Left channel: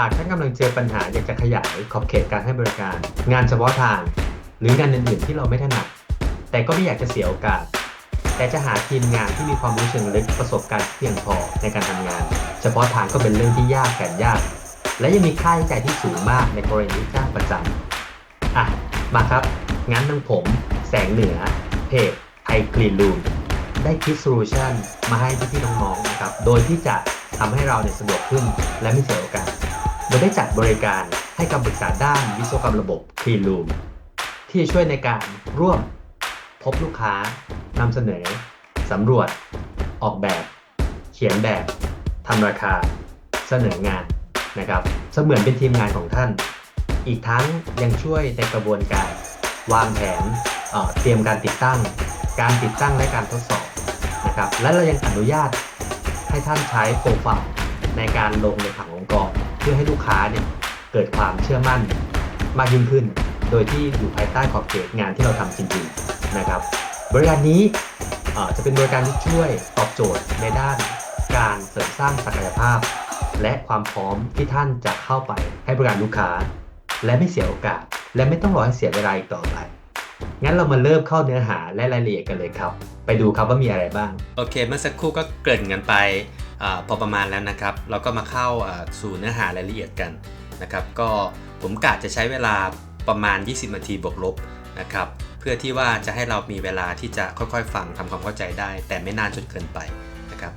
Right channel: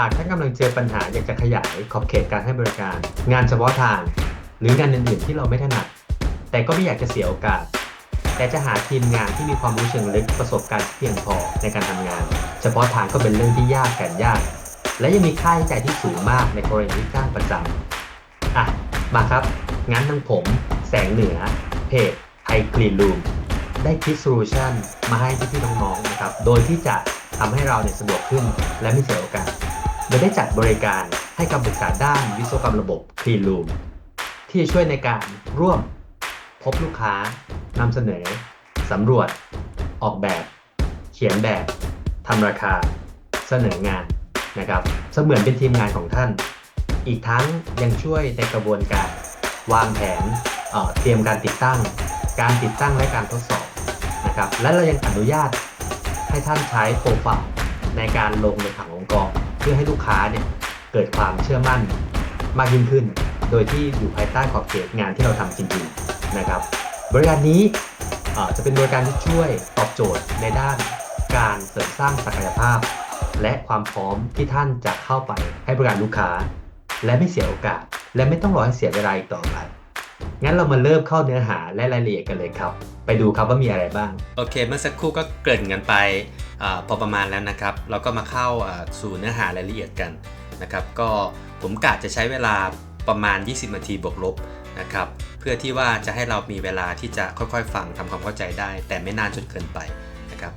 หากท่านกำลังเจอปัญหาอยากจะขยายขอบเขตการให้บริการงานเฉพาะทางหรืองานอื่นๆที่เราไม่ถนัดแต่ก็ไม่อยากจะเสียโอกาสแต่จะหาทีมงานที่มีความรู้เชิงลึกประสบการณ์ที่เพียงพอในการทำงานเฉพาะทางก็เป็นเรื่องที่ยากแสนยากและยังมีค่าใช้จ่ายที่สูงมากในกรณีที่จ้างประจำมาครับงั้นทางผมแสงเหนือเพจไทยคลีนรูมได้คิดโซลูชันมาให้พี่ๆน้องๆนะครับโดยที่จะทำให้เราเนี่ยสะดวกขึ้นและไม่เสียโอกาส โดยได้จัดบริการให้คำปรึกษาด้านวิศวกรรมระบบ Clean Room ที่จะช่วยในการร่วมพบลูกค้านำเสนอสำรวจออกแบบเขียนแบบทำราคาเสนองานนะครับเสมือนเป็นทีมงานของท่านอีกทั้งยังช่วยในกระบวนการวางแผนเตรียมการติดตั้งและการทดสอบนะครับและเรายังอนุญาตให้ท่านใช้โปรไฟล์ในการลงในผังองค์กร เพื่อให้ลูกค้าเนี่ยเกิดความเชื่อมั่นมากยิ่งขึ้น โดยที่อยู่ภายใต้ขอบเขตงานที่เราทำจริงๆนะครับบริการนี้จะเป็นบริการที่ช่วยตอบโจทย์ในด้านการเสริมสร้างศักยภาพและความพร้อมที่ท่านจะเข้าไปให้บริการลูกค้าและไม่เสียโอกาสและไม่ต้องรอให้เสียเวลาอีกต่อไปงั้นเรามาเริ่มเข้าเนื้อหาและรายละเอียดกันเลยครับไปดูครับว่ามีอะไรบ้างโอเคเมื่อสักครู่ก็เกริ่นกันไปพอประมาณแล้วนะครับเราก็มาเข้าสู่เนื้อหารายละเอียดกันนะครับก็ผมกะจะใช้เวลาประมาณ20นาทีบวกลบนะครับเพื่อที่ว่าจะให้เรามีเวลาที่จะค่อยๆฟังทำความเข้าใจได้แต่ไม่นานจนเกินไปนะครับ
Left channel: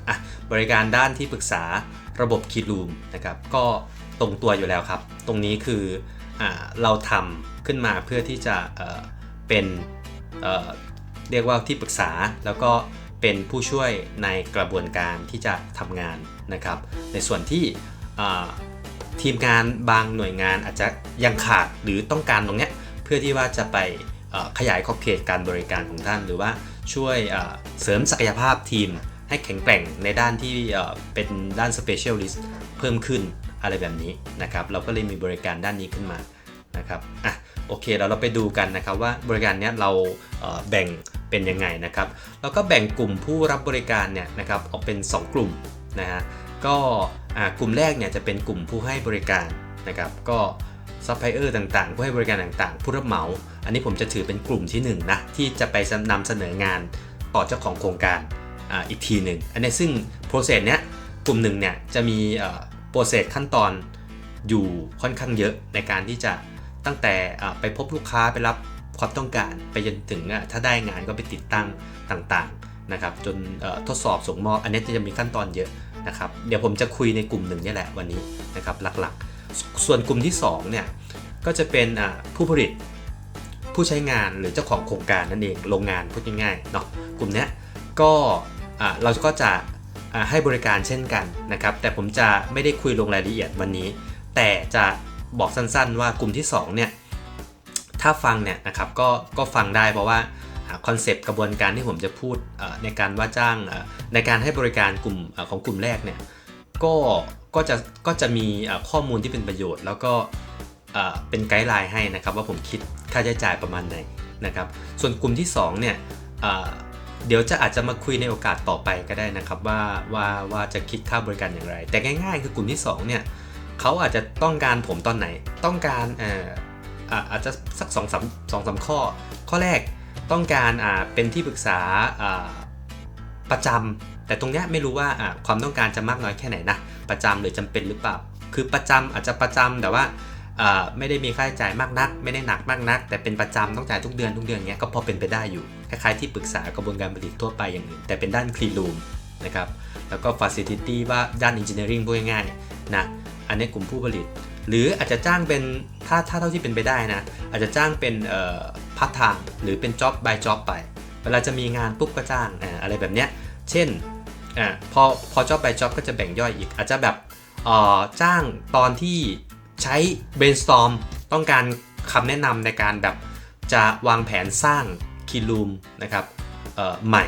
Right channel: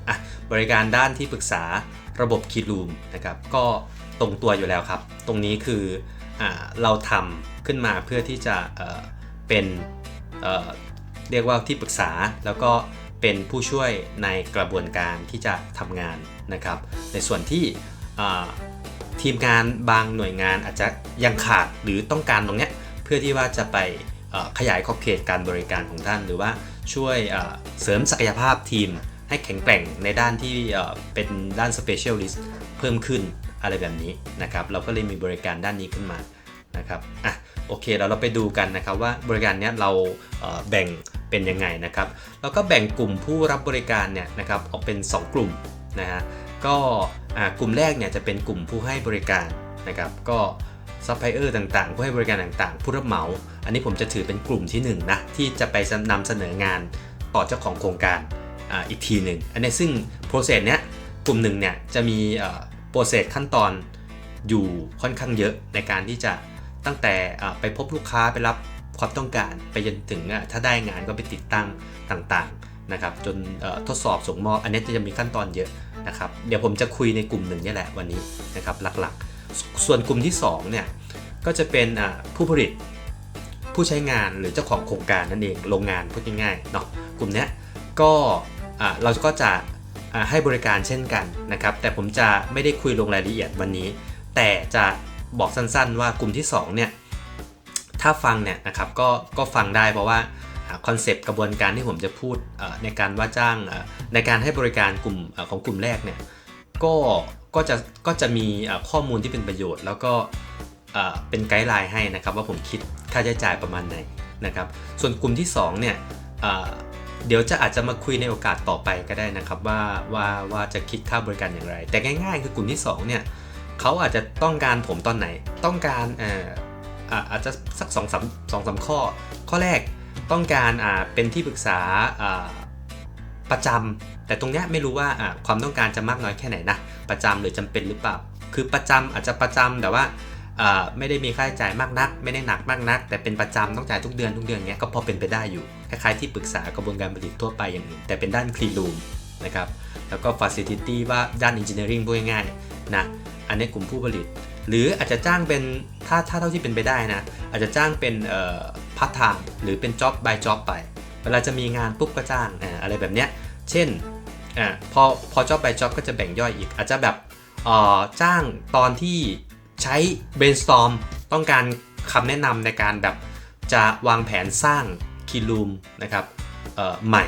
บริการด้านที่ปรึกษาระบบคีรูมนะครับก็ตรงตัวอยู่แล้วครับตรงนี้คือเราทำขึ้นมาเพื่อที่จะเป็นเรียกว่าที่ปรึกษาแล้วก็เป็นผู้ช่วยในกระบวนการที่จะทำงานนะครับในส่วนที่ทีมงานบางหน่วยงานอาจจะยังขาดหรือต้องการตรงนี้เพื่อที่ว่าจะไปขยายขอบเขตการบริการของท่านหรือว่าช่วยเสริมศักยภาพทีมให้แข็งแกร่งในด้านที่เป็นด้าน specialist เพิ่มขึ้นอะไรแบบนี้นะครับเราก็เลยมีบริการด้านนี้ขึ้นมานะครับโอเคเราไปดูกันนะครับว่าบริการนี้เราแบ่งเป็นยังไงนะครับแล้วก็แบ่งกลุ่มผู้รับบริการเนี่ยนะครับออกเป็น2กลุ่มนะฮะก็กลุ่มแรกเนี่ยจะเป็นกลุ่มผู้ให้บริการนะครับก็ซัพพลายเออร์ต่างๆผู้ให้บริการต่างๆผู้รับเหมาอันนี้ผมจะถือเป็นกลุ่มที่1นะที่จะไปนำเสนองานต่อเจ้าของโครงการอีกทีหนึ่งอันนี้ซึ่งโปรเซสเนี้ยกลุ่ม1เนี่ยจะมีโปรเซสขั้นตอนอยู่ค่อนข้างเยอะในการที่จะตั้งแต่ไปพบลูกค้าไปรับความต้องการไปจนถึงถ้าได้งานก็ไปติดตั้งต่างๆนะครับจนทดสอบส่งมอบอันนี้จะมีขั้นตอนเยอะนะครับเดี๋ยวผมจะคุยในกลุ่ม1นี่แหละวันนี้นะครับหลักๆส่วนกลุ่มที่2เนี่ยก็จะเป็นผู้ผลิตผู้ใช้งานหรือเจ้าของโครงการนั่นเองโรงงานพูดง่ายๆเนาะกลุ่มนี้ก็เราก็จะให้บริการเช่นกันนะครับแต่ผมจะไม่ได้คุยลงรายละเอียดวันนี้แต่จะบอกสั้นๆว่ากลุ่มที่2เนี่ยถ้าฟังเนี่ยนะครับก็ฟังได้เพราะว่าคอนเซปต์กระบวนการที่ผมจะพูดในการว่าจ้างในการให้บริการกลุ่มของกลุ่มแรกเนี่ยก็จะมีข้อมูลที่เป็นประโยชน์แล้วก็เป็นไกด์ไลน์ให้นะครับว่าผมคิดค่าใช้จ่ายประมาณไหนนะครับส่วนกลุ่มที่2เนี่ยเดี๋ยวอาจจะมาคุยในโอกาสต่อไปก็ได้นะครับว่าจะคิดค่าบริการอย่างไรแต่ง่ายๆคือกลุ่มที่2เนี่ยเขาอาจจะต้องการผมตอนไหนต้องการอาจจะสัก2-3ข้อแรกต้องการเป็นที่ปรึกษาประจำแต่ตรงนี้ไม่รู้ว่าความต้องการจะมากน้อยแค่ไหนนะประจำหรือจำเป็นหรือเปล่าคือประจำอาจจะประจำแต่ว่าไม่ได้มีค่าใช้จ่ายมากนักไม่ได้หนักมากนักแต่เป็นประจำต้องจ่ายทุกเดือนเงี้ยก็พอเป็นไปได้อยู่คล้ายๆที่ปรึกษากระบวนการผลิตทั่วไปอย่างอื่นแต่เป็นด้าน Clean Room นะครับแล้วก็ Facility ว่าด้าน Engineering พูดง่ายๆนะอันนี้กลุ่มผู้ผลิตหรืออาจจะจ้างเป็นถ้าเท่าที่เป็นไปได้นะอาจจะจ้างเป็นพาร์ทไทม์หรือเป็น job by job ไปเวลาจะมีงานปุ๊บก็จ้างอะไรแบบเนี้ยเช่นพอ job by job ก็จะแบ่งย่อยอีกอาจจะแบบจ้างตอนที่ใช้ brainstorm ต้องการคำแนะนำในการแบบจะวางแผนสร้าง Clean Room นะครับใหม่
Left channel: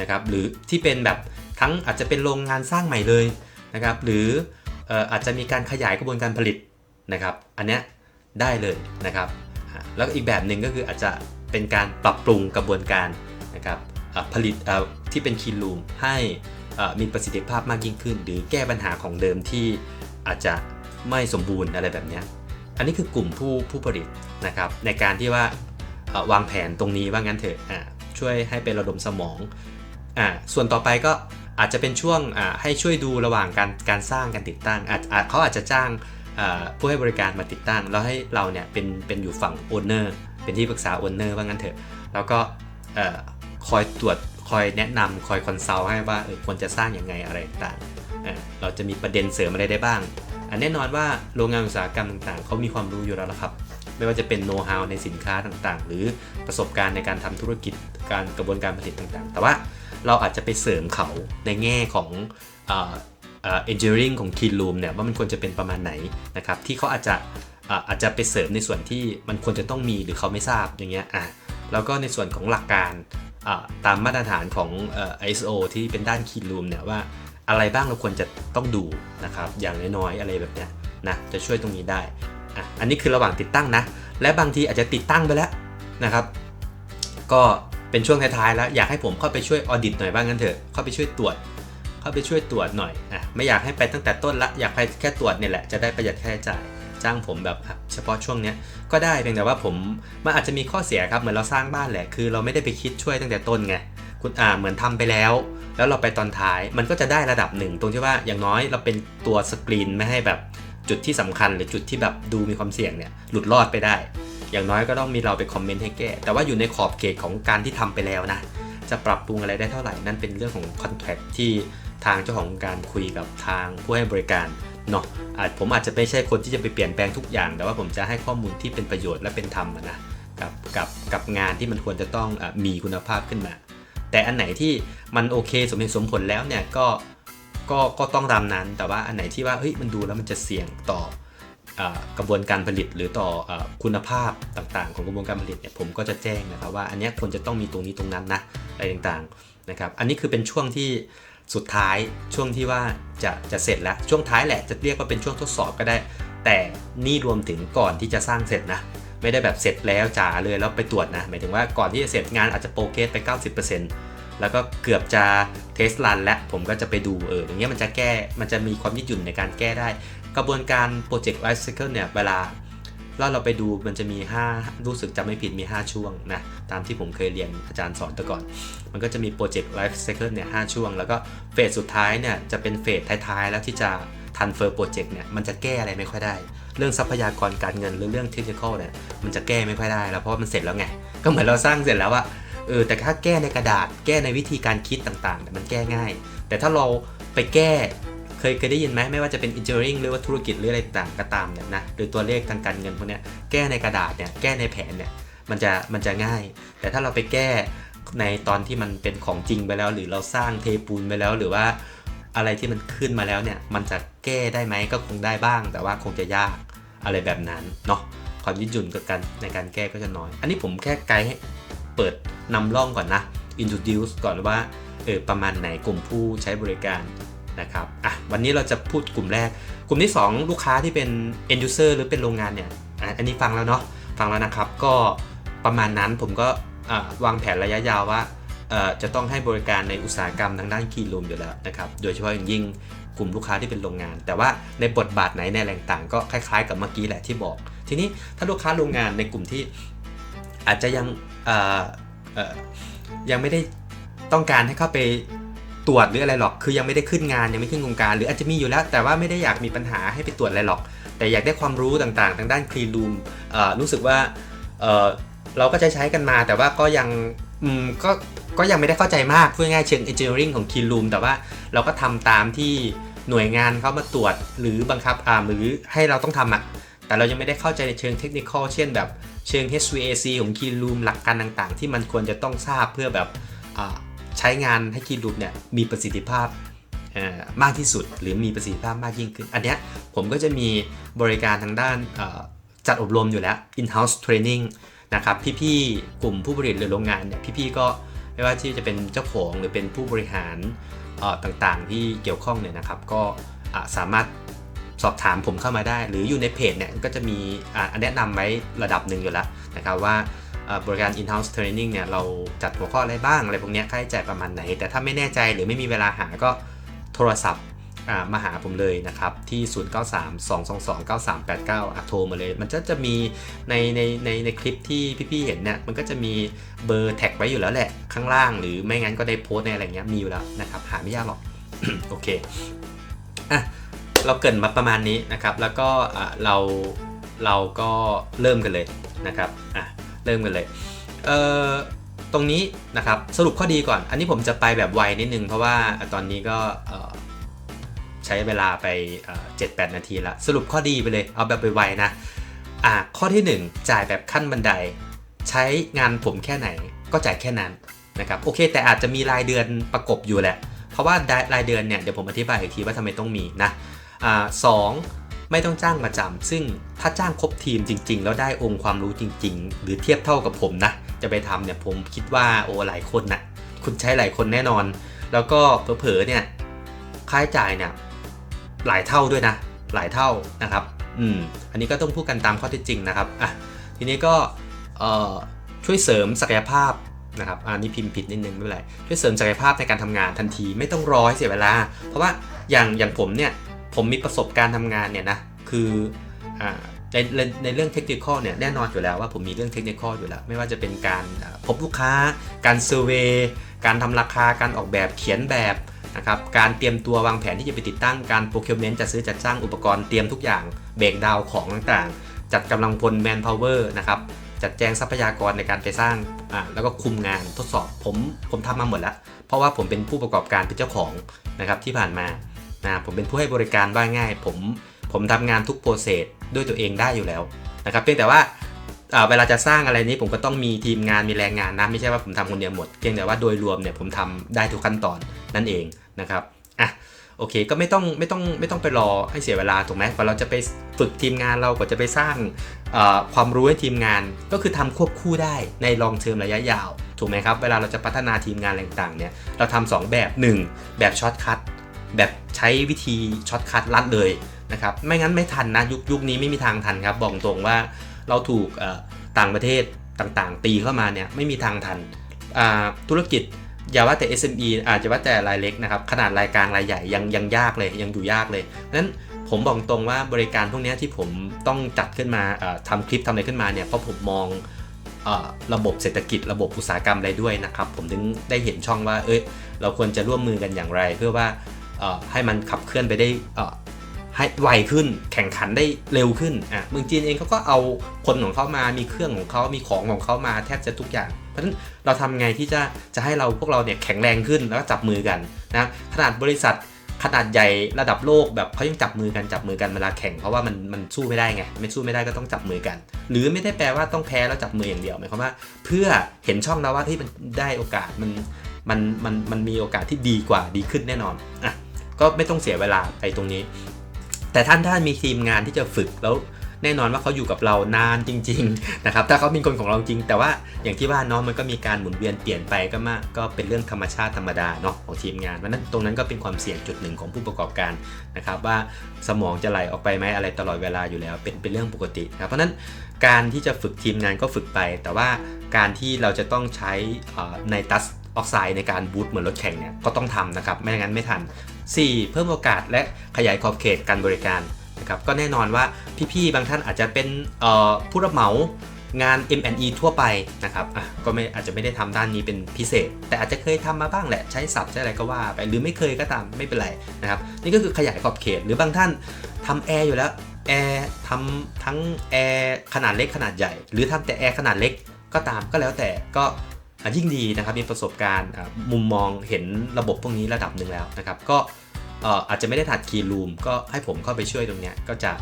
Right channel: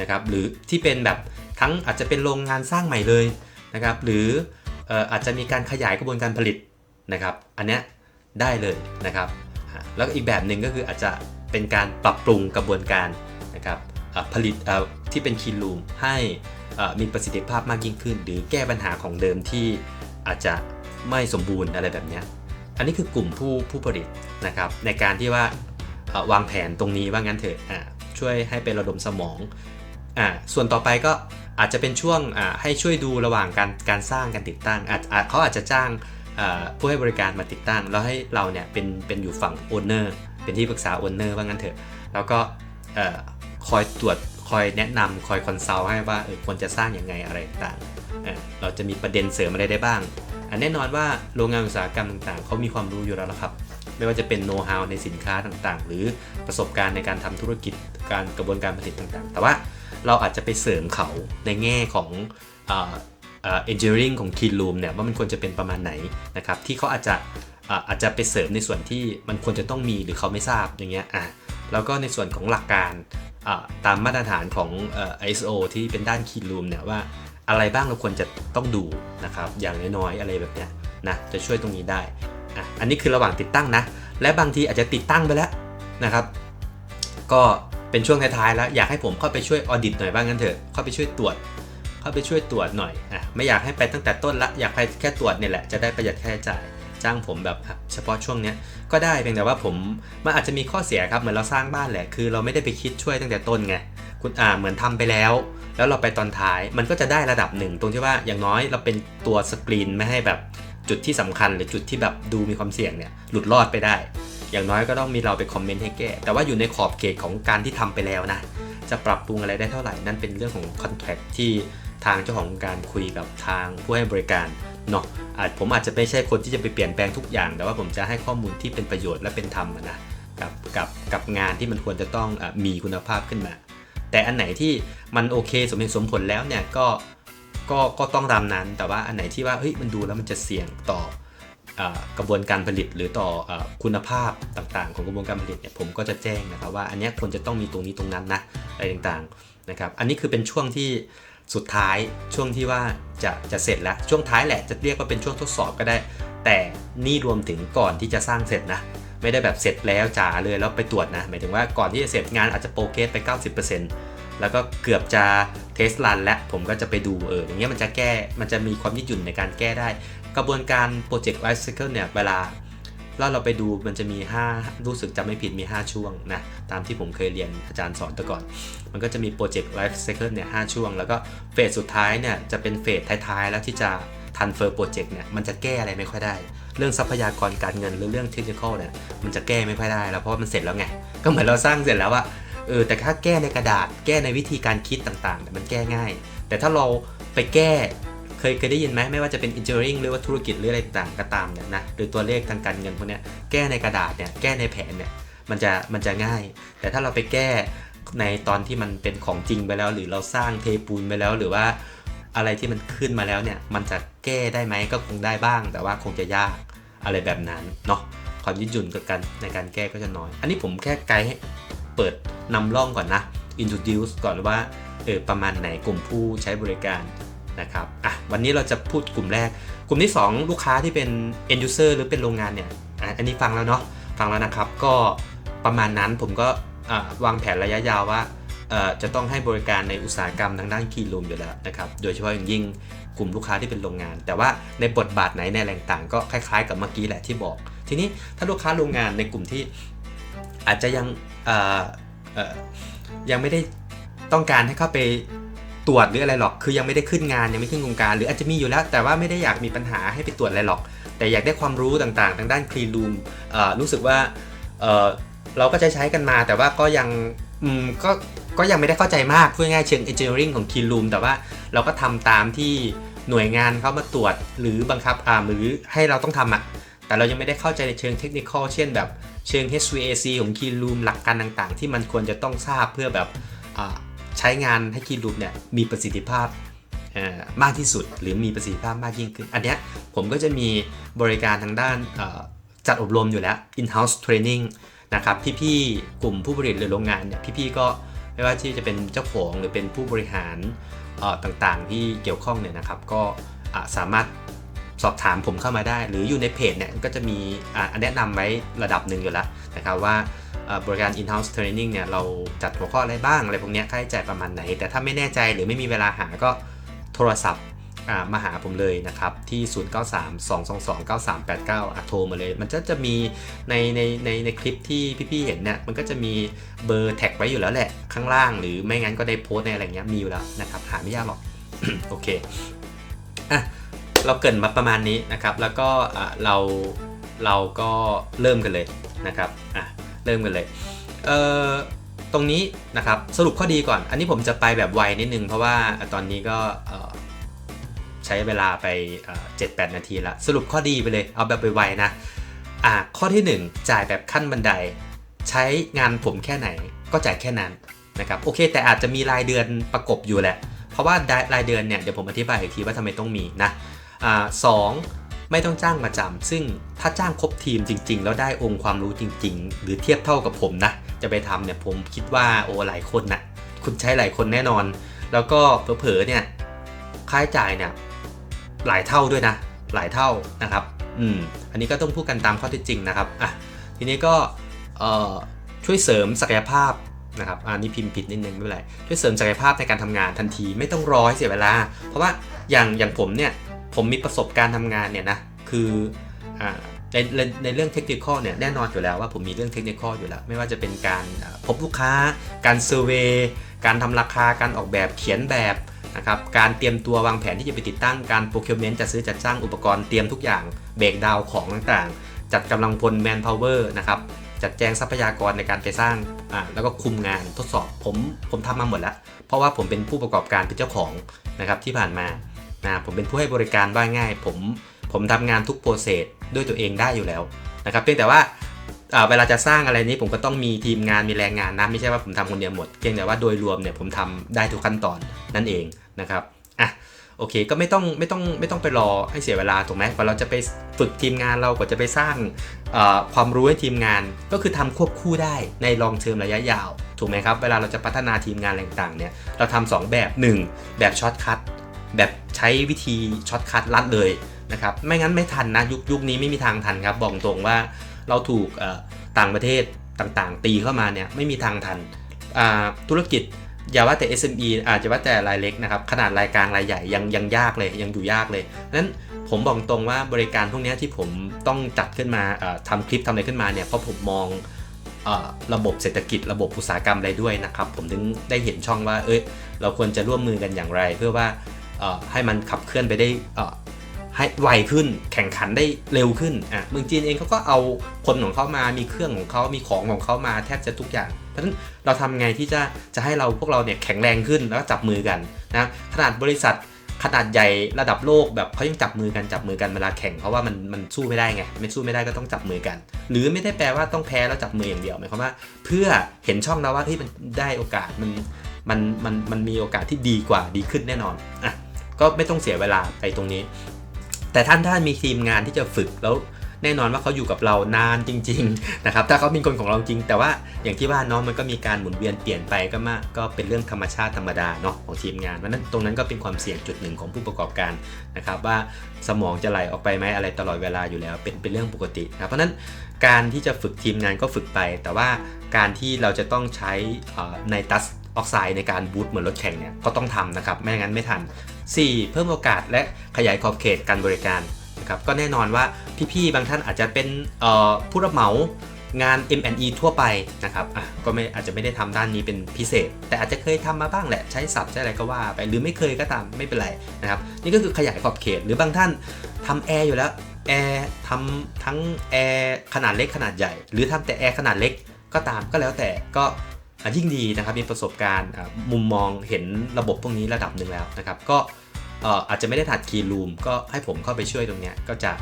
นะครับหรือที่เป็นแบบทั้งอาจจะเป็นโรงงานสร้างใหม่เลยนะครับหรืออาจจะมีการขยายกระบวนการผลิตนะครับอันเนี้ยได้เลยนะครับแล้วอีกแบบหนึ่งก็คืออาจจะเป็นการปรับปรุงกระบวนการนะครับผลิตที่เป็น Clean Room ให้มีประสิทธิภาพมากยิ่งขึ้นหรือแก้ปัญหาของเดิมที่อาจจะ ไม่สมบูรณ์อะไรแบบนี้อันนี้คือกลุ่มผู้ผลิตนะครับในการที่ว่าวางแผนตรงนี้ว่างั้นเถอะช่วยให้เป็นระดมสมองส่วนต่อไปก็อาจจะเป็นช่วงให้ช่วยดูระหว่างการสร้างการติดตั้งเขาอาจจะจ้างผู้ให้บริการมาติดตั้งแล้วให้เราเนี่ยเป็นอยู่ฝั่งโอนเนอร์เป็นที่ปรึกษาโอนเนอร์ว่างั้นเถอะแล้วก็คอยตรวจคอยแนะนำคอยคอนซัลท์ให้ว่าควรจะสร้างยังไงอะไรต่างเราจะมีประเด็นเสริมอะไรได้บ้างแน่นอนว่าโรงงานอุตสาหกรรมต่างๆเขามีความรู้อยู่แล้วครับไม่ว่าจะเป็นโน้ตฮาวในสินค้าต่างๆหรือประสบการณ์ในการทำธุรกิจกระบวนการผลิตต่างๆแต่ว่าเราอาจจะไปเสริมเขาในแง่ของengineering ของ clean room เนี่ยว่ามันควรจะเป็นประมาณไหนนะครับที่เขาอาจจะไปเสริมในส่วนที่มันควรจะต้องมีหรือเขาไม่ทราบอย่างเงี้ยแล้วก็ในส่วนของหลักการตามมาตรฐานของISO ที่เป็นด้าน clean room เนี่ยว่าอะไรบ้างเราควรจะต้องดูนะครับอย่างน้อยๆอะไรแบบเนี้ยนะจะช่วยตรงนี้ได้อันนี้คือระหว่างติดตั้งนะและบางทีอาจจะติดตั้งไปแล้วนะครับก็เป็นช่วงท้ายๆแล้วอยากให้ผมเข้าไปช่วยออดิตหน่อยบ้างงั้นเถอะเข้าไปช่วยตรวจหน่อยไม่อยากให้ไปตั้งแต่ต้นละอยากไปแค่ตรวจเนี่ยแหละจะได้ประหยัดค่าใช้จ่ายจ้างผมแบบเฉพาะช่วงนี้ก็ได้เพียงแต่ว่ามันอาจจะมีข้อเสียครับเหมือนเราสร้างบ้านแหละคือเราไม่ได้ไปคิดช่วยตั้งแต่ต้นไงคุณเหมือนทำไปแล้วเราไปตอนท้ายมันก็จะได้ระดับหนึ่งตรงที่ว่าอย่างน้อยเราเป็นตัวสกรีนไม่ให้แบบจุดที่สำคัญหรือจุดที่แบบดูมีความเสี่ยงเนี่ยหลุดรอดไปได้อย่างน้อยก็ต้องมีเราไปคอมเมนต์ให้แก้แต่ว่าอยู่ในขอบเขตของการที่ทำไปแล้วนะจะปรับปรุงอะไรได้เท่าไหร่นั่นเป็นเรื่องของคอนแทคที่ทางเจ้าของการคุยกับทางผู้ให้บริการเนาะผมอาจจะไม่ใช่คนที่จะไปเปลี่ยนแปลงทุกอย่างแต่ว่าผมจะให้ข้อมูลที่เป็นประโยชน์และเป็นธรรมนะกับงานที่มันควรจะต้องมีคุณภาพขึ้นมาแต่อันไหนที่มันโอเคสมเหตุสมผลแล้วเนี่ยก็ต้องตามนั้นแต่ว่าอันไหนที่ว่าเฮ้ยมันดูแล้วมันจะเสี่ยงต่อกระบวนการผลิตหรือต่อคุณภาพต่างๆของกระบวนการผลิตเนี่ยผมก็จะแจ้งนะครับว่าอันนี้ควรจะต้องมีตรงนี้ตรงนั้นนะอะไรต่างๆนะครับอันนี้คือเป็นช่วงที่สุดท้ายช่วงที่ว่าจะเสร็จแล้วช่วงท้ายแหละจะเรียกว่าเป็นช่วงทดสอบก็ได้แต่นี่รวมถึงก่อนที่จะสร้างเสร็จนะไม่ได้แบบเสร็จแล้วจ๋าเลยแล้วไปตรวจนะหมายถึงว่าก่อนที่จะเสร็จงานอาจจะโปรเกรสไป 90%แล้วก็เกือบจะเทสรันแล้วผมก็จะไปดูอย่างเงี้ยมันจะมีความยืดหยุ่นในการแก้ได้กระบวนการโปรเจกต์ไลฟ์ไซเคิลเนี่ยเวลาเราไปดูมันจะมี5รู้สึกจำไม่ผิดมี5ช่วงนะตามที่ผมเคยเรียนอาจารย์สอนแต่ก่อนมันก็จะมีโปรเจกต์ไลฟ์ไซเคิลเนี่ย5ช่วงแล้วก็เฟสสุดท้ายเนี่ยจะเป็นเฟสท้ายๆแล้วที่จะทันเฟอร์โปรเจกต์เนี่ยมันจะแก้อะไรไม่ค่อยได้เรื่องทรัพยากรการเงินหรือเรื่องเทคนิคอลเนี่ยมันจะแก้ไม่ค่อยได้แล้วเพราะว่ามันเสร็จแล้วไงก็เหมือนเราสร้างเสร็จแล้วว่าแต่ถ้าแก้ในกระดาษแก้ในวิธีการคิดต่างๆเนี่ยมันแก้ง่ายแต่ถ้าเราไปแก้เคยได้ยินไหมไม่ว่าจะเป็น engineering หรือว่าธุรกิจหรืออะไรต่างก็ตามเนี่ยนะหรือตัวเลขทางการเงินพวกเนี้ยแก้ในกระดาษเนี่ยแก้ในแผนเนี่ยมันจะง่ายแต่ถ้าเราไปแก้ในตอนที่มันเป็นของจริงไปแล้วหรือเราสร้างเทปูนไปแล้วหรือว่าอะไรที่มันขึ้นมาแล้วเนี่ยมันจะแก้ได้ไหมก็คงได้บ้างแต่ว่าคงจะยากอะไรแบบนั้นเนาะความยืดหยุ่นกับการในการแก้ก็จะน้อยอันนี้ผมแค่ไกด์ให้เปิดนำร่องก่อนนะ introduce ก่อนว่าประมาณไหนกลุ่มผู้ใช้บริการนะครับวันนี้เราจะพูดกลุ่มแรกกลุ่มที่2ลูกค้าที่เป็น end user หรือเป็นโรงงานเนี่ยอันนี้ฟังแล้วเนาะฟังแล้วนะครับก็ประมาณนั้นผมก็วางแผนระยะยาวว่าจะต้องให้บริการในอุตสาหกรรมทางด้าน clean room อยู่แล้วนะครับโดยเฉพาะอย่างยิ่งกลุ่มลูกค้าที่เป็นโรงงานแต่ว่าในบทบาทไหนในแหล่งต่างก็คล้ายๆกับเมื่อกี้แหละที่บอกทีนี้ถ้าลูกค้าโรงงานในกลุ่มที่อาจจะยังไม่ได้ต้องการให้เข้าไปตรวจหรืออะไรหรอกคือยังไม่ได้ขึ้นงานยังไม่ขึ้นโครงการหรืออาจจะมีอยู่แล้วแต่ว่าไม่ได้อยากมีปัญหาให้ไปตรวจอะไรหรอกแต่อยากได้ความรู้ต่างๆทางด้าน clean room รู้สึกว่าเราก็จะใช้กันมาแต่ว่าก็ยังไม่ได้เข้าใจมากพูดง่ายๆเชิง engineering ของ clean room แต่ว่าเราก็ทำตามที่หน่วยงานเขามาตรวจหรือบังคับหรือให้เราต้องทำแต่เรายังไม่ได้เข้าใจในเชิงเทคนิคเช่นแบบเชิง HVAC ของ clean room หลักการต่างๆที่มันควรจะต้องทราบเพื่อแบบใช้งานให้ clean room เนี่ยมีประสิทธิภาพมากที่สุดหรือมีประสิทธิภาพมากยิ่งขึ้นอันเนี้ยผมก็จะมีบริการทางด้านจัดอบรมอยู่แล้ว in-house training นะครับพี่ๆกลุ่มผู้ผลิตหรือโรงงานเนี่ยพี่ๆก็ไม่ว่าที่จะเป็นเจ้าของหรือเป็นผู้บริหารต่างๆที่เกี่ยวข้องเนี่ยนะครับก็สามารถสอบถามผมเข้ามาได้หรืออยู่ในเพจเนี่ยก็จะมีแนะนำไว้ระดับหนึ่งอยู่แล้วนะครับว่าบริการ in-house training เนี่ยเราจัดหัวข้ออะไรบ้างอะไรพวกนี้ค่าใช้จ่ายประมาณไหนแต่ถ้าไม่แน่ใจหรือไม่มีเวลาหาก็โทรศัพท์ มาหาผมเลยนะครับที่ 0932229389 โทรมาเลยมันจะมีในคลิปที่พี่ๆเห็นเนี่ยมันก็จะมีเบอร์แท็กไว้อยู่แล้วแหละข้างล่างหรือไม่งั้นก็ได้โพสต์ในอะไรเงี้ยมีอยู่แล้วนะครับหาไม่ยากหรอก โอเคเราเกริ่นมาประมาณนี้นะครับแล้วก็เราก็เริ่มกันเลยนะครับเริ่มกันเลยตรงนี้นะครับสรุปข้อดีก่อนอันนี้ผมจะไปแบบไวนิดนึงเพราะว่าตอนนี้ก็ใช้เวลาไป 7-8 นาทีละสรุปข้อดีไปเลยเอาแบบไวๆนะข้อที่1จ่ายแบบขั้นบันไดใช้งานผมแค่ไหนก็จ่ายแค่นั้นนะครับโอเคแต่อาจจะมีรายเดือนประกบอยู่แหละเพราะว่ารายเดือนเนี่ยเดี๋ยวผมอธิบายอีกทีว่าทำไมต้องมีนะ2ไม่ต้องจ้างประจำซึ่งถ้าจ้างครบทีมจริงๆแล้วได้องค์ความรู้จริงๆหรือเทียบเท่ากับผมนะจะไปทำเนี่ยผมคิดว่าหลายคนนะคุณใช้หลายคนแน่นอนแล้วก็เผลอๆเนี่ยค่าใช้จ่ายเนี่ยหลายเท่าด้วยนะหลายเท่านะครับอันนี้ก็ต้องพูดกันตามข้อเท็จจริงนะครับทีนี้ก็ช่วยเสริมศักยภาพนะครับอันนี้พิมพ์ผิดนิดนึงไม่เป็นไรช่วยเสริมศักยภาพในการทำงานทันทีไม่ต้องรอให้เสียเวลาเพราะว่าอย่างผมเนี่ยผมมีประสบการณ์ทำงานเนี่ยนะคือในเรื่องเทคนิคเนี่ยแน่นอนอยู่แล้วว่าผมมีเรื่องเทคนิคอยู่แล้วไม่ว่าจะเป็นการพบลูกค้าการเซอร์เวย์การทำราคาการออกแบบเขียนแบบนะครับการเตรียมตัววางแผนที่จะไปติดตั้งการโปรคิวเมนต์จัดซื้อจัดจ้างอุปกรณ์เตรียมทุกอย่างเบรกดาวของต่างๆจัดกำลังพลแมนพาวเวอร์นะครับจัดแจงทรัพยากรในการไปสร้างแล้วก็คุมงานทดสอบผมทำมาหมดแล้วเพราะว่าผมเป็นผู้ประกอบการเป็นเจ้าของนะครับที่ผ่านมาผมเป็นผู้ให้บริการว่าง่ายผมทำงานทุกโปรเซสด้วยตัวเองได้อยู่แล้วนะครับเพียงแต่ว่าเวลาจะสร้างอะไรนี้ผมก็ต้องมีทีมงานมีแรงงานนะไม่ใช่ว่าผมทำคนเดียวหมดเพียงแต่ว่าโดยรวมเนี่ยผมทำได้ทุกขั้นตอนนั่นเองนะครับโอเคก็ไม่ต้องไปรอให้เสียเวลาถูกไหมพอเราจะไปฝึกทีมงานเราก็จะไปสร้างความรู้ให้ทีมงานก็คือทำควบคู่ได้ในลองเทอมระยะยาวถูกไหมครับเวลาเราจะพัฒนาทีมงานอะไรต่างๆเนี่ยเราทำ2แบบ1แบบช็อตคัทแบบใช้วิธีช็อตคัทลัดเลยนะครับไม่งั้นไม่ทันนะยุคนี้ไม่มีทางทันครับบอกตรงว่าเราถูกต่างประเทศต่างๆตีเข้ามาเนี่ยไม่มีทางทันธุรกิจอย่าว่าแต่ SME อาจจะว่าแต่รายเล็กนะครับขนาดรายกลางรายใหญ่ยังยากเลยยังดูยากเลยนั้นผมบอกตรงว่าบริการพวกนี้ที่ผมต้องจัดขึ้นมาทำคลิปทำอะไรขึ้นมาเนี่ยเพราะผมมองระบบเศรษฐกิจระบบอุตสาหกรรมอะไรด้วยนะครับผมถึงได้เห็นช่องว่าเราควรจะร่วมมือกันอย่างไรเพื่อว่าให้มันขับเคลื่อนไปได้ให้ไวขึ้นแข่งขันได้เร็วขึ้นเมืองจีนเองเขาก็เอาคนของเขามามีเครื่องของเขามีของของเขามาแทบจะทุกอย่างเพราะฉะนั้นเราทำไงที่จะให้พวกเราเนี่ยแข็งแรงขึ้นแล้วก็จับมือกันนะขนาดบริษัทขนาดใหญ่ระดับโลกแบบเขายังจับมือกันเวลาแข่งเพราะว่ามันสู้ไม่ได้ไงไม่สู้ไม่ได้ก็ต้องจับมือกันหรือไม่ได้แปลว่าต้องแพ้แล้วจับมืออย่างเดียวหมายความว่าเพื่อเห็นช่องเราว่าที่มันได้โอกาสมันมีโอกาสที่ดีกว่าดีขึ้นแน่นอนก็ไม่ต้องเสียเวลาไปตรงนี้แต่ถ้ามีทีมงานที่จะฝึกแล้วแน่นอนว่าเขาอยู่กับเรานานจริงๆนะครับถ้าเขาเป็นคนของเราจริงแต่ว่าอย่างที่ว่าน้องมันก็มีการหมุนเวียนเปลี่ยนไปก็เป็นเรื่องธรรมชาติธรรมดาเนาะของทีมงานเพราะนั้นตรงนั้นก็เป็นความเสี่ยงจุดหนึ่งของผู้ประกอบการนะครับว่าสมองจะไหลออกไปไหมอะไรตลอดเวลาอยู่แล้วเป็นเรื่องปกตินะเพราะนั้นการที่จะฝึกทีมงานก็ฝึกไปแต่ว่าการที่เราจะต้องใช้ไนตรัสออกไซด์ในการบูตเหมือนรถแข่งเนี่ยก็ต้องทำนะครับไม่งั้นไม่ทัน4เพิ่มโอกาสและขยายขอบเขตการบริการนะครับก็แน่นอนว่าพี่ๆบางท่านอาจจะเป็นผู้รับเหมางาน M&E ทั่วไปนะครับก็อาจจะไม่ได้ทำด้านนี้เป็นพิเศษแต่อาจจะเคยทำมาบ้างแหละใช้ศัพท์ใช้อะไรก็ว่าไปหรือไม่เคยก็ตามไม่เป็นไรนะครับนี่ก็คือขยายขอบเขตหรือบางท่านทำแอร์อยู่แล้วแอร์ทำทั้งแอร์ขนาดเล็กขนาดใหญ่หรือทำแต่แอร์ขนาดเล็กก็ตามก็แล้วแต่ก็ยิ่งดีนะครับมีประสบการณ์มุมมองเห็นระบบพวกนี้ระดับหนึ่งแล้วนะครับก็อาจจะไม่ได้ถัดคีย์รูมก็ให้ผมเข้าไปช่วยตรงนี้ก็จะ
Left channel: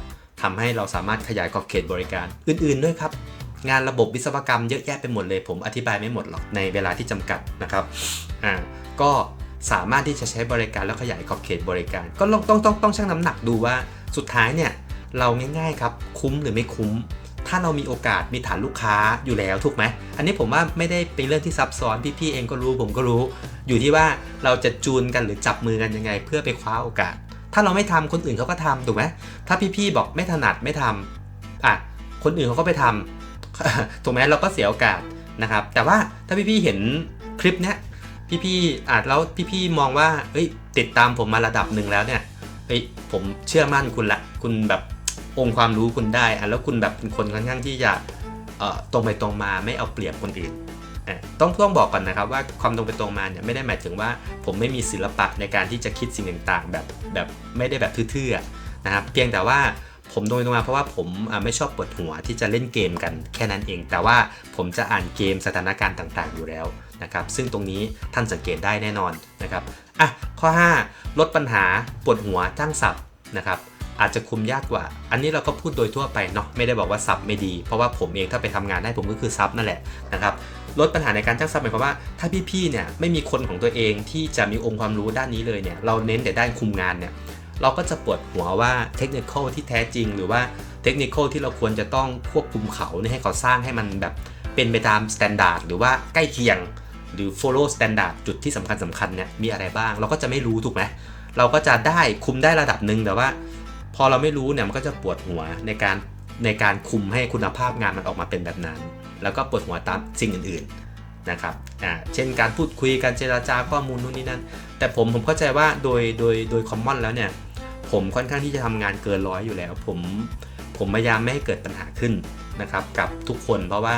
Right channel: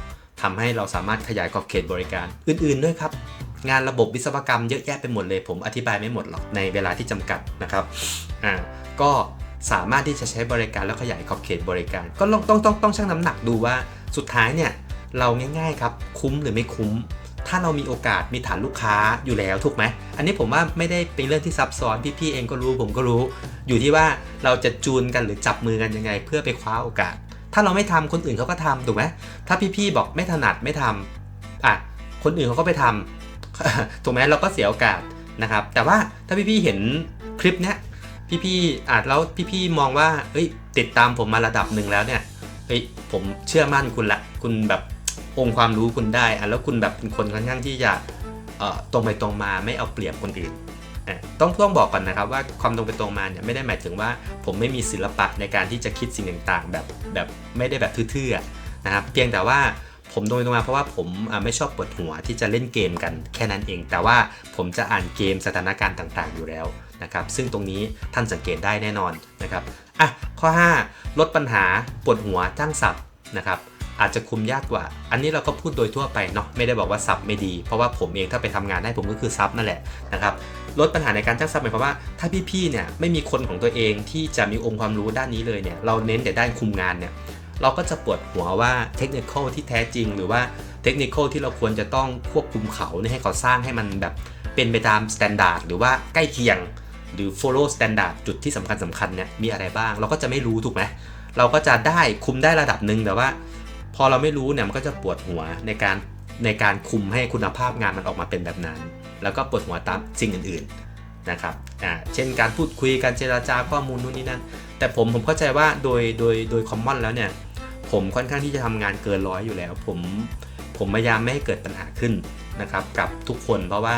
ทำให้เราสามารถขยายขอบเขตบริการอื่นๆด้วยครับงานระบบวิศวกรรมเยอะแยะไปหมดเลยผมอธิบายไม่หมดหรอกในเวลาที่จำกัดนะครับก็สามารถที่จะใช้บริการแล้วขยายขอบเขตบริการก็ต้องชั่งน้ำหนักดูว่าสุดท้ายเนี่ยเราง่ายๆครับคุ้มหรือไม่คุ้มถ้าเรามีโอกาสมีฐานลูกค้าอยู่แล้วถูกไหมอันนี้ผมว่าไม่ได้เป็นเรื่องที่ซับซ้อนพี่ๆเองก็รู้ผมก็รู้อยู่ที่ว่าเราจะจูนกันหรือจับมือกันยังไงเพื่อไปคว้าโอกาสถ้าเราไม่ทำคนอื่นเขาก็ทำถูกไหมถ้าพี่ๆบอกไม่ถนัดไม่ทำคนอื่นเขาก็ไปทำถูกไหมเราก็เสียโอกาสนะครับแต่ว่าถ้าพี่ๆเห็นคลิปเนี้ยพี่ๆแล้วพี่ๆมองว่าติดตามผมมาระดับหนึ่งแล้วเนี่ย เฮ้ยผมเชื่อมั่นคุณละคุณแบบองค์ความรู้คุณได้แล้วคุณแบบเป็นคนค่อนข้างที่จะตรงไปตรงมาไม่เอาเปรียบคนอื่นต้องบอกก่อนนะครับว่าความตรงไปตรงมาเนี่ยไม่ได้หมายถึงว่าผมไม่มีศิลปะในการที่จะคิดสิ่งต่างๆแบบไม่ได้แบบทื่อๆนะครับเพียงแต่ว่าผมตรงไปตรงมาเพราะว่าผมไม่ชอบปวดหัวที่จะเล่นเกมกันแค่นั้นเองแต่ว่าผมจะอ่านเกมสถานการณ์ต่างๆอยู่แล้วนะครับซึ่งตรงนี้ท่านสังเกตได้แน่นอนนะครับข้อ 5 ลดปัญหาปวดหัวจ้างศัพท์นะครับอาจจะคุมยากกว่าอันนี้เราก็พูดโดยทั่วไปเนาะไม่ได้บอกว่าซับไม่ดีเพราะว่าผมเองถ้าไปทำงานได้ผมก็คือซับนั่นแหละนะครับลดปัญหาในการจ้างซับหมายความว่าถ้าพี่ๆเนี่ยไม่มีคนของตัวเองที่จะมีองค์ความรู้ด้านนี้เลยเนี่ยเราเน้นแต่ด้านคุมงานเนี่ยเราก็จะปวดหัวว่าเทคนิคที่แท้จริงหรือว่าเทคนิคที่เราควรจะต้องควบคุมเขาให้เขาสร้างให้มันแบบเป็นไปตามสแตนดาร์ดหรือว่าใกล้เคียงหรือ follow standard จุดที่สำคัญเนี่ยมีอะไรบ้างเราก็จะไม่รู้ถูกไหมเราก็จะได้คุมได้ระดับหนึ่งแต่ว่าพอเราไม่รู้เนี่ยมันก็จะปวดหัวในการคุมให้คุณภาพงานมันออกมาเป็นแบบนั้นแล้วก็ปวดหัวตามสิ่งอื่นๆนะครับเช่นการพูดคุยการเจรจาข้อมูลนู่นนี่นั่นแต่ผมเข้าใจว่าโดยคอมมอนแล้วเนี่ยผมค่อนข้างที่จะทำงานเกินร้อยอยู่แล้วผมพยายามไม่ให้เกิดปัญหาขึ้นนะครับกับทุกคนเพราะว่า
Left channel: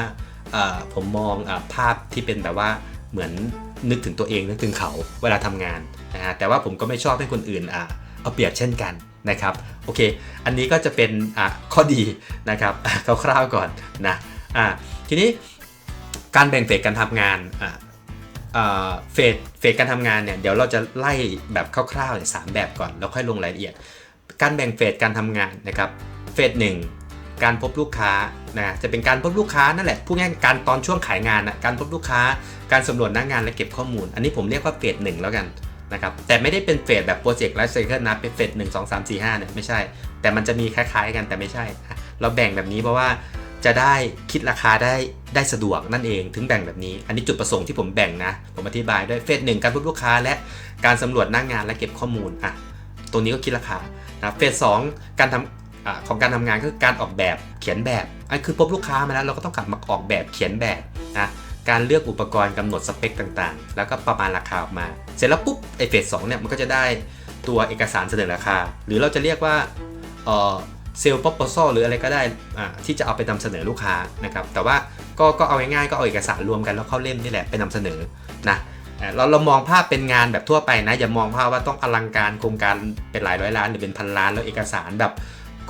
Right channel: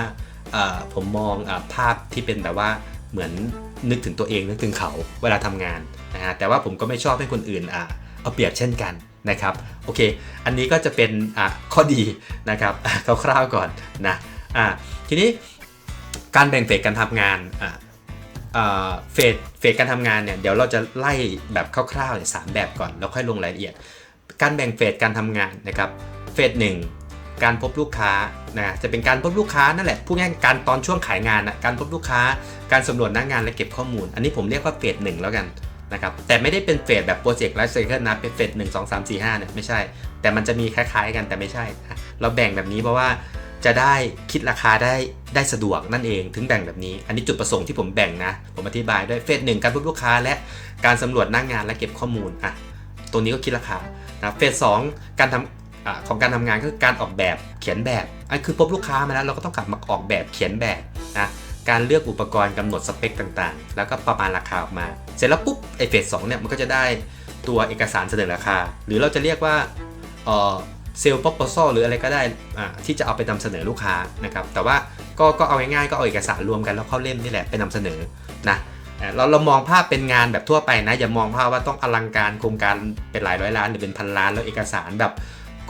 ผมมองภาพที่เป็นแบบว่าเหมือนนึกถึงตัวเองนึกถึงเขาเวลาทำงานแต่ว่าผมก็ไม่ชอบให้คนอื่นเอาเปรียบเช่นกันนะครับโอเคอันนี้ก็จะเป็นข้อดีนะครับคร่าวๆก่อนนะทีนี้การแบ่งเฟสการทำงานเฟสการทำงานเนี่ยเดี๋ยวเราจะไล่แบบคร่าวๆ3แบบก่อนแล้วค่อยลงรายละเอียดการแบ่งเฟสการทำงานนะครับเฟส1การพบลูกค้านะจะเป็นการพบลูกค้านั่นแหละพูดง่ายๆการตอนช่วงขายงานนะการพบลูกค้าการสำรวจหน้างานและเก็บข้อมูลอันนี้ผมเรียกว่าเฟส1แล้วกันนะครับแต่ไม่ได้เป็นเฟสแบบโปรเจกต์ไลฟ์ไซเคิลนะเป็นเฟส1 2 3 4 5เนี่ยไม่ใช่แต่มันจะมีคล้ายๆกันแต่ไม่ใช่เราแบ่งแบบนี้เพราะว่าจะได้คิดราคาได้สะดวกนั่นเองถึงแบ่งแบบนี้อันนี้จุดประสงค์ที่ผมแบ่งนะผมอธิบายด้วยเฟส1การพบลูกค้าและการสำรวจหน้างานและเก็บข้อมูลตัวนี้ก็คิดราคานะเฟส2การทำของการทำงานคือการออกแบบเขียนแบบคือพบลูกค้ามาแล้วเราก็ต้องกลับมาออกแบบเขียนแบบนะการเลือกอุปกรณ์กำหนดสเปคต่างๆแล้วก็ประมาณราคาออกมาเสร็จแล้วปุ๊บเฟส2เนี่ยมันก็จะได้ตัวเอกสารเสนอราคาหรือเราจะเรียกว่าเซลล์ proposal หรืออะไรก็ได้ที่จะเอาไปนำเสนอลูกค้านะครับแต่ว่าก็เอาง่ายๆก็เอาเอกสารรวมกันแล้วเข้าเล่มนี่แหละไปนำเสนอนะเรามองภาพเป็นงานแบบทั่วไปนะอย่ามองภาพว่าต้องอลังการโครงการเป็นหลายร้อยล้านหรือเป็นพันล้านแล้วเอกสารแบบ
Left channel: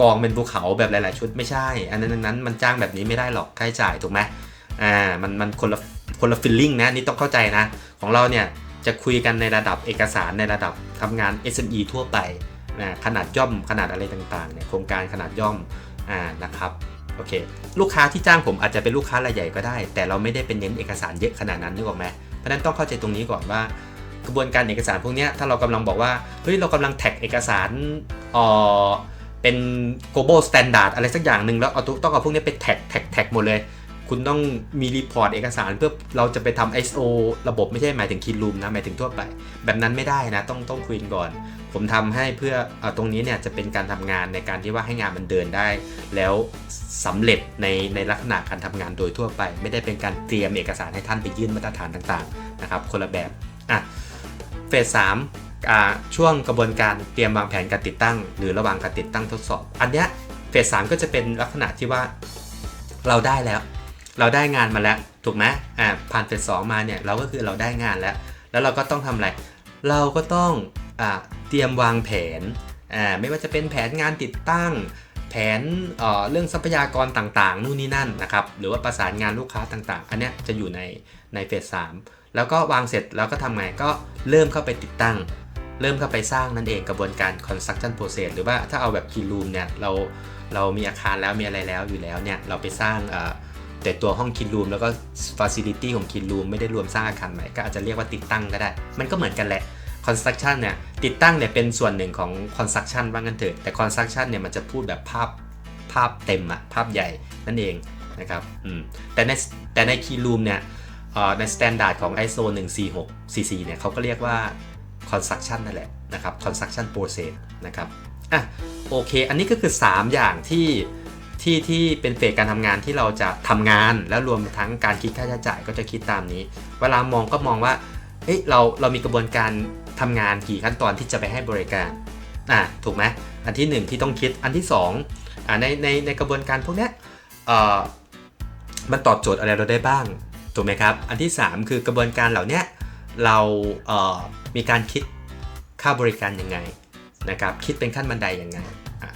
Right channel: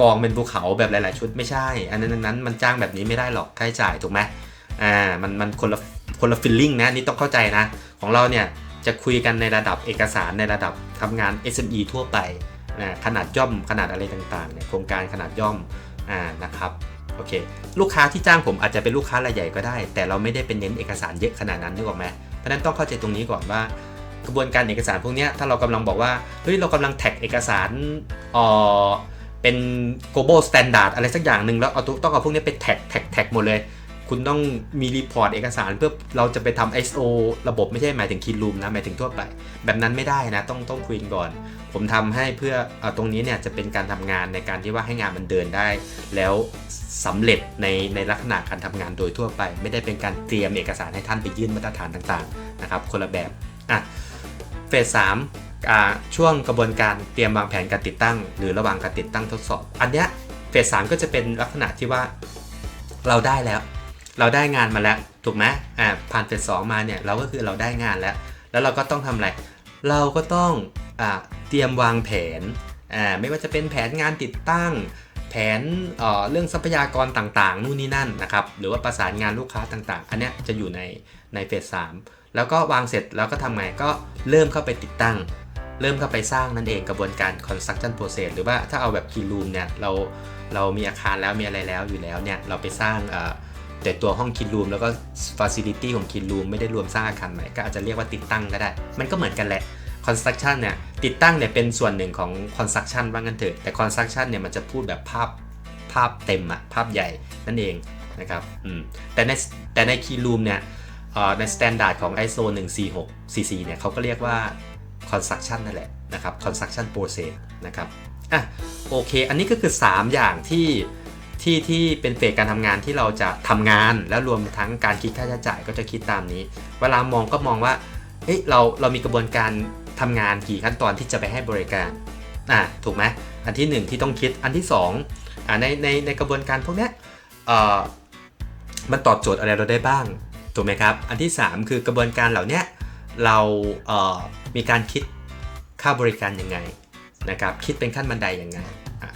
กองเป็นภูเขาแบบหลายๆชุดไม่ใช่อันนั้นมันจ้างแบบนี้ไม่ได้หรอกค่าใช้จ่ายถูกไหมมันคนละฟีลลิ่งนะนี่ต้องเข้าใจนะของเราเนี่ยจะคุยกันในระดับเอกสารในระดับทำงาน SME ทั่วไปขนาดย่อมขนาดอะไรต่างๆเนี่ยโครงการขนาดย่อมนะครับโอเคลูกค้าที่จ้างผมอาจจะเป็นลูกค้ารายใหญ่ก็ได้แต่เราไม่ได้เป็นเน้นเอกสารเยอะขนาดนั้นนึกออกไหมเพราะนั้นต้องเข้าใจตรงนี้ก่อนว่ากระบวนการเอกสารพวกนี้ถ้าเรากำลังบอกว่าเฮ้ยเรากำลังแท็กเอกสารเป็น global standard อะไรสักอย่างหนึ่งแล้วต้องเอาพวกนี้ไปแท็กหมดเลยคุณต้องมีรีพอร์ตเอกสารเพื่อเราจะไปทำ ISO ระบบไม่ใช่หมายถึง clean room นะหมายถึงทั่วไปแบบนั้นไม่ได้นะต้องคุยก่อนผมทำให้เพื่อตรงนี้เนี่ยจะเป็นการทำงานในการที่ว่าให้งานมันเดินได้แล้วสำเร็จในลักษณะการทำงานโดยทั่วไปไม่ได้เป็นการเตรียมเอกสารให้ท่านไปยื่นมาตรฐานต่างๆนะครับคนละแบบเฟส3ช่วงกระบวนการเตรียมวางแผนการติดตั้งหรือระหว่างการติดตั้งทดสอบอันเนี้ยเฟส3ก็จะเป็นลักษณะที่ว่าเราได้แล้วเราได้งานมาแล้วถูกไหมผ่านเฟส2มาเนี่ยเราก็คือเราได้งานแล้วเราก็ต้องทำอะไรเราก็ต้องเตรียมวางแผนไม่ว่าจะเป็นแผนงานติดตั้งแผนเรื่องทรัพยากรต่างๆนู่นนี่นั่นนะครับหรือว่าประสานงานลูกค้าต่างๆอันนี้จะอยู่ในเฟส3แล้วก็วางเสร็จแล้วก็ทำไงก็เริ่มเข้าไปติดตั้งเริ่มเข้าไปสร้างนั่นเองกระบวนการ construction process หรือว่าถ้าเอาแบบ clean room เนี่ยเรามีอาคารแล้วมีอะไรแล้วอยู่แล้วเนี่ยเราไปสร้างแต่ตัวห้อง clean room แล้วก็ facility ของ clean room ไม่ได้รวมสร้างอาคารใหม่ก็อาจจะเรียกว่าติดตั้งก็ได้มันก็เหมือนกันแหละ construction เนี่ยติดตั้งเนี่ยเป็นส่วนหนึ่งของ construction ว่างั้นเถอะแต่ construction เนี่ยมันจะพูดแบบภาพเต็มภาพใหญ่นั่นเองนะครับแต่ใน clean room เนี่ยใน standard ของ ISO 14644เนี่ยเขาก็เรียกว่า construction นั่นแหละนะครับ construction process นะครับโอเคอันนี้ก็คือ3อย่างที่เป็นเฟสการทำงานที่เราจะทำงานแล้วรวมทั้งการคิดค่าใช้จ่ายก็จะคิดตามนี้เวลามองก็มองว่าเรามีกระบวนการทำงานกี่ขั้นตอนที่จะไปให้บริการ ถูกไหมอันที่1ที่ต้องคิดอันที่2ในกระบวนการพวกนี้มันตอบโจทย์อะไรเราได้บ้างถูกไหมครับอันที่3คือกระบวนการเหล่านี้เรามีการคิดค่าบริการยังไงนะครับคิดเป็นขั้นบันไดยังไง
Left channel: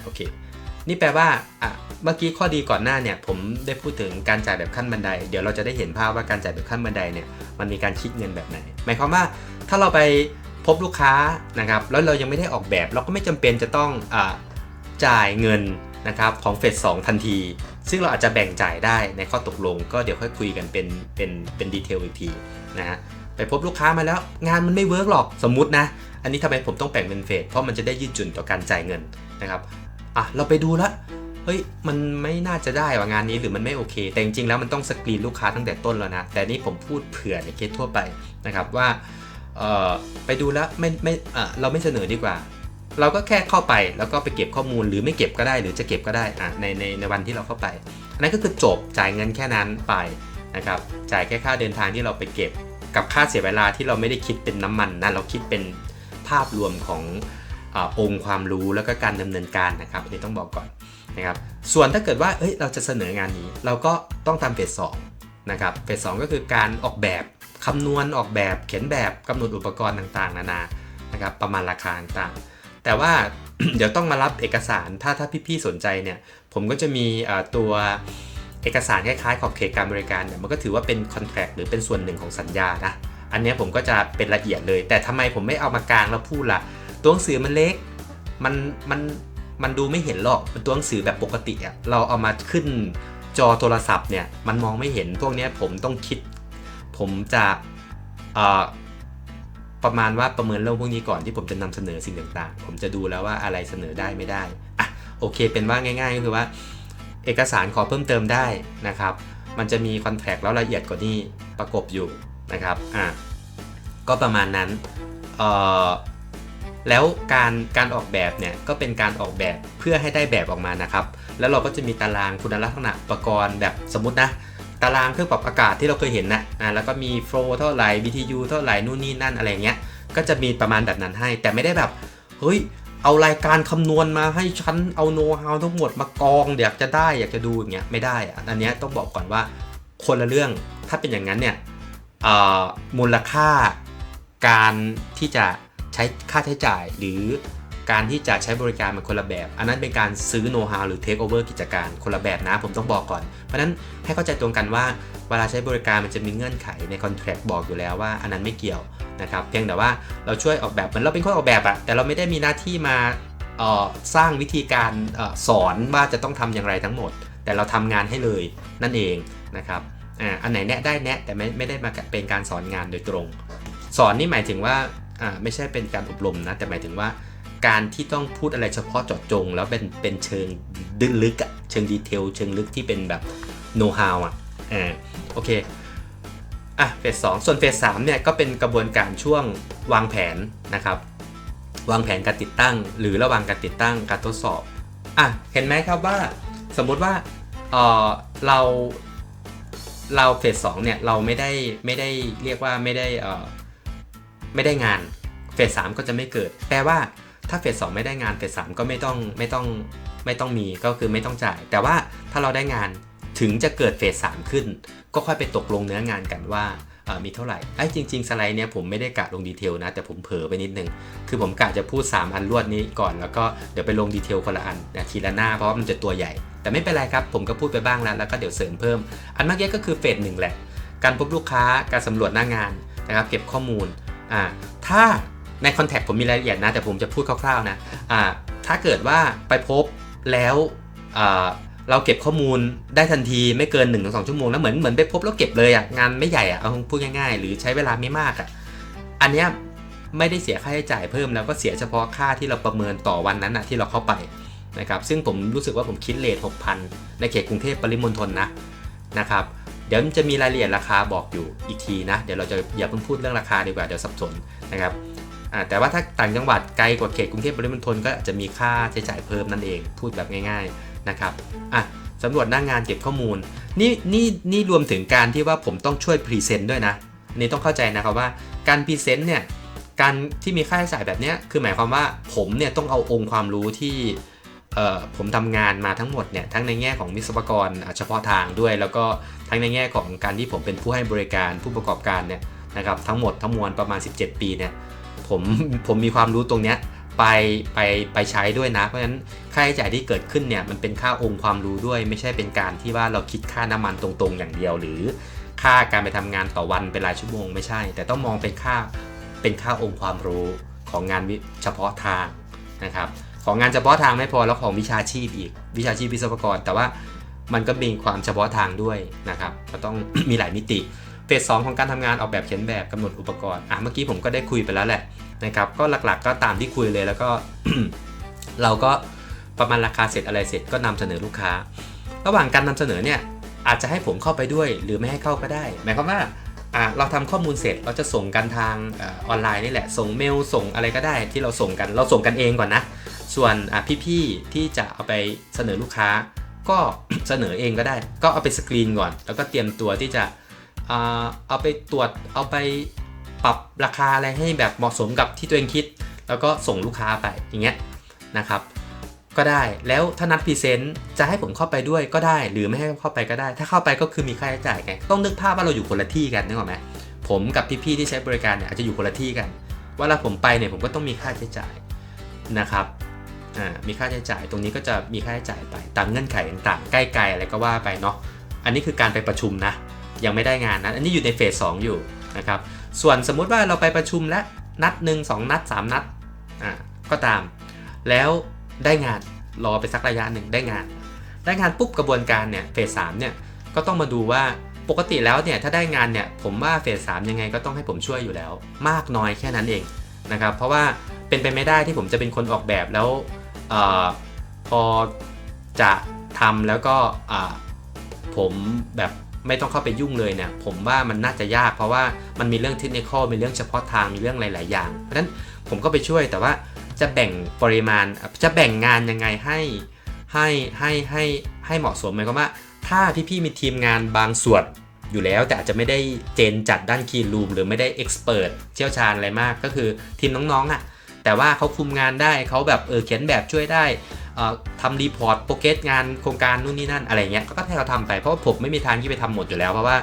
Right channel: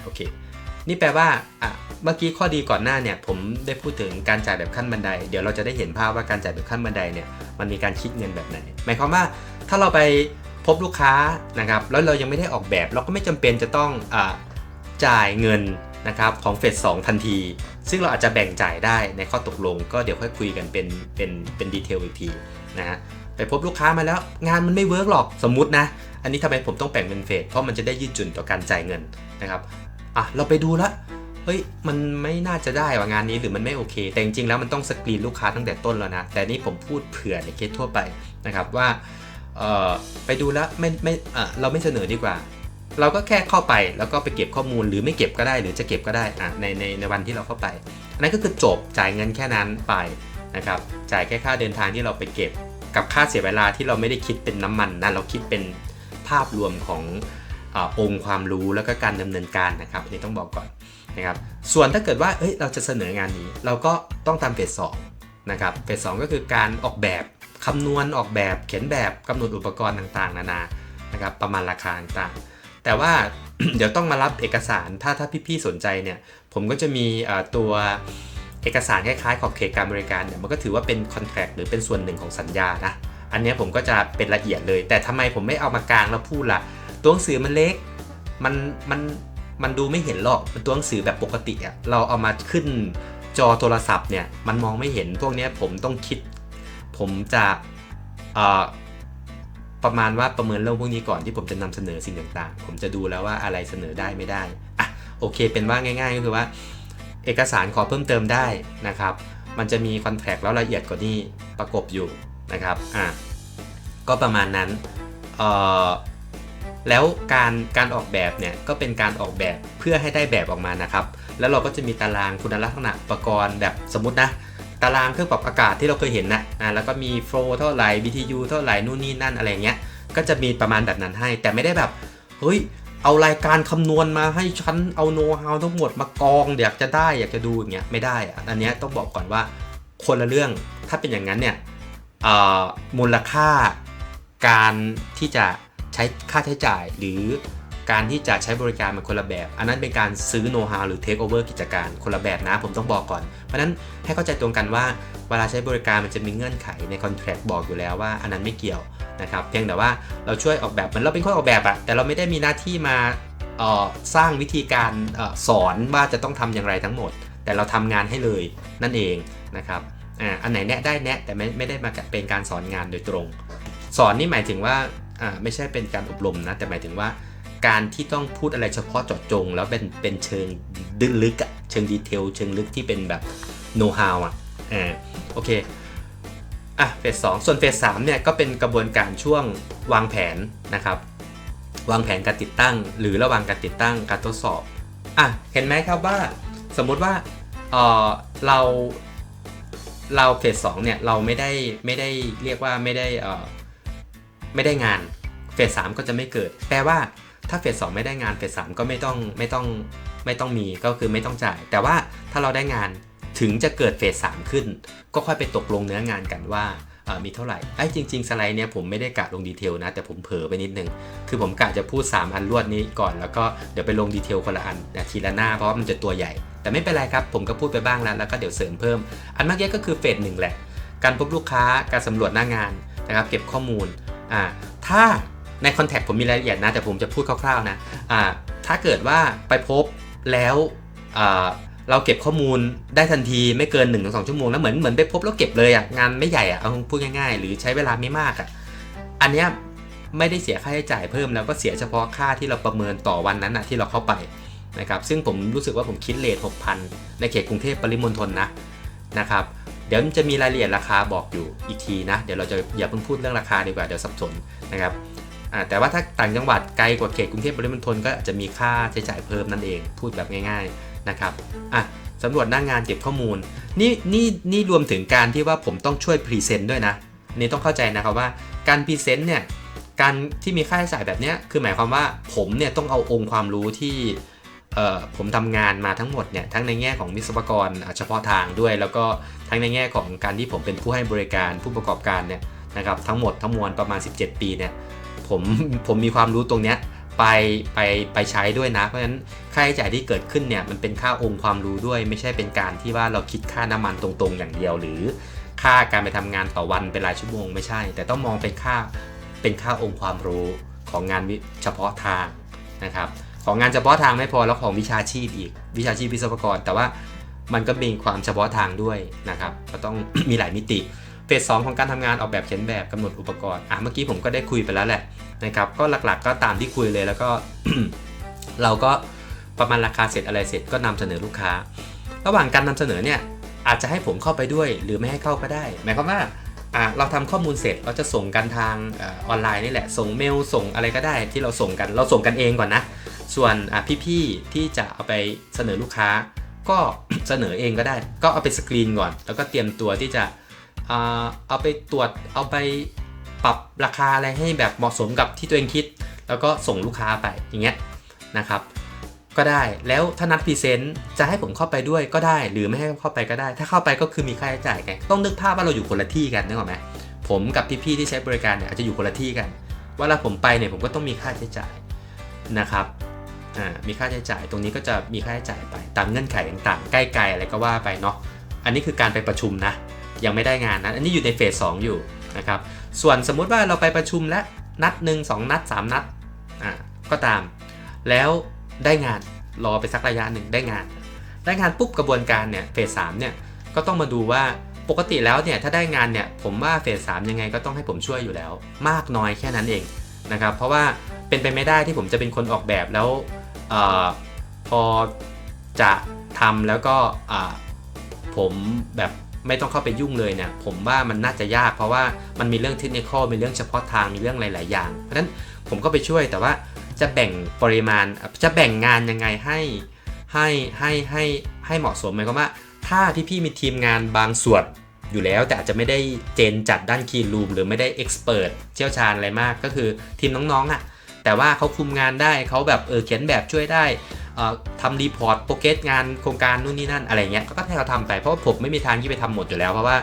โอเคนี่แปลว่าเมื่อกี้ข้อดีก่อนหน้าเนี่ยผมได้พูดถึงการจ่ายแบบขั้นบันไดเดี๋ยวเราจะได้เห็นภาพว่าการจ่ายแบบขั้นบันไดเนี่ยมันมีการคิดเงินแบบไหนหมายความว่าถ้าเราไปพบลูกค้านะครับแล้วเรายังไม่ได้ออกแบบเราก็ไม่จำเป็นจะต้องจ่ายเงินนะครับของเฟส2ทันทีซึ่งเราอาจจะแบ่งจ่ายได้ในข้อตกลงก็เดี๋ยวค่อยคุยกันเป็นดีเทลอีกทีนะไปพบลูกค้ามาแล้วงานมันไม่เวิร์กหรอกสมมุตินะอันนี้ทำไมผมต้องแบ่งเป็นเฟสเพราะมันจะได้ยืดหยุ่นต่อการจ่ายเงินนะครับเราไปดูแล้วเฮ้ยมันไม่น่าจะได้ว่างานนี้หรือมันไม่โอเคแต่จริงๆแล้วมันต้องสกรีนลูกค้าตั้งแต่ต้นแล้วนะแต่นี่ผมพูดเผื่อในเคสทั่วไปนะครับว่าไปดูแล้วเราไม่เสนอดีกว่าเราก็แค่เข้าไปแล้วก็ไปเก็บข้อมูลหรือไม่เก็บก็ได้หรือจะเก็บก็ได้ในวันที่เราเข้าไปอันนั้นก็คือจบจ่ายเงินแค่นั้นไปนะครับจ่ายแค่ค่าเดินทางที่เราไปเก็บกับค่าเสียเวลาที่เราไม่ได้คิดเป็นน้ำมันนะเราคิดเป็นภาพรวมขององค์ความรู้แล้วก็การดำเนินการนะครับอันนี้ต้องบอกก่อนนะครับส่วนถ้าเกิดว่าเราจะเสนองานนี้เราก็ต้องตามเฟส2นะครับเฟส2ก็คือการออกแบบคำนวณออกแบบเขียนแบบกำหนดอุปกรณ์ต่างๆนานานะครับประมาณราคาต่างๆแต่ว่า เดี๋ยวต้องมารับเอกสารถ้าพี่ๆสนใจเนี่ยผมก็จะมีตัวเอกสารคล้ายๆขอบเขตการบริการเนี่ยมันก็ถือว่าเป็นคอนแทรคหรือเป็นส่วนหนึ่งของสัญญานะอันนี้ผมก็จะเป็นละเอียดเลยแต่ทำไมผมไม่เอามากลางแล้วพูดล่ะตัวหนังสือมันเล็กมันดูไม่เห็นหรอกเป็นตัวหนังสือแบบปกติเราเอามาขึ้นจอโทรศัพท์เนี่ยมันมองไม่เห็นพวกนี้ผมต้องคิดผมจะประมาณว่าประเมินเรื่องพวกนี้ก่อนที่ผมจะนำเสนอสิ่งต่างๆผมจะดูแล้วว่าอะไรเสนอได้ไม่ได้โอเคเป็นว่าง่ายๆก็คือว่าเอกสารขอเพิ่มเติมได้นะครับมันจะมีคอนแทคแล้วละเอียดกว่านี้ประกบอยู่นะครับก็ประมาณนั้นแล้วการออกแบบเนี่ยก็เป็นการออกแบบเพื่อให้ได้แบบออกมานะครับแล้วเราก็จะมีตารางคุณลักษณะอุปกรณ์แบบสมมุตินะตารางเครื่องปรับอากาศที่เราเคยเห็นนะแล้วก็มีโฟลว์เท่าไหร่ BTU เท่าไหร่นู่นนี่นั่นอะไรเงี้ยก็จะมีประมาณแบบนั้นให้แต่ไม่ได้แบบเฮ้ยเอารายการคำนวณมาให้ฉันเอาโน้ตฮาวทั้งหมดมากองอยากจะดูอย่างเงี้ยไม่ได้อันนี้ต้องบอกก่อนว่าคนละเรื่องถ้าเป็นอย่างนั้นเนี่ยมูลค่าการที่จะใช้ค่าใช้จ่ายหรือการที่จะใช้บริการมันคนละแบบอันนั้นเป็นการซื้อโน้ตฮาวหรือเทคโอเวอร์กิจการคนละแบบนะผมต้องบอกก่อนเพราะฉะนั้นให้เข้าใจตรงกันว่าเวลาใช้บริการมันจะมีเงื่อนไขในคอนแทรคบอกอยู่แล้วว่าอันนั้นไม่เกี่ยวนะครับเพียงแต่ว่าเราช่วยออกแบบเหมือนเราเป็นคนออกแบบแต่เราไม่ได้มีหน้าที่มาสร้างวิธีการสอนว่าจะต้องทำอย่างไรทั้งหมดแต่เราทำงานให้เลยนั่นเองนะครับอันไหนแนะได้แนะแต่ไม่ได้มาเป็นการสอนงานโดยตรงสอนนี่หมายถึงว่าไม่ใช่เป็นการอบรมนะแต่หมายถึงว่าการที่ต้องพูดอะไรเฉพาะเจาะจงแล้วเป็นเชิงลึกเชิงดีเทลเชิงลึกที่เป็นแบบโน้ตฮาวโอเคเฟส2ส่วนเฟส3เนี่ยก็เป็นกระบวนการช่วงวางแผนนะครับวางแผนการติดตั้งหรือระหว่างการติดตั้งการทดสอบเห็นไหมครับว่าสมมุติว่าเราเฟส2เนี่ยเราไม่ได้เรียกว่าไม่ได้งานเฟส3ก็จะไม่เกิดแปลว่าถ้าเฟส2ไม่ได้งานเฟส3ก็ไม่ต้องมีก็คือไม่ต้องจ่ายแต่ว่าถ้าเราได้งานถึงจะเกิดเฟส3ขึ้นก็ค่อยไปตกลงเนื้องานกันว่ามีเท่าไหร่จริงๆสไลด์เนี้ยผมไม่ได้กะลงดีเทลนะแต่ผมเผลอไปนิดนึงคือผมกะจะพูด3อันรวดนี้ก่อนแล้วก็เดี๋ยวไปลงดีเทลคนละอันทีละหน้าเพราะว่ามันจะตัวใหญ่แต่ไม่เป็นไรครับผมก็พูดไปบ้างแล้วก็เดี๋ยวเสริมเพิ่มอันเมื่อกี้ก็คือเฟส1แหละการพบลูกค้าการสำรวจหน้างานนะครับเก็บข้อมูลถ้าในคอนแทคผมมีรายละเอียดนะแต่ผมจะพูดคร่าวๆนะถ้าเกิดว่าไปพบแล้วเราเก็บข้อมูลได้ทันทีไม่เกิน 1-2 ชั่วโมงแล้วเหมือนไปพบแล้วเก็บเลยงานไม่ใหญ่เอาพูดง่ายๆหรือใช้เวลาไม่มากอันเนี้ยไม่ได้เสียค่าใช้จ่ายเพิ่มแล้วก็เสียเฉพาะค่าที่เราประเมินต่อวันนั้นที่เราเข้าไปนะครับซึ่งผมรู้สึกว่าผมคิดเรท 6,000 ในเขตกรุงเทพปริมณฑลนะครับเดี๋ยวจะมีรายละเอียดราคาบอกอยู่อีกทีนะเดี๋ยวเราจะอย่าเพิ่งพูดเรื่องราคาดีกว่าเดี๋ยวสับสนนะครับแต่ว่าถ้าต่างจังหวัดไกลกว่าเขตกรุงเทพปริมณฑลก็จะมีค่าใช้จ่ายเพิ่มนั่นเองพูดแบบง่ายๆนะครับสำรวจหน้างานเก็บข้อมูลนี่รวมถึงการที่ว่าผมต้องช่วยพรีเซนต์ด้วยนะนี่ต้องเข้าใจนะครับว่าการพรีเซนต์เนี่ย การที่มีค่าใช้จ่ายแบบนี้คือหมายความว่าผมเนี่ยต้องเอาองค์ความรู้ที่ผมทำงานมาทั้งหมดเนี่ยทั้งในแง่ของวิศวกรเฉพาะทางด้วยแล้วก็ทั้งในแง่ของการที่ผมเป็นผู้ให้บริการผู้ประกอบการเนี่ยนะครับทั้งหมดทั้งมวลประมาณ17ปีเนี่ยผมมีความรู้ตรงเนี้ยไปใช้ด้วยนะเพราะฉะนั้นค่าใช้จ่ายที่เกิดขึ้นเนี่ยมันเป็นค่าองค์ความรู้ด้วยไม่ใช่เป็นการที่ว่าเราคิดค่าน้ำมันตรงๆอย่างเดียวหรือค่าการไปทำงานต่อวันเป็นรายชั่วโมงไม่ใช่แต่ต้องมองเป็นค่าองค์ความรู้ของงานเฉพาะทางนะครับของงานเฉพาะทางไม่พอแล้วของวิชาชีพอีกวิชาชีพวิศวกรแต่ว่ามันก็มีความเฉพาะทางด้วยนะครับก็ต้อง มีหลายมิติเฟส 2ของการทำงานออกแบบเขียนแบบกำหนดอุปกรณ์เมื่อกี้ผมก็ได้คุยไปแล้วแหละนะครับก็หลักๆก็ตามที่คุยเลยแล้วก็ เราก็ประมาณราคาเสร็จอะไรเสร็จก็นำเสนอลูกค้าระหว่างการนำเสนอเนี่ยอาจจะให้ผมเข้าไปด้วยหรือไม่ให้เข้าก็ได้หมายความว่าเราทำข้อมูลเสร็จเราจะส่งกันทางออนไลน์นี่แหละส่งเมลส่งอะไรก็ได้ที่เราส่งกันเองก่อนนะส่วนพี่ๆที่จะเอาไปเสนอลูกค้าก็ เสนอเองก็ได้ก็เอาไปสกรีนก่อนแล้วก็เตรียมตัวที่จะเอาไปตรวจเอาไปปรับราคาอะไรให้แบบเหมาะสมกับที่ตัวเองคิดแล้วก็ส่งลูกค้าไปอย่างเงี้ยนะครับก็ได้แล้วถ้านัดพรีเซนต์จะให้ผมเข้าไปด้วยก็ได้หรือไม่ให้เข้าไปก็ได้ถ้าเข้าไปก็คือมีค่าใช้จ่ายไงต้องนึกภาพว่าเราอยู่คนละที่กันนึกออกไหมผมกับพี่ๆที่ใช้บริการเนี่ยอาจจะอยู่คนละที่กันเวลาผมไปเนี่ยผมก็ต้องมีค่าใช้จ่ายนะครับมีค่าใช้จ่ายตรงนี้ก็จะมีค่าใช้จ่ายไปตามเงื่อนไขต่างๆใกล้ๆอะไรก็ว่าไปเนาะอันนี้คือการไปประชุมนะยังไม่ได้งานนะอันนี้อยู่ในเฟส 2อยู่นะครับส่วนสมมุติว่าเราไปประชุมและนัด1 2นัด3นัดก็ตามแล้วได้งานรอไปสักระยะหนึ่งได้งานปุ๊บกระบวนการเนี่ยเฟส 3เนี่ยก็ต้องมาดูว่าปกติแล้วเนี่ยถ้าได้งานเนี่ยผมว่าเฟส 3ยังไงก็ต้องให้ผมช่วยอยู่แล้วมากน้อยแค่นั้นเองนะครับเพราะว่าเป็นไปไม่ได้ที่ผมจะเป็นคนออกแบบแล้วพอจะทำแล้วก็ผมแบบไม่ต้องเข้าไปยุ่งเลยเนี่ยผมว่ามันน่าจะยากเพราะว่ามันมีเรื่องเทคนิคอลมีเรื่องเฉพาะทางมีเรื่องหลายๆอย่างเพราะฉะนั้นผมก็ไปช่วยแต่ว่าจะแบ่งปริมาณจะแบ่งงานยังไงให้เหมาะสมหมายความว่าถ้าพี่ๆมีทีมงานบางส่วนอยู่แล้วแต่อาจจะไม่ได้เจนจัดด้านคีนรูมหรือไม่ได้เอ็กซ์เพิร์ทเชี่ยวชาญอะไรมากก็คือทีมน้องๆแต่ว่าเขาคุมงานได้เขาแบบเขียนแบบช่วยได้ทำรีพอร์ตโปรเกรสงานโครงการนู่นนี่นั่นอะไรเงี้ยก็ให้เขาทำไปเพราะผมไม่มีทางที่ไปทำหมดอยู่แล้วเพราะว่า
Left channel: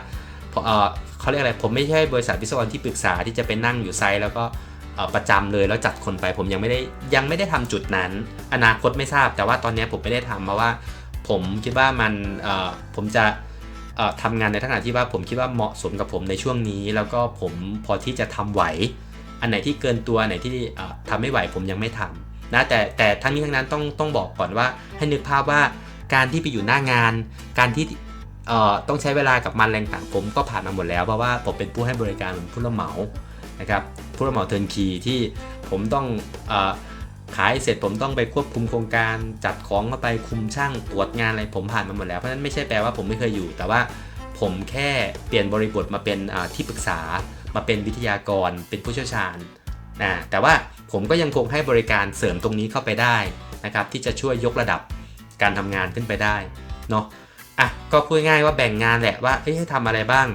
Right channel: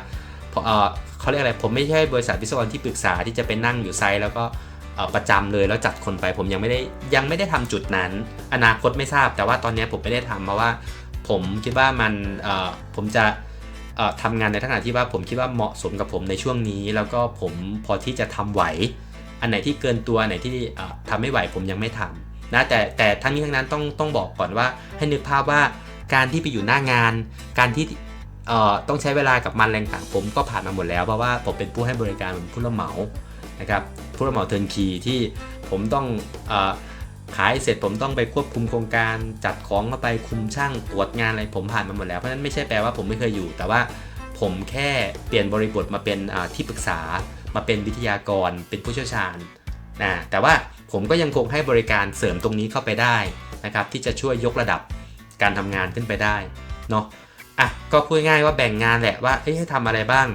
เขาเรียกอะไรผมไม่ใช่บริษัทวิศวกรที่ปรึกษาที่จะไปนั่งอยู่ไซต์แล้วก็ประจำเลยแล้วจัดคนไปผมยังไม่ได้ทำจุดนั้นอนาคตไม่ทราบแต่ว่าตอนนี้ผมไม่ได้ทำเพราะว่าผมคิดว่ามันผมจะทำงานในลักษณะที่ว่าผมคิดว่าเหมาะสมกับผมในช่วงนี้แล้วก็ผมพอที่จะทำไหวอันไหนที่เกินตัวอันไหนที่ทำไม่ไหวผมยังไม่ทำนะแต่ทั้งนี้ทั้งนั้นต้องบอกก่อนว่าให้นึกภาพว่าการที่ไปอยู่หน้างานการที่ต้องใช้เวลากับมันแรงต่างผมก็ผ่านมาหมดแล้วเพราะว่าผมเป็นผู้ให้บริการผู้รับเหมานะครับผู้รับเหมาเทิร์นคีที่ผมต้องขายเสร็จผมต้องไปควบคุมโครงการจัดของเข้าไปคุมช่างตรวจงานอะไรผมผ่านมาหมดแล้วเพราะฉะนั้นไม่ใช่แปลว่าผมไม่เคยอยู่แต่ว่าผมแค่เปลี่ยนบริบทมาเป็นที่ปรึกษามาเป็นวิทยากรเป็นผู้เชี่ยวชาญแต่ว่าผมก็ยังคงให้บริการเสริมตรงนี้เข้าไปได้นะครับที่จะช่วยยกระดับการทำงานขึ้นไปได้เนาะก็พูดง่ายว่าแบ่งงานแหละว่าให้ทำอะไรบ้าง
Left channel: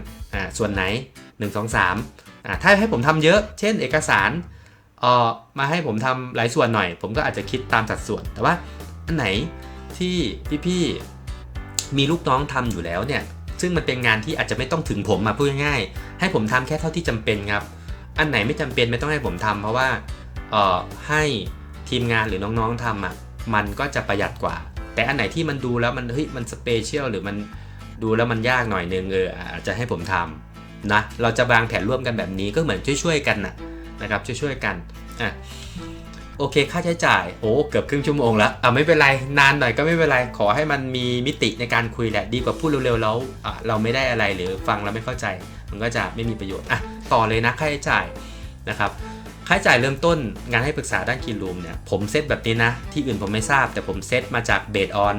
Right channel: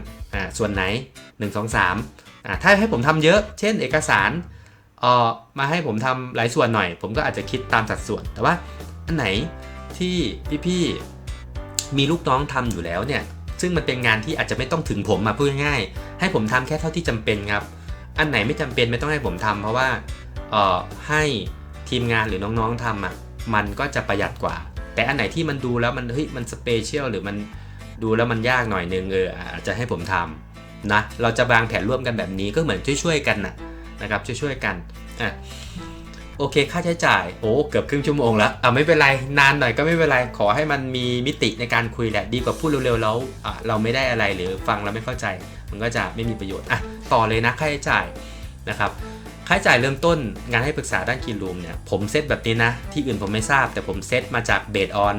ส่วนไหน1 2 3ถ้าให้ผมทำเยอะเช่นเอกสารมาให้ผมทำหลายส่วนหน่อยผมก็อาจจะคิดตามสัดส่วนแต่ว่าอันไหนที่พี่ๆมีลูกน้องทำอยู่แล้วเนี่ยซึ่งมันเป็นงานที่อาจจะไม่ต้องถึงผมพูดง่ายๆให้ผมทำแค่เท่าที่จำเป็นครับอันไหนไม่จำเป็นไม่ต้องให้ผมทำเพราะว่าให้ทีมงานหรือน้องๆทำมันก็จะประหยัดกว่าแต่อันไหนที่มันดูแล้วมันสเปเชียลหรือมันดูแล้วมันยากหน่อยนึงอาจจะให้ผมทำนะเราจะวางแผนร่วมกันแบบนี้ก็เหมือนช่วยๆกันนะครับช่วยๆกันโอเคค่าใช้จ่ายเกือบครึ่งชั่วโมงแล้วไม่เป็นไรนานหน่อยก็ไม่เป็นไรขอให้มันมีมิติในการคุยแหละดีกว่าพูดเร็วๆแล้วเราไม่ได้อะไรหรือฟังเราไม่เข้าใจมันก็จะไม่มีประโยชน์ต่อเลยนะค่าใช้จ่ายนะครับค่าใช้จ่ายเริ่มต้นงานให้ปรึกษาด้านคีนรูมเนี่ยผมเซตแบบนี้นะที่อื่นผมไม่ทราบแต่ผมเซตมาจากเบสออน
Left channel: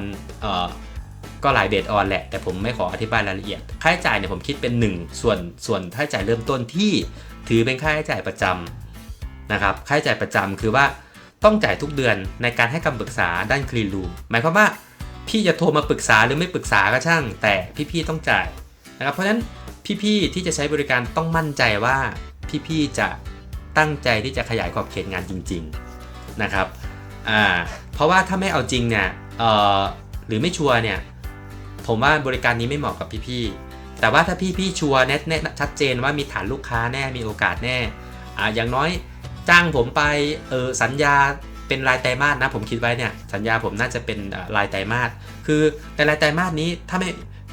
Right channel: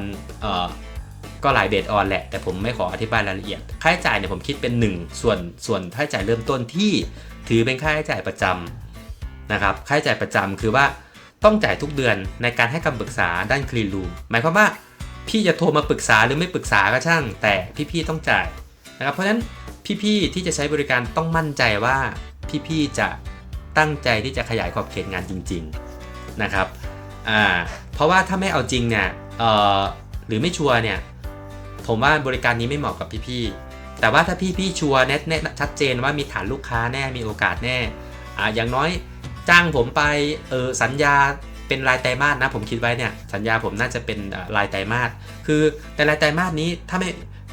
ก็หลายเบสออนแหละแต่ผมไม่ขออธิบายรายละเอียดค่าใช้จ่ายเนี่ยผมคิดเป็น1ส่วนค่าใช้จ่ายเริ่มต้นที่ถือเป็นค่าใช้จ่ายประจำนะครับค่าใช้จ่ายประจำคือว่าต้องจ่ายทุกเดือนในการให้คำปรึกษาด้านคลีนรูมหมายความว่าพี่จะโทรมาปรึกษาหรือไม่ปรึกษาก็ช่างแต่พี่ๆต้องจ่ายนะครับเพราะฉะนั้นพี่ๆที่จะใช้บริการต้องมั่นใจว่าพี่ๆจะ ตั้งใจที่จะขยายขอบเขตงานจริงๆนะครับเพราะว่าถ้าไม่เอาจริงเนี่ยหรือไม่ชัวร์เนี่ยผมว่าบริการนี้ไม่เหมาะกับพี่ๆแต่ว่าถ้าพี่ชัวร์แน่ชัดเจนว่ามีฐานลูกค้าแน่มีโอกาสแน่อย่างน้อยจ้างผมไปสัญญาเป็นรายไตรมาสนะผมคิดไว้เนี่ยสัญญาผมน่าจะเป็นรายไตรมาสคือแต่รายไตรมาสนี้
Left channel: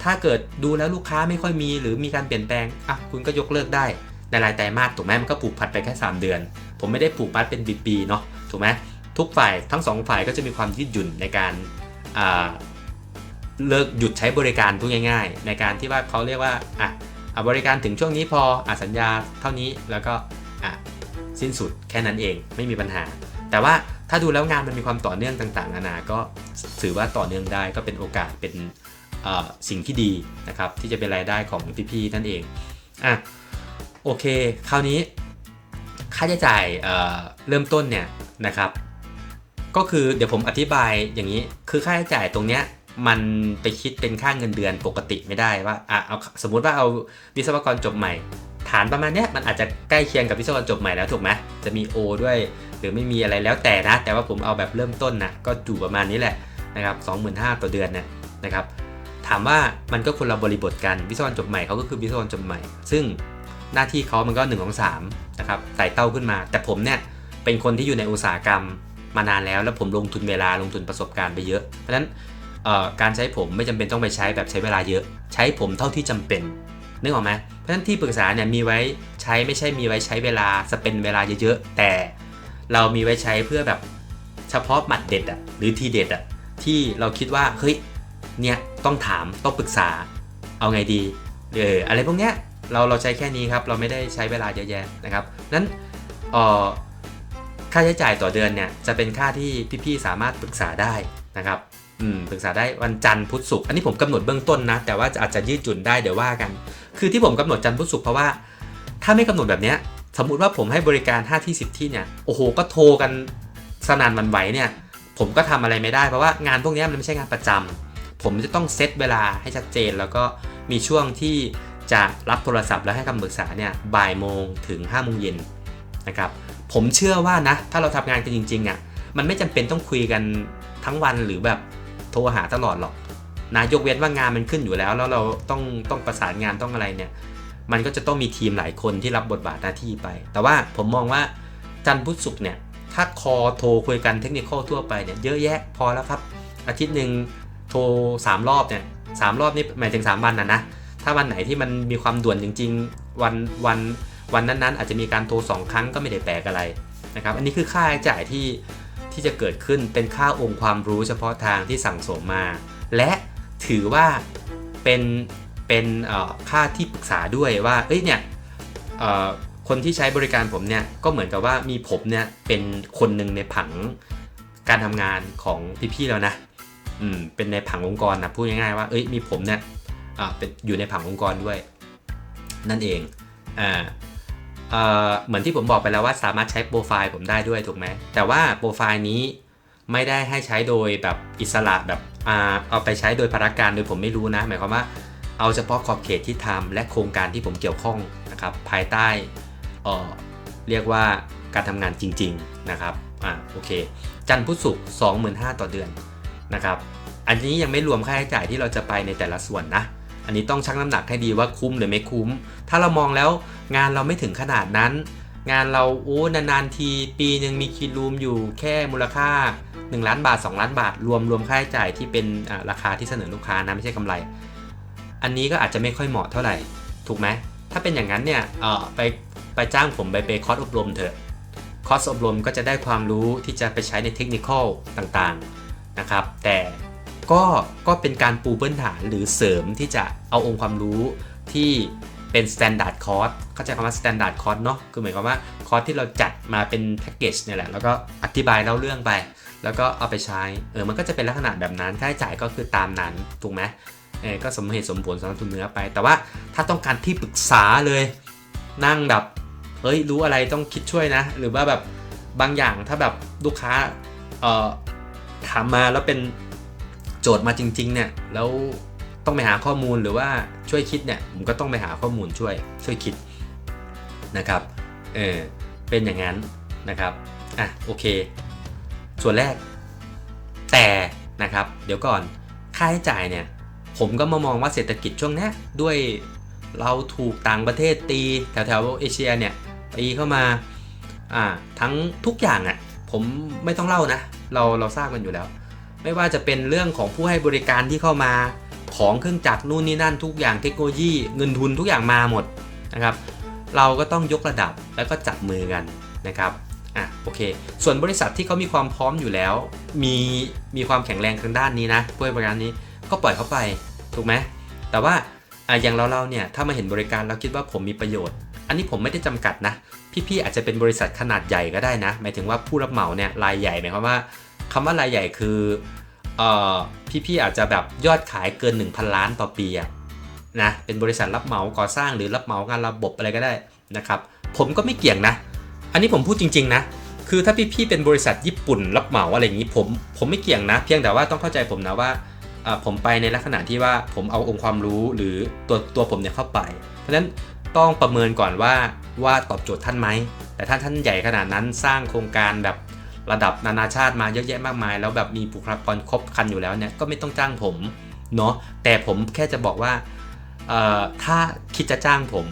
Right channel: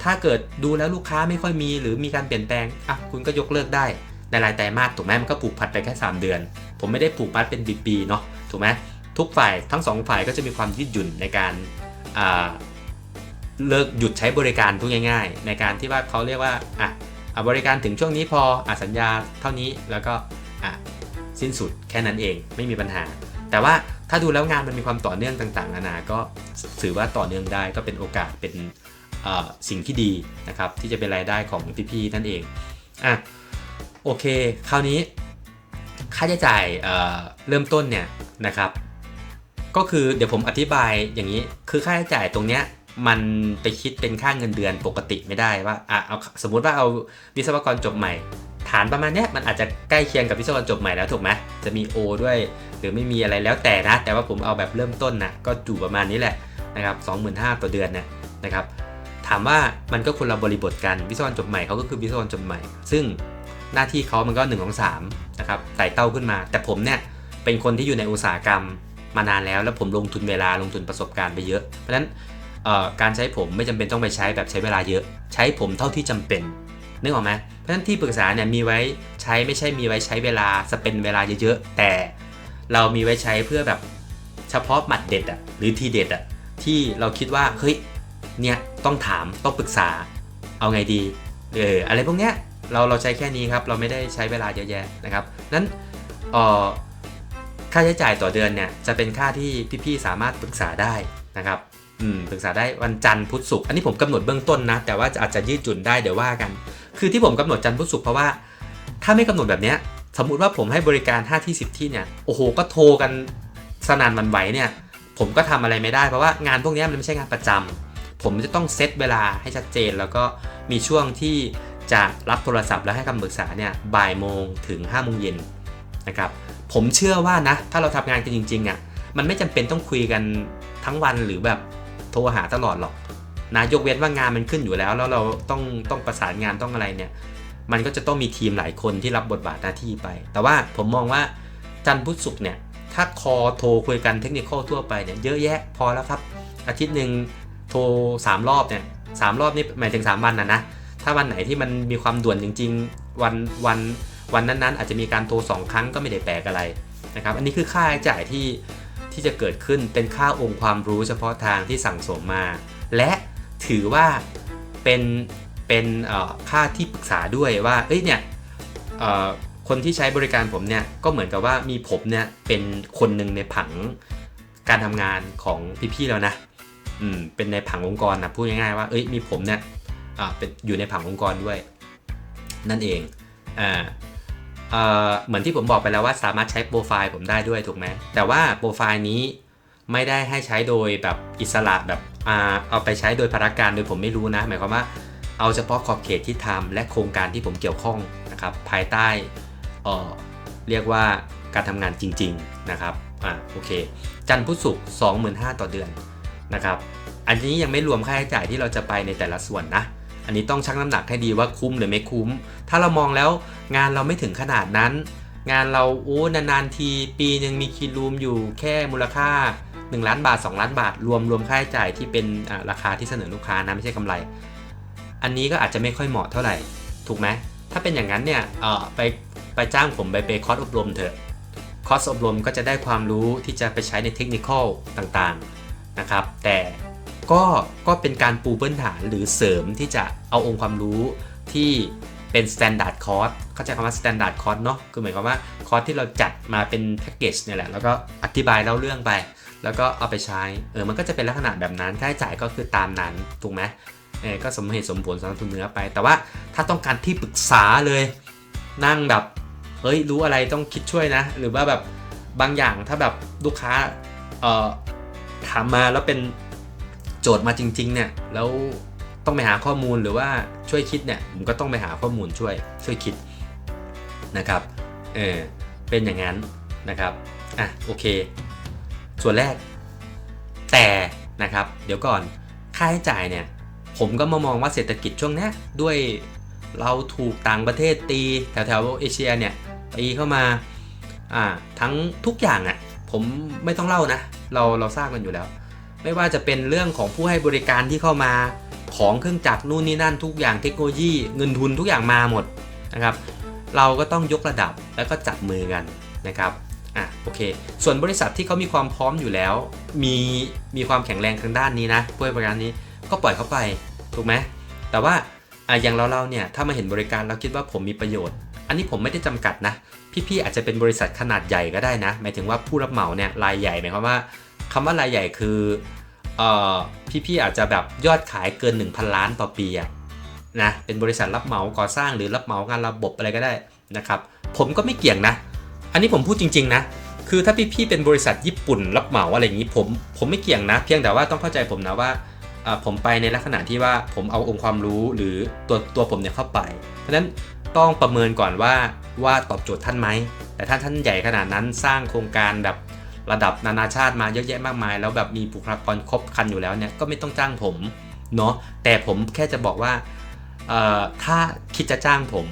ถ้าเกิดดูแล้วลูกค้าไม่ค่อยมีหรือมีการเปลี่ยนแปลงคุณก็ยกเลิกได้ในรายไตรมาสถูกไหมมันก็ผูกพันไปแค่3เดือนผมไม่ได้ผูกพันเป็นปีๆเนาะถูกไหมทุกฝ่ายทั้ง2ฝ่ายก็จะมีความยืดหยุ่นในการเลิกหยุดใช้บริการพูดง่ายๆในการที่ว่าเขาเรียกว่าบริการถึงช่วงนี้พอสัญญาเท่านี้แล้วก็สิ้นสุดแค่นั้นเองไม่มีปัญหาแต่ว่าถ้าดูแล้วงานมันมีความต่อเนื่องต่างๆนานาก็ถือว่าต่อเนื่องได้ก็เป็นโอกาสเป็นสิ่งที่ดีนะครับที่จะเป็นรายได้ของพี่ๆนั่นเองโอเคคราวนี้ค่าใช้จ่ายเริ่มต้นเนี่ยนะครับก็คือเดี๋ยวผมอธิบายอย่างนี้คือค่าใช้จ่ายตรงเนี้ยมันไปคิดเป็นค่าเงินเดือนปกติไม่ได้ว่าเอาสมมุติว่าเอาวิศวกรจบใหม่ฐานประมาณเนี้ยมันอาจจะใกล้เคียงกับวิศวกรจบใหม่แล้วถูกไหมจะมี O ด้วยหรือไม่มีอะไรแล้วแต่นะแต่ว่าผมเอาแบบเริ่มต้นนะก็อยู่ประมาณนี้แหละนะครับ 25,000 ต่อเดือนเนี่ยนะครับถามว่ามันก็คนละบริบทกันวิศวกรจบใหม่เขาก็คือวิศวกรจบใหม่ซึ่งหน้าที่เขามันก็1 2 3นะครับไต่เต้าขึ้นมาแต่ผมเนี่ยเป็นคนที่อยู่ในอุตสาหกรรมมานานแล้วผมลงทุนเวลาลงทุนประสบการณ์ไปเยอะเพราะฉะนั้นการใช้ผมไม่จำเป็นต้องไปใช้แบบใช้เวลาเยอะใช้ผมเท่าที่จำเป็นนึกออกไหมเพราะฉะนั้นที่ปรึกษาเนี่ยมีไว้ใช้ไม่ใช่มีไว้ใช้เวลาสเปนเวลาเยอะๆแต่เรามีไว้ใช้เพื่อแบบเฉพาะหมัดเด็ดหรือทีเด็ดที่เราคิดว่าเฮ้ยเนี่ยต้องถามต้องปรึกษาเอาไงดีอะไรพวกเนี้ยเราใช้แค่นี้ครับเราไม่ได้ใช้เวลาเยอะแยะนะครับนั้นค่าใช้จ่ายต่อเดือนเนี่ยจะเป็นค่าที่พี่ๆสามารถปรึกษาได้นะครับปรึกษาได้วันจันทร์พุธศุกร์อันนี้ผมกำหนดเบื้องต้นนะแต่ว่าอาจจะยืดหยุ่นได้เดี๋ยวว่ากันคือที่ผมกำหนดจันทร์พุธศุกร์เพราะว่าถ้าไม่กำหนดแบบนี้สมมุติว่าผมให้บริการ5ที่10ที่เนี่ยโอ้โหก็โทรกันสนั่นหวั่นไหวเนี่ยผมก็ทำอะไรไม่ได้เพราะว่างานพวกนี้มันไม่ใช่งานประจำผมจะต้องเซตเวลาให้ชัดเจนแล้วก็มีช่วงที่จะรับโทรศัพท์แล้วให้คำปรึกษาเนี่ยบ่ายโมงถึง5 โมงเย็นนะครับผมเชื่อว่านะถ้าเราทำงานกันจริงๆมันไม่จำเป็นต้องคุยกันทั้งวันหรือแบบโทรหาตลอดหรอกนะยกเว้นว่างานมันขึ้นอยู่แล้วเราต้องประสานงานต้องอะไรเนี่ยมันก็จะต้องมีทีมหลายคนที่รับบทบาทหน้าที่ไปแต่ว่าผมมองว่าจันทร์พุธศุกร์เนี่ยถ้าโทรคุยกันเทคนิคทั่วไปเนี่ยเยอะแยะพอแล้วครับอาทิตย์หนึ่งโทร3 รอบเนี่ย3 รอบนี่หมายถึง3 วันนะถ้าวันไหนที่มันมีความด่วนจริงๆวันนั้นๆอาจจะมีการโทร2 ครั้งก็ไม่ได้แปลกอะไรนะครับอันนี้คือค่าใช้จ่ายที่จะเกิดขึ้นเป็นค่าองค์ความรู้เฉพาะทางที่สั่งสมมาและถือว่าเป็นค่าที่ปรึกษาด้วยว่าเนี่ยคนที่ใช้บริการผมเนี่ยก็เหมือนกับว่ามีผมเนี่ยเป็นคนหนึ่งในผังการทำงานของพี่ๆแล้วนะเป็นในผังองค์กรนะพูดง่ายๆว่ามีผมเนี่ยเป็นอยู่ในผังองค์กรด้วยนั่นเองเหมือนที่ผมบอกไปแล้วว่าสามารถใช้โปรไฟล์ผมได้ด้วยถูกไหมแต่ว่าโปรไฟล์นี้ไม่ได้ให้ใช้โดยแบบอิสระแบบเอาไปใช้โดยภารการโดยผมไม่รู้นะหมายความว่าเอาเฉพาะขอบเขตที่ทำและโครงการที่ผมเกี่ยวข้องนะครับภายใต้เรียกว่าการทำงานจริงๆนะครับโอเคจันทร์พุธศุกร์ 25,000 ต่อเดือนนะครับอันนี้ยังไม่รวมค่าใช้จ่ายที่เราจะไปในแต่ละส่วนนะอันนี้ต้องชั่งน้ำหนักให้ดีว่าคุ้มหรือไม่คุ้มถ้าเรามองแล้วงานเราไม่ถึงขนาดนั้นงานเรานานๆทีปีนึงมีคิดรูมอยู่แค่มูลค่า1 ล้านบาท2 ล้านบาทรวมค่าใช้จ่ายที่เป็นราคาที่เสนอลูกค้านะไม่ใช่กำไรอันนี้ก็อาจจะไม่ค่อยเหมาะเท่าไหร่ถูกไหมถ้าเป็นอย่างนั้นเนี่ยไปจ้างผมไปคอร์สอบรมเถอะคอร์สอบรมก็จะได้ความรู้ที่จะไปใช้ในเทคนิคต่างๆนะครับแต่ก็เป็นการปูพื้นฐานหรือเสริมที่จะเอาองค์ความรู้ที่เป็น standard course เข้าใจคำว่า standard course เนาะคือหมายความว่าคอร์สที่เราจัดมาเป็นแพ็กเกจเนี่ยแหละแล้วก็อธิบายเล่าเรื่องไปแล้วก็เอาไปใช้มันก็จะเป็นลักษณะแบบนั้นค่าใช้จ่ายก็คือตามนั้นถูกไหมก็สมเหตุสมผลสำหรับทุนเนื้อไปแต่ว่าถ้าต้องการที่ปรึกษาเลยนั่งแบบรู้อะไรต้องคิดช่วยนะหรือว่าแบบบางอย่างถ้าแบบลูกค้าถามมาแล้วเป็นโจทย์มาจริงๆเนี่ยแล้วต้องไปหาข้อมูลหรือว่าช่วยคิดเนี่ยผมก็ต้องไปหาข้อมูลช่วยคิดนะครับ เป็นอย่างนั้นนะครับโอเคส่วนแรกแต่นะครับเดี๋ยวก่อนค่าใช้จ่ายเนี่ยผมก็มองว่าเศรษฐกิจช่วงนี้ด้วยเราถูกต่างประเทศตีแถวๆเอเชียเนี่ยตีเข้ามาทั้งทุกอย่างผมไม่ต้องเล่านะเราทราบกันอยู่แล้วไม่ว่าจะเป็นเรื่องของผู้ให้บริการที่เข้ามาของเครื่องจักรนู่นนี่นั่นทุกอย่างเทคโนโลยีเงินทุนทุกอย่างมาหมดนะครับเราก็ต้องยกระดับแล้วก็จับมือกันนะครับโอเคส่วนบริษัทที่เขามีความพร้อมอยู่แล้วมีความแข็งแรงทางด้านนี้นะผู้ให้บริการนี้ก็ปล่อยเขาไปถูกไหมแต่ว่าอย่างเราเนี่ยถ้ามาเห็นบริการเราคิดว่าผมมีประโยชน์อันนี้ผมไม่ได้จำกัดนะพี่ๆอาจจะเป็นบริษัทขนาดใหญ่ก็ได้นะหมายถึงว่าผู้รับเหมาเนี่ยรายใหญ่หมายความว่าคำว่ารายใหญ่คือพี่อาจจะแบบยอดขายเกิน 1,000 ล้านต่อปีนะเป็นบริษัทรับเหมาก่อสร้างหรือรับเหมางานระบบอะไรก็ได้นะครับผมก็ไม่เกี่ยงนะอันนี้ผมพูดจริงๆนะคือถ้าพี่เป็นบริษัทญี่ปุ่นรับเหมาอะไรอย่างนี้ผมไม่เกี่ยงนะเพียงแต่ว่าต้องเข้าใจผมนะว่าผมไปในลักษณะที่ว่าผมเอาองค์ความรู้หรือตัวผมเนี่ยเข้าไปเพราะฉะนั้นต้องประเมินก่อนว่าตอบโจทย์ท่านไหมแต่ถ้าท่านใหญ่ขนาดนั้นสร้างโครงการแบบระดับนานาชาติมาเยอะแยะมากมายแล้วแบบมีบุคลากรครบครันอยู่แล้วเนี่ยก็ไม่ต้องจ้างผมเนาะแต่ผมแค่จะบอกว่าถ้าคิดจะจ้างผม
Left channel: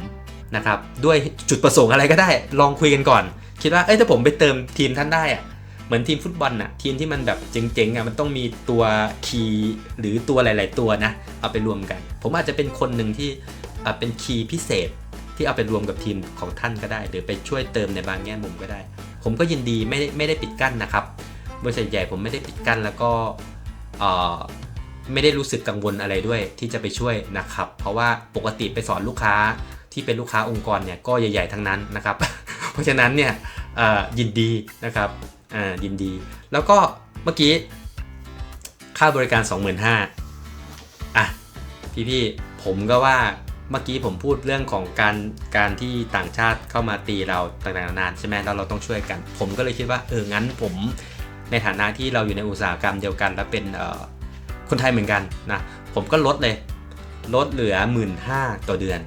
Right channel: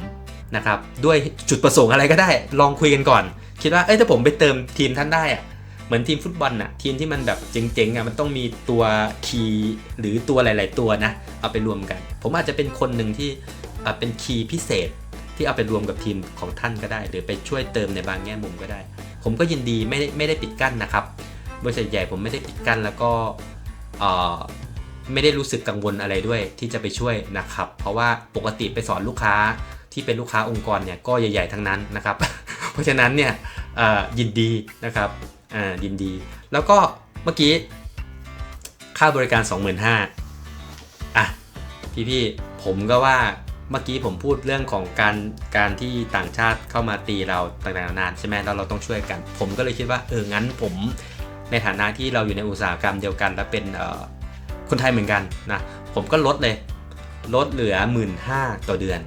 นะครับด้วยจุดประสงค์อะไรก็ได้ลองคุยกันก่อนคิดว่าถ้าผมไปเติมทีมท่านได้เหมือนทีมฟุตบอลทีมที่มันแบบเจ๋งๆมันต้องมีตัวคีย์หรือตัวหลายๆตัวนะเอาไปรวมกันผมอาจจะเป็นคนหนึ่งที่เป็นคีย์พิเศษที่เอาไปรวมกับทีมของท่านก็ได้หรือไปช่วยเติมในบางแง่มุมก็ได้ผมก็ยินดีไม่ได้ปิดกั้นนะครับบริษัทใหญ่ผมไม่ได้ปิดกั้นแล้วก็ไม่ได้รู้สึกกังวลอะไรด้วยที่จะไปช่วยนะครับเพราะว่าปกติไปสอนลูกค้าที่เป็นลูกค้าองค์กรเนี่ยก็ใหญ่ๆทั้งนั้นนะครับ เพราะฉะนั้นเนี่ยยินดีนะครับยินดีแล้วก็เมื่อกี้ค่าบริการ 25,000 พี่ผมก็ว่าเมื่อกี้ผมพูดเรื่องของการที่ต่างชาติเข้ามาตีเราต่างๆนานาใช่ไหมแล้วเราต้องช่วยกันผมก็เลยคิดว่างั้นผมในฐานะที่เราอยู่ในอุตสาหกรรมเดียวกันและเป็นคนไทยเหมือนกันนะผมก็ลดเหลือ 15,000 ต่อเดือน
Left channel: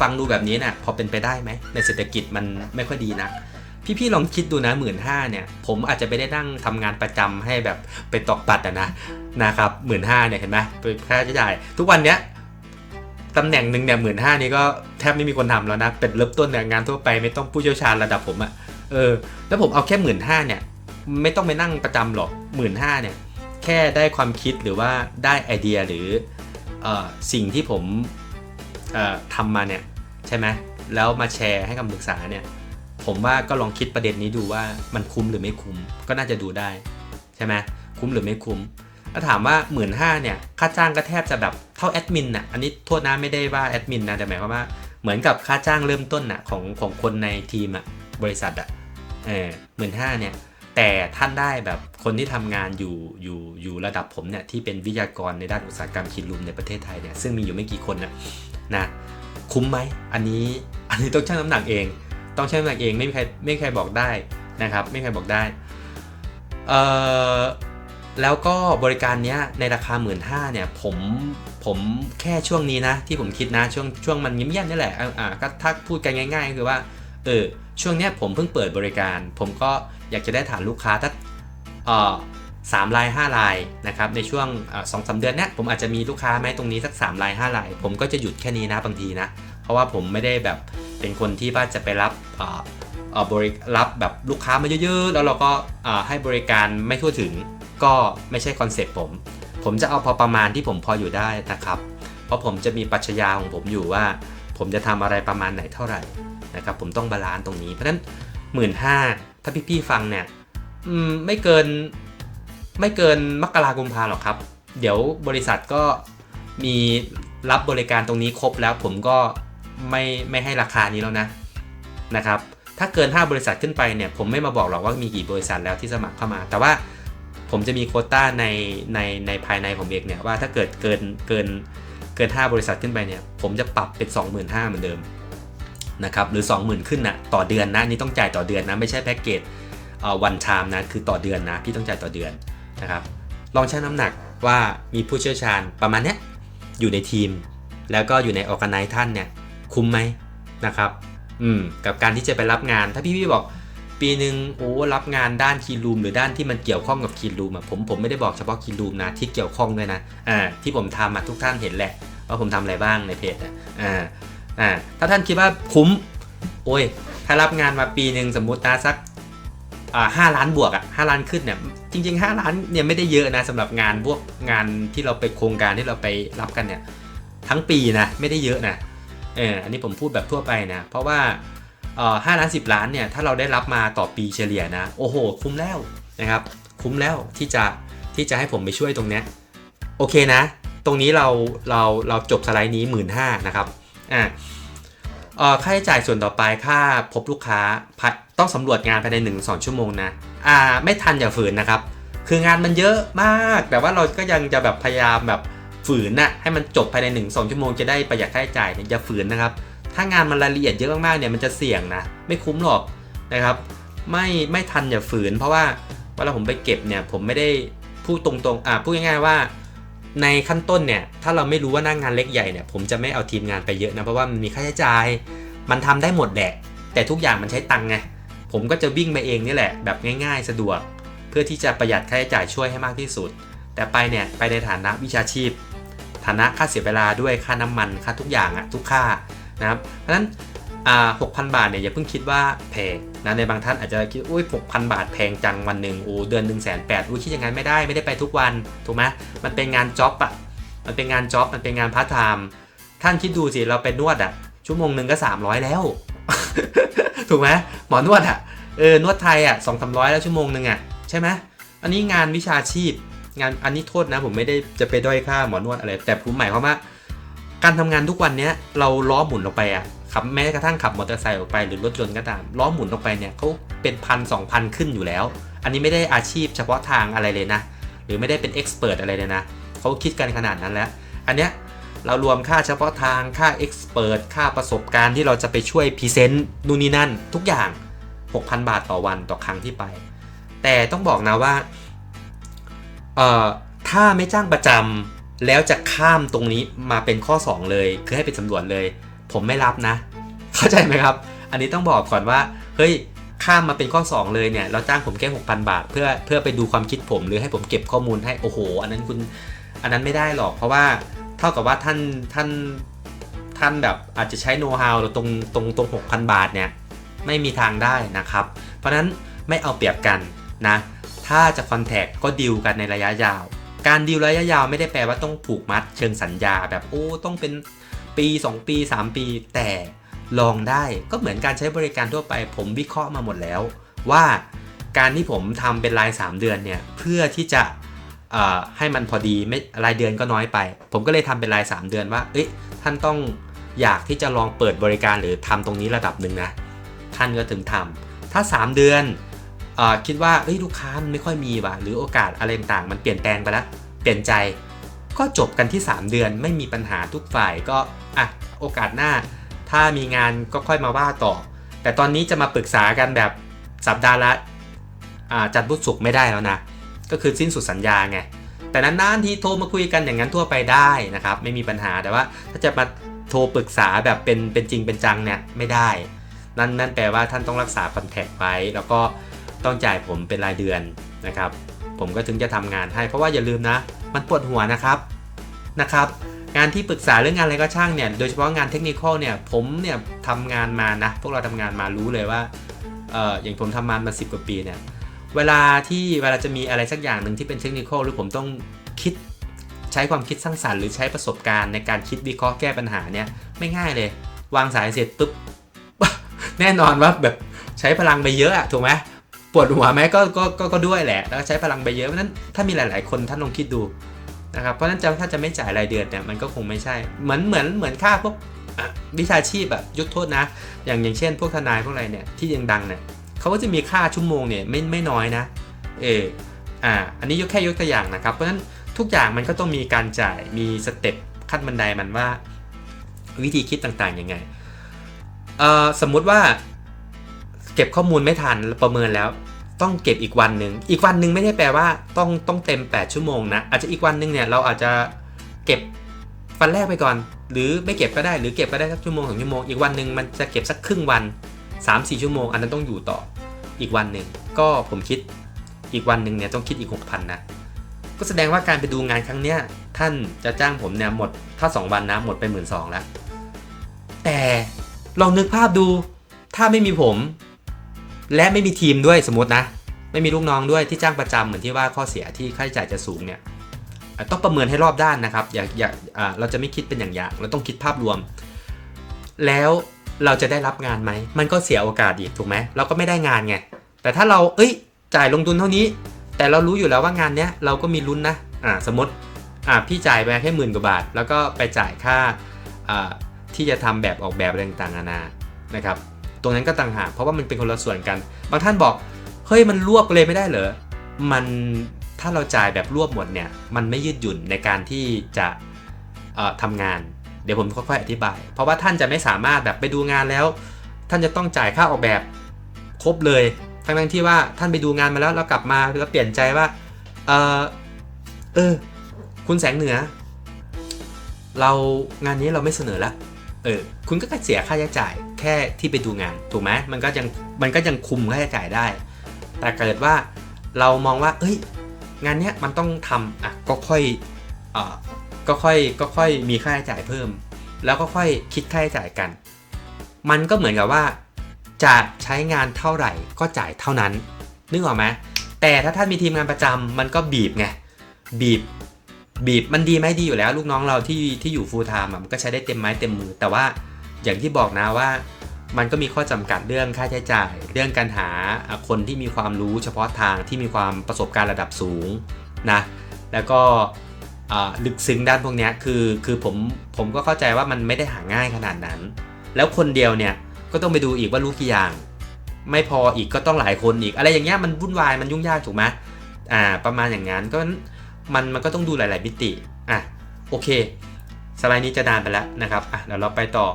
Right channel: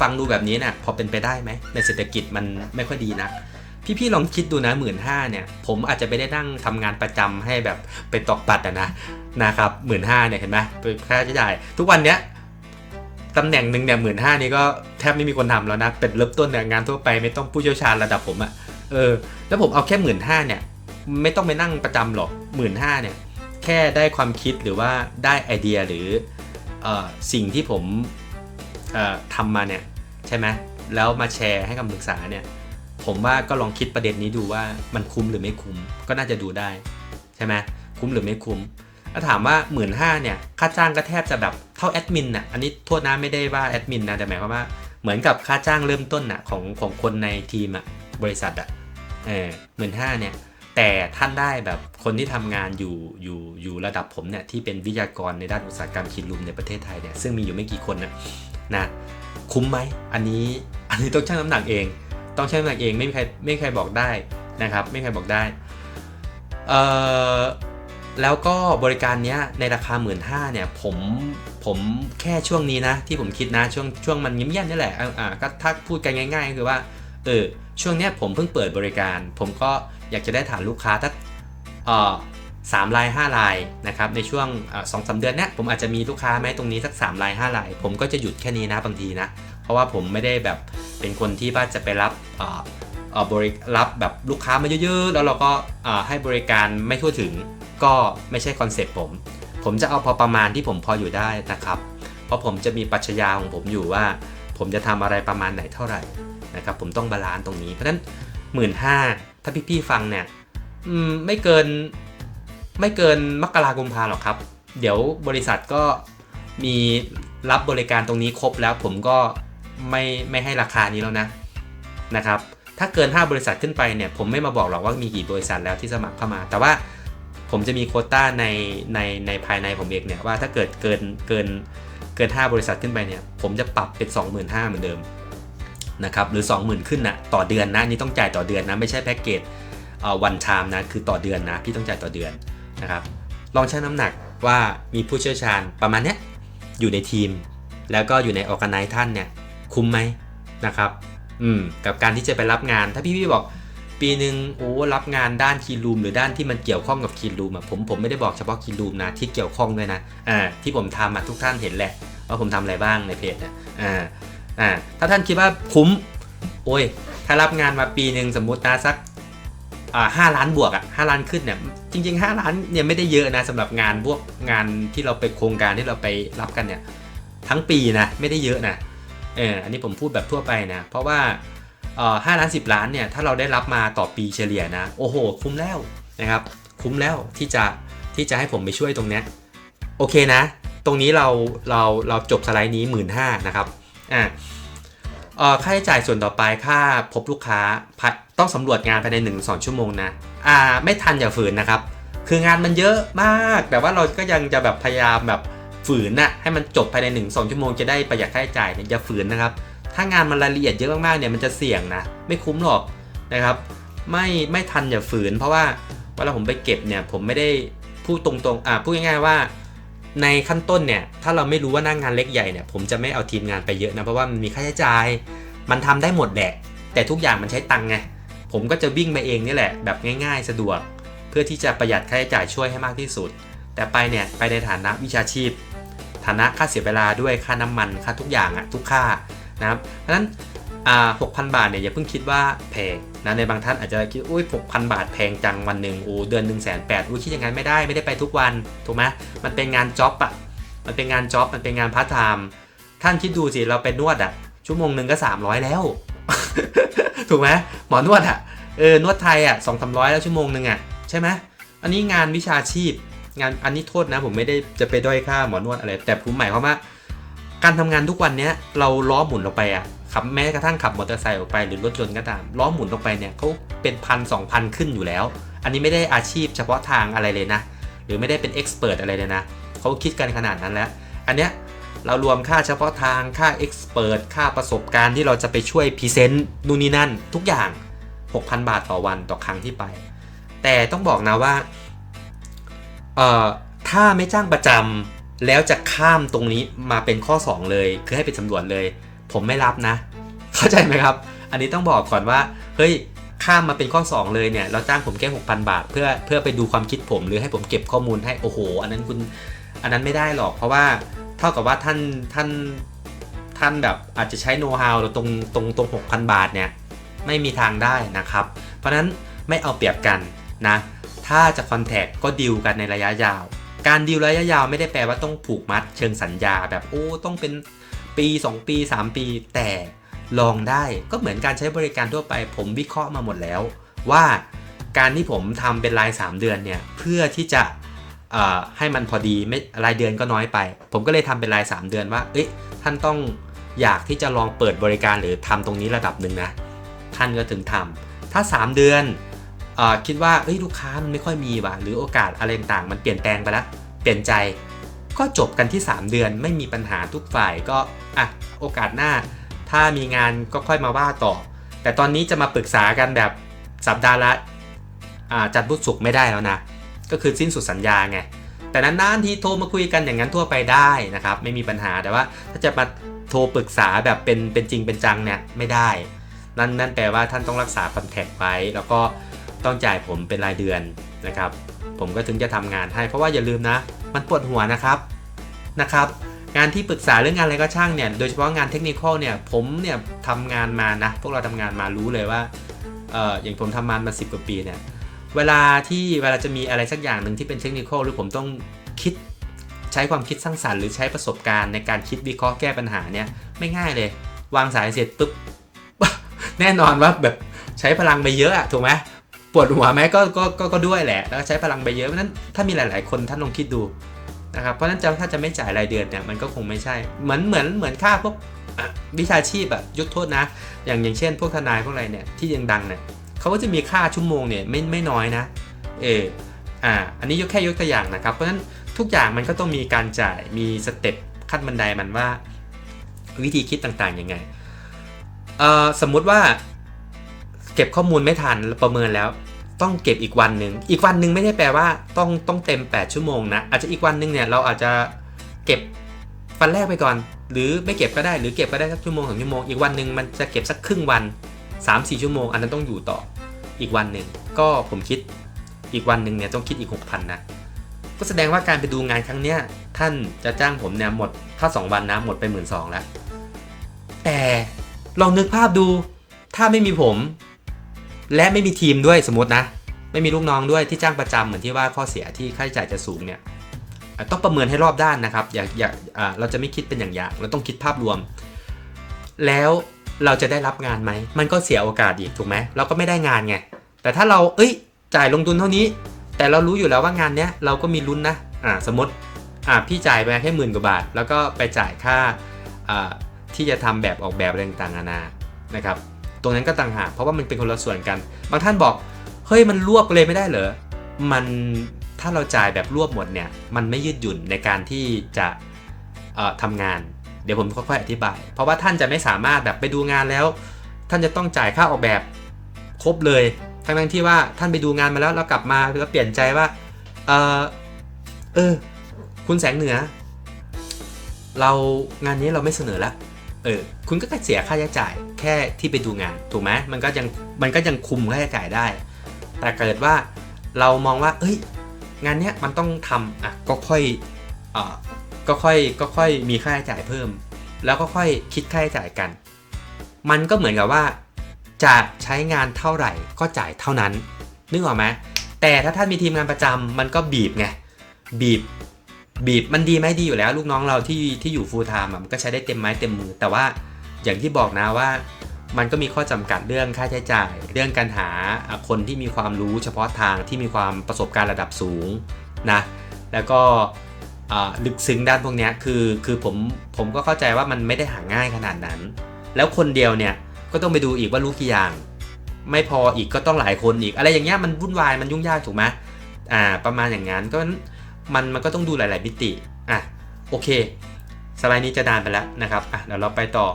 ฟังดูแบบนี้นะพอเป็นไปได้ไหมในเศรษฐกิจมันไม่ค่อยดีนะพี่ลองคิดดูนะ 15,000 เนี่ยผมอาจจะไม่ได้นั่งทำงานประจำให้แบบไปตอกบัตรนะครับ 15,000 เนี่ยเห็นไหมค่าใช้จ่ายทุกวันเนี้ยตำแหน่งหนึ่งเนี่ย 15,000 นี่ก็แทบไม่มีคนทำแล้วนะเป็นเริ่มต้นเนี่ยงานทั่วไปไม่ต้องผู้เชี่ยวชาญระดับผมแล้วผมเอาแค่ 15,000 เนี่ยไม่ต้องไปนั่งประจำหรอก 15,000 เนี่ยแค่ได้ความคิดหรือว่าได้ไอเดียหรือสิ่งที่ผมทำมาเนี่ยใช่ไหมแล้วมาแชร์ให้คำปรึกษาเนี่ยผมว่าก็ลองคิดประเด็นนี้ดูว่ามันคุ้มหรือไม่คุ้มก็น่าจะดูได้ใช่ไหมคุ้มหรือไม่คุ้มถ้าถามว่า 15,000 เนี่ยค่าจ้างก็แทบจะแบบเท่าแอดมินอันนี้โทษนะไม่ได้ว่าแอดมินนะแต่หมายความว่าเหมือนกับค่าจ้างเริ่มต้นของคนในทีมบริษัท15,000 เนี่ยแต่ท่านได้แบบคนที่ทำงานอยู่ระดับผมเนี่ยที่เป็นวิทยากรในด้านอุตสาหกรรมคลีนรูมในประเทศไทยเนี่ยซึ่งมีอยู่ไม่กี่คนนะคุ้มไหมอันนี้ต้องชั่งน้ำหนักเองต้องชั่งน้ำหนักเองไม่มีใครบอกได้นะครับไม่มีใครบอกได้แล้วก็บริการเนี้ยในราคา 15,000 เนี่ยผมแค่ช่วงนี้นะที่ผมคิดนะช่วงมันเงียบๆนี่แหละก็ถ้าพูดกันง่ายๆคือว่าช่วงเนี้ยผมเพิ่งเปิดบริการผมก็อยากจะได้ฐานลูกค้าถ้า3 ราย 5 รายนะครับในช่วง 2-3 เดือนเนี้ยผมอาจจะมีลูกค้าไหมตรงนี้สัก3 ราย 5 รายผมก็จะหยุดแค่นี้นะบางทีนะเพราะว่าผมไม่ได้แบบเป็นคนที่ว่าจะไปรับแบบลูกค้ามาเยอะๆแล้วเราก็ให้บริการไม่ทั่วถึงก็ไม่ใช่คอนเซ็ปต์ผมจะเอาพอประมาณที่ผมพออยู่ได้นะครับเพราะผมจะมีปรัชญาของผมอยู่ว่าผมจะทำอะไรประมาณไหนเท่าไหร่นะครับผมต้องบาลานซ์ตรงนี้เพราะฉะนั้น 15,000 ถ้าพี่ๆฟังเนี่ยไม่เกินมกราคมหรอกครับเดี๋ยวบริษัทก็มีรับบริการตรงนี้ครบแล้วผมก็ไม่ให้ราคานี้แล้วนะครับถ้าเกิน5 บริษัทขึ้นไปเนี่ยผมไม่มาบอกหรอกว่ามีกี่บริษัทแล้วที่สมัครเข้ามาแต่ว่าผมจะมีโควต้าในภายในผมเองเนี่ยว่าถ้าเกิดเกิน5 บริษัทขึ้นไปเนี่ยผมจะปรับเป็น 25,000 เหมือนเดิมนะครับหรือ 20,000 ขึ้นต่อเดือนนะนี่ต้องจ่ายต่อเดือนนะไม่ใช่แพ็กเกจone time นะคือต่อเดือนนะพี่ต้องจ่ายต่อเดือนนะครับลองชั่งน้ำหนักว่ามีผู้เชี่ยวชาญประมาณเนี้ยอยู่ในทีมแล้วก็อยู่ในออร์แกไนซ์ท่านเนี่ยคุ้มไหมนะครับ กับการที่จะไปรับงานถ้าพี่บอกปีหนึ่งโอ้รับงานด้านคีรูมหรือด้านที่มันเกี่ยวข้องกับคีรูมผมไม่ได้บอกเฉพาะคีรูมนะที่เกี่ยวข้องด้วยนะที่ผมทำทุกท่านเห็นแหละว่าผมทำอะไรบ้างในเพจถ้าท่านคิดว่าคุ้มโอ้ยถ้ารับงานมาปีหนึ่งสมมุตินะสัก5 ล้านบวก5 ล้านขึ้นเนี่ยจริงๆ5 ล้านเนี่ยไม่ได้เยอะนะสำหรับงานพวกงานที่เราไปโครงการที่เราไปรับกันเนี่ยทั้งปีนะไม่ได้เยอะนะอันนี้ผมพูดแบบทั่วไปนะเพราะว่า5 ล้าน10 ล้านเนี่ยถ้าเราได้รับมาต่อปีเฉลี่ยนะโอ้โหคุ้มแล้วนะครับคุ้มแล้วที่จะให้ผมไปช่วยตรงเนี้ยโอเคนะตรงนี้เราจบสไลด์นี้ 15,000 นะครับค่าใช้จ่ายส่วนต่อไปค่าพบลูกค้าต้องสำรวจงานภายใน 1-2 ชั่วโมงนะไม่ทันอย่าฝืนนะครับคืองานมันเยอะมากแต่ว่าเราก็ยังจะแบบพยายามแบบฝืนนะให้มันจบภายใน 1-2 ชั่วโมงจะได้ประหยัดค่าใช้จ่ายเนี่ยอย่าฝืนนะครับถ้างานมันรายละเอียดเยอะมากๆเนี่ยมันจะเสี่ยงนะไม่คุ้มหรอกนะครับไม่ทันอย่าฝืนเพราะว่าเวลาผมไปเก็บเนี่ยผมไม่ได้พูดตรงๆพูดง่ายๆว่าในขั้นต้นเนี่ยถ้าเราไม่รู้ว่าหน้างานเล็กใหญ่เนี่ยผมจะไม่เอาทีมงานไปเยอะนะเพราะว่ามันมีค่าใช้จ่ายมันทำได้หมดแหละแต่ทุกอย่างมันใช้ตังค์ไงผมก็จะวิ่งมาเองนี่แหละแบบง่ายๆสะดวกเพื่อที่จะประหยัดค่าใช้จ่ายช่วยให้มากที่สุดแต่ไปเนี่ยไปในฐานะวิชาชีพฐานะค่าเสียเวลาด้วยค่าน้ำมันค่าทุกอย่างทุกค่านะครับเพราะฉะนั้น6,000 บาทเนี่ยอย่าเพิ่งคิดว่าแพงนะในบางท่านอาจจะคิดอุ้ย 6,000 บาทแพงจังวันหนึ่งเดือน 180,000อุ้ยคิดอย่างนั้นไม่ได้ไปทุกวันถูกไหมมันเป็นงานจ็อบมันเป็นงานจ็อบมันเป็นงานพาร์ทไทม์ท่านคิดดูสิเราไปนวดชั่วโมงหนึ่งก็300แล้ว ถูกไหมหมอนวดนวดไทย200-300แล้วชั่วโมงหนึ่งใช่ไหมอันนี้งานวิชาชีพงานอันนี้โทษนะผมไม่ได้จะไปด้อยค่าหมอนวดอะไรแต่ผมหมายความว่าการทำงานทุกวันนี้เราล้อหมุนออกไปขับแม้กระทั่งขับมอเตอร์ไซค์ออกไปหรือรถยนต์ก็ตามล้อหมุนออกไปเนี่ยเขาเป็น1,000-2,000ขึ้นอยู่แล้วอันนี้ไม่ได้อาชีพเฉพาะทางอะไรเลยนะหรือไม่ได้เป็นเอ็กซ์เพรสอะไรเลยนะเขาคิดกันขนาดนั้นแล้วอันเนี้ยเรารวมค่าเฉพาะทางค่าเอ็กซ์เพรสค่าประสบการณ์ที่เราจะไปช่วยพรีเซนต์นู่นนี่นั่นทุกอย่าง 6,000 บาทต่อวันต่อครั้งที่ไปแต่ต้องบอกนะว่าถ้าไม่จ้างประจำแล้วจะข้ามตรงนี้มาเป็นข้อ2เลยคือให้ไปสำรวจเลยผมไม่รับนะเข้าใจไหมครับอันนี้ต้องบอกก่อนว่าเฮ้ยข้ามมาเป็นข้อ2เลยเนี่ยเราจ้างผมแค่ 6,000 บาทเพื่อไปดูความคิดผมหรือให้ผมเก็บข้อมูลให้โอ้โหอันนั้นไม่ได้หรอกเพราะว่าเท่ากับว่าท่านแบบอาจจะใช้โน้ตฮาวตรง 6,000 บาทเนี่ยไม่มีทางได้นะครับเพราะนั้นไม่เอาเปรียบกันนะถ้าจะคอนแทคก็ดีลกันในระยะยาวการดีลระยะยาวไม่ได้แปลว่าต้องผูกมัดเชิงสัญญาแบบต้องเป็นปี2ปี3ปีแต่ลองได้ก็เหมือนการใช้บริการทั่วไปผมวิเคราะห์มาหมดแล้วว่าการที่ผมทำเป็นราย3เดือนเนี่ยเพื่อที่จะให้มันพอดีไม่รายเดือนก็น้อยไปผมก็เลยทำเป็นราย3เดือนว่าท่านต้องอยากที่จะลองเปิดบริการหรือทำตรงนี้ระดับหนึ่งนะท่านก็ถึงทำถ้า3เดือนคิดว่าลูกค้ามันไม่ค่อยมีว่ะหรือโอกาสอะไรต่างๆมันเปลี่ยนแปลงไปแล้วเปลี่ยนใจก็จบกันที่3เดือนไม่มีปัญหาทุกฝ่ายก็โอกาสหน้าถ้ามีงานก็ค่อยมาว่าต่อแต่ตอนนี้จะมาปรึกษากันแบบสัปดาห์ละจันทร์พุธศุกร์ไม่ได้แล้วนะก็คือสิ้นสุดสัญญาไงแต่นานๆทีโทรมาคุยกันอย่างนั้นทั่วไปได้นะครับไม่มีปัญหาแต่ว่าถ้าจะมาโทรปรึกษาแบบเป็นจริงเป็นจังเนี่ยไม่ได้นั่นแปลว่าท่านต้องรักษาคอนแทคไว้แล้วก็ต้องจ่ายผมเป็นรายเดือนนะครับผมก็ถึงจะทำงานให้เพราะว่าอย่าลืมนะมันปวดหัวนะครับงานที่ปรึกษาเรื่องงานอะไรก็ช่างเนี่ยโดยเฉพาะงานเทคนิคอลเนี่ยผมเนี่ยทำงานมานะพวกเราทำงานมารู้เลยว่าอย่างผมทำมา10 กว่าปีเนี่ยเวลาจะมีอะไรสักอย่างหนึ่งที่เป็นเทคนิคอลหรือผมต้องคิดใช้ความคิดสร้างสรรค์หรือใช้ประสบการณ์ในการคิดวิเคราะห์แก้ปัญหาเนี่ยไม่ง่ายเลยวางสายเสร็จปุ๊บ แน่นอนว่าแบบใช้พลังไปเยอะถูกไหมปวดหัวไหมก็ด้วยแหละแล้วใช้พลังไปเยอะเพราะนั้นถ้ามีหลายๆคนท่านลองคิดดูนะครับเพราะนั้นถ้าจะไม่จ่ายรายเดือนเนี่ยมันก็คงไม่ใช่เหมือนค่าพวกวิชาชีพยกโทษนะอย่างเช่นพวกทนายพวกอะไรเนี่ยที่ยังดังเนี่ยเขาก็จะมีค่าชั่วโมงเนี่ยไม่น้อยนะอันนี้ยกตัวอย่างนะครับเพราะฉะนั้นทุกอย่างมันก็ต้องมีการจ่ายมีสเต็ปขั้นบันไดมันว่าวิธีคิดต่างๆยังไงสมมุติว่าเก็บข้อมูลไม่ทันประเมินแล้วต้องเก็บอีกวันหนึ่งไม่ได้แปลว่าต้องเต็ม8 ชั่วโมงนะอาจจะอีกวันหนึ่งเนี่ยเราอาจจะเก็บ วันแรกไปก่อนหรือไม่เก็บก็ได้หรือเก็บก็ได้สักชั่วโมง2 ชั่วโมงอีกวันหนึ่งมันจะเก็บสักครึ่งวัน 3-4 ชั่วโมงอันนั้นต้องอยู่ต่ออีกวันหนึ่งก็ผมคิดอีกวันหนึ่งเนี่ยต้องคิดอีก 6,000 นะก็แสดงว่าการไปดูงานครั้งเนี้ยท่านจะจ้างผมเนี่ยหมดถ้า2 วันนะหมดไป 12,000 แล้วแต่ลองนึกภาพดูถ้าไม่มีผมและไม่มีทีมด้วยสมมตินะไม่มีลูกน้องด้วยที่จ้างประจำเหมือนที่ว่าข้อเสียที่ค่าใช้จ่ายจะสูงเนี่ยต้องประเมินให้รอบด้านนะครับอย่าเราจะไม่คิดเป็นอย่างเราต้องคิดภาพรวมแล้วเราจะได้รับงานไหมมันก็เสียโอกาสอีกถูกไหมเราก็ไม่ได้งานไงแต่ถ้าเราจ่ายลงทุนเท่านี้แต่เรารู้อยู่แล้วว่างานเนี้ยเราก็มีลุ้นนะสมมติพี่จ่ายไปแค่10,000 กว่าบาทแล้วก็ไปจ่ายค่าที่จะทำแบบออกแบบอะไรต่างๆนานานะครับตรงนั้นก็ต่างหากเพราะว่ามันเป็นคนละส่วนกันบางท่านบอกเฮ้ยมันรวบเลยไม่ได้เหรอมันถ้าเราจ่ายแบบรวบหมดเนี่ยมันไม่ยืดหยุ่นในการที่จะทำงานเดี๋ยวผมค่อยๆอธิบายเพราะว่าท่านจะไม่สามารถแบบไปดูงานแล้วท่านจะต้องจ่ายค่าออกแบบครบเลยทั้งที่ว่าท่านไปดูงานมาแล้วกลับมาแล้วเปลี่ยนใจว่าคุณแสงเหนือเรางานนี้เราไม่เสนอแล้วคุณก็เสียค่าใช้จ่ายแค่ที่ไปดูงานถูกไหมมันก็ยังคุมค่าใช้จ่ายได้แต่เกิดว่าเรามองว่างานเนี้ยมันต้องทำก็ค่อยมีค่าใช้จ่ายเพิ่มแล้วก็ค่อยคิดค่าใช้จ่ายกันมันก็เหมือนกับว่าจะใช้งานเท่าไหร่ก็จ่ายเท่านั้นนึกออกไหมแต่ถ้าท่านมีทีมงานประจำมันก็บีบไงบีบมันดีไหมดีอยู่แล้วลูกน้องเราที่อยู่ full time มันก็ใช้ได้เต็มไม้เต็มมือแต่ว่าอย่างที่บอกนะว่ามันก็มีข้อจำกัดเรื่องค่าใช้จ่ายเรื่องการหาคนที่มีความรู้เฉพาะทางที่มีความประสบการณ์ระดับสูงนะแล้วก็ลึกซึ้งด้านพวกนี้คือผมก็เข้าใจว่ามันไม่ได้หาง่ายขนาดนั้นแล้วคนเดียวเนี่ยก็ต้องไปดูอีกว่ารู้กี่อย่างไม่พออีกก็ต้องหลายคนอีกอะไรอย่างเงี้ยมันวุ่นวายมันยุ่งยากถูกไหมประมาณอย่างนั้นก็มันก็ต้องดูหลายๆมิติโอเคสไลด์นี้จะนานไปแล้วนะครับเดี๋ยวเราไปต่อ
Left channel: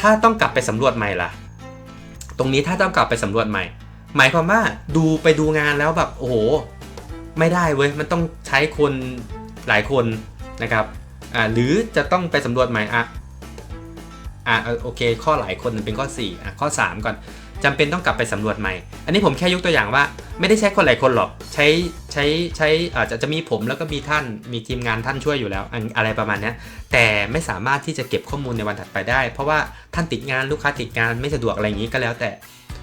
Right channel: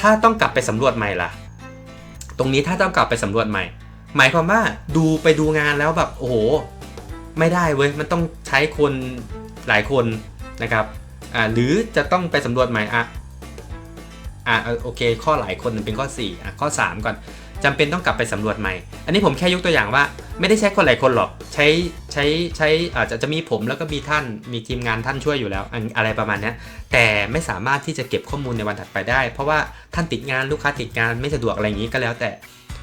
ถ้าต้องกลับไปสำรวจใหม่ล่ะตรงนี้ถ้าต้องกลับไปสำรวจใหม่หมายความว่าไปดูงานแล้วแบบโอ้โหไม่ได้เว้ยมันต้องใช้คนหลายคนนะครับหรือจะต้องไปสำรวจใหม่โอเคข้อหลายคนมันเป็นข้อ4ข้อ3ก่อนจำเป็นต้องกลับไปสำรวจใหม่อันนี้ผมแค่ยกตัวอย่างว่าไม่ได้ใช้คนหลายคนหรอกใช้จะมีผมแล้วก็มีท่านมีทีมงานท่านช่วยอยู่แล้วอะไรประมาณนี้แต่ไม่สามารถที่จะเก็บข้อมูลในวันถัดไปได้เพราะว่าท่านติดงานลูกค้าติดงานไม่สะดวกอะไรอย่างนี้ก็แล้วแต่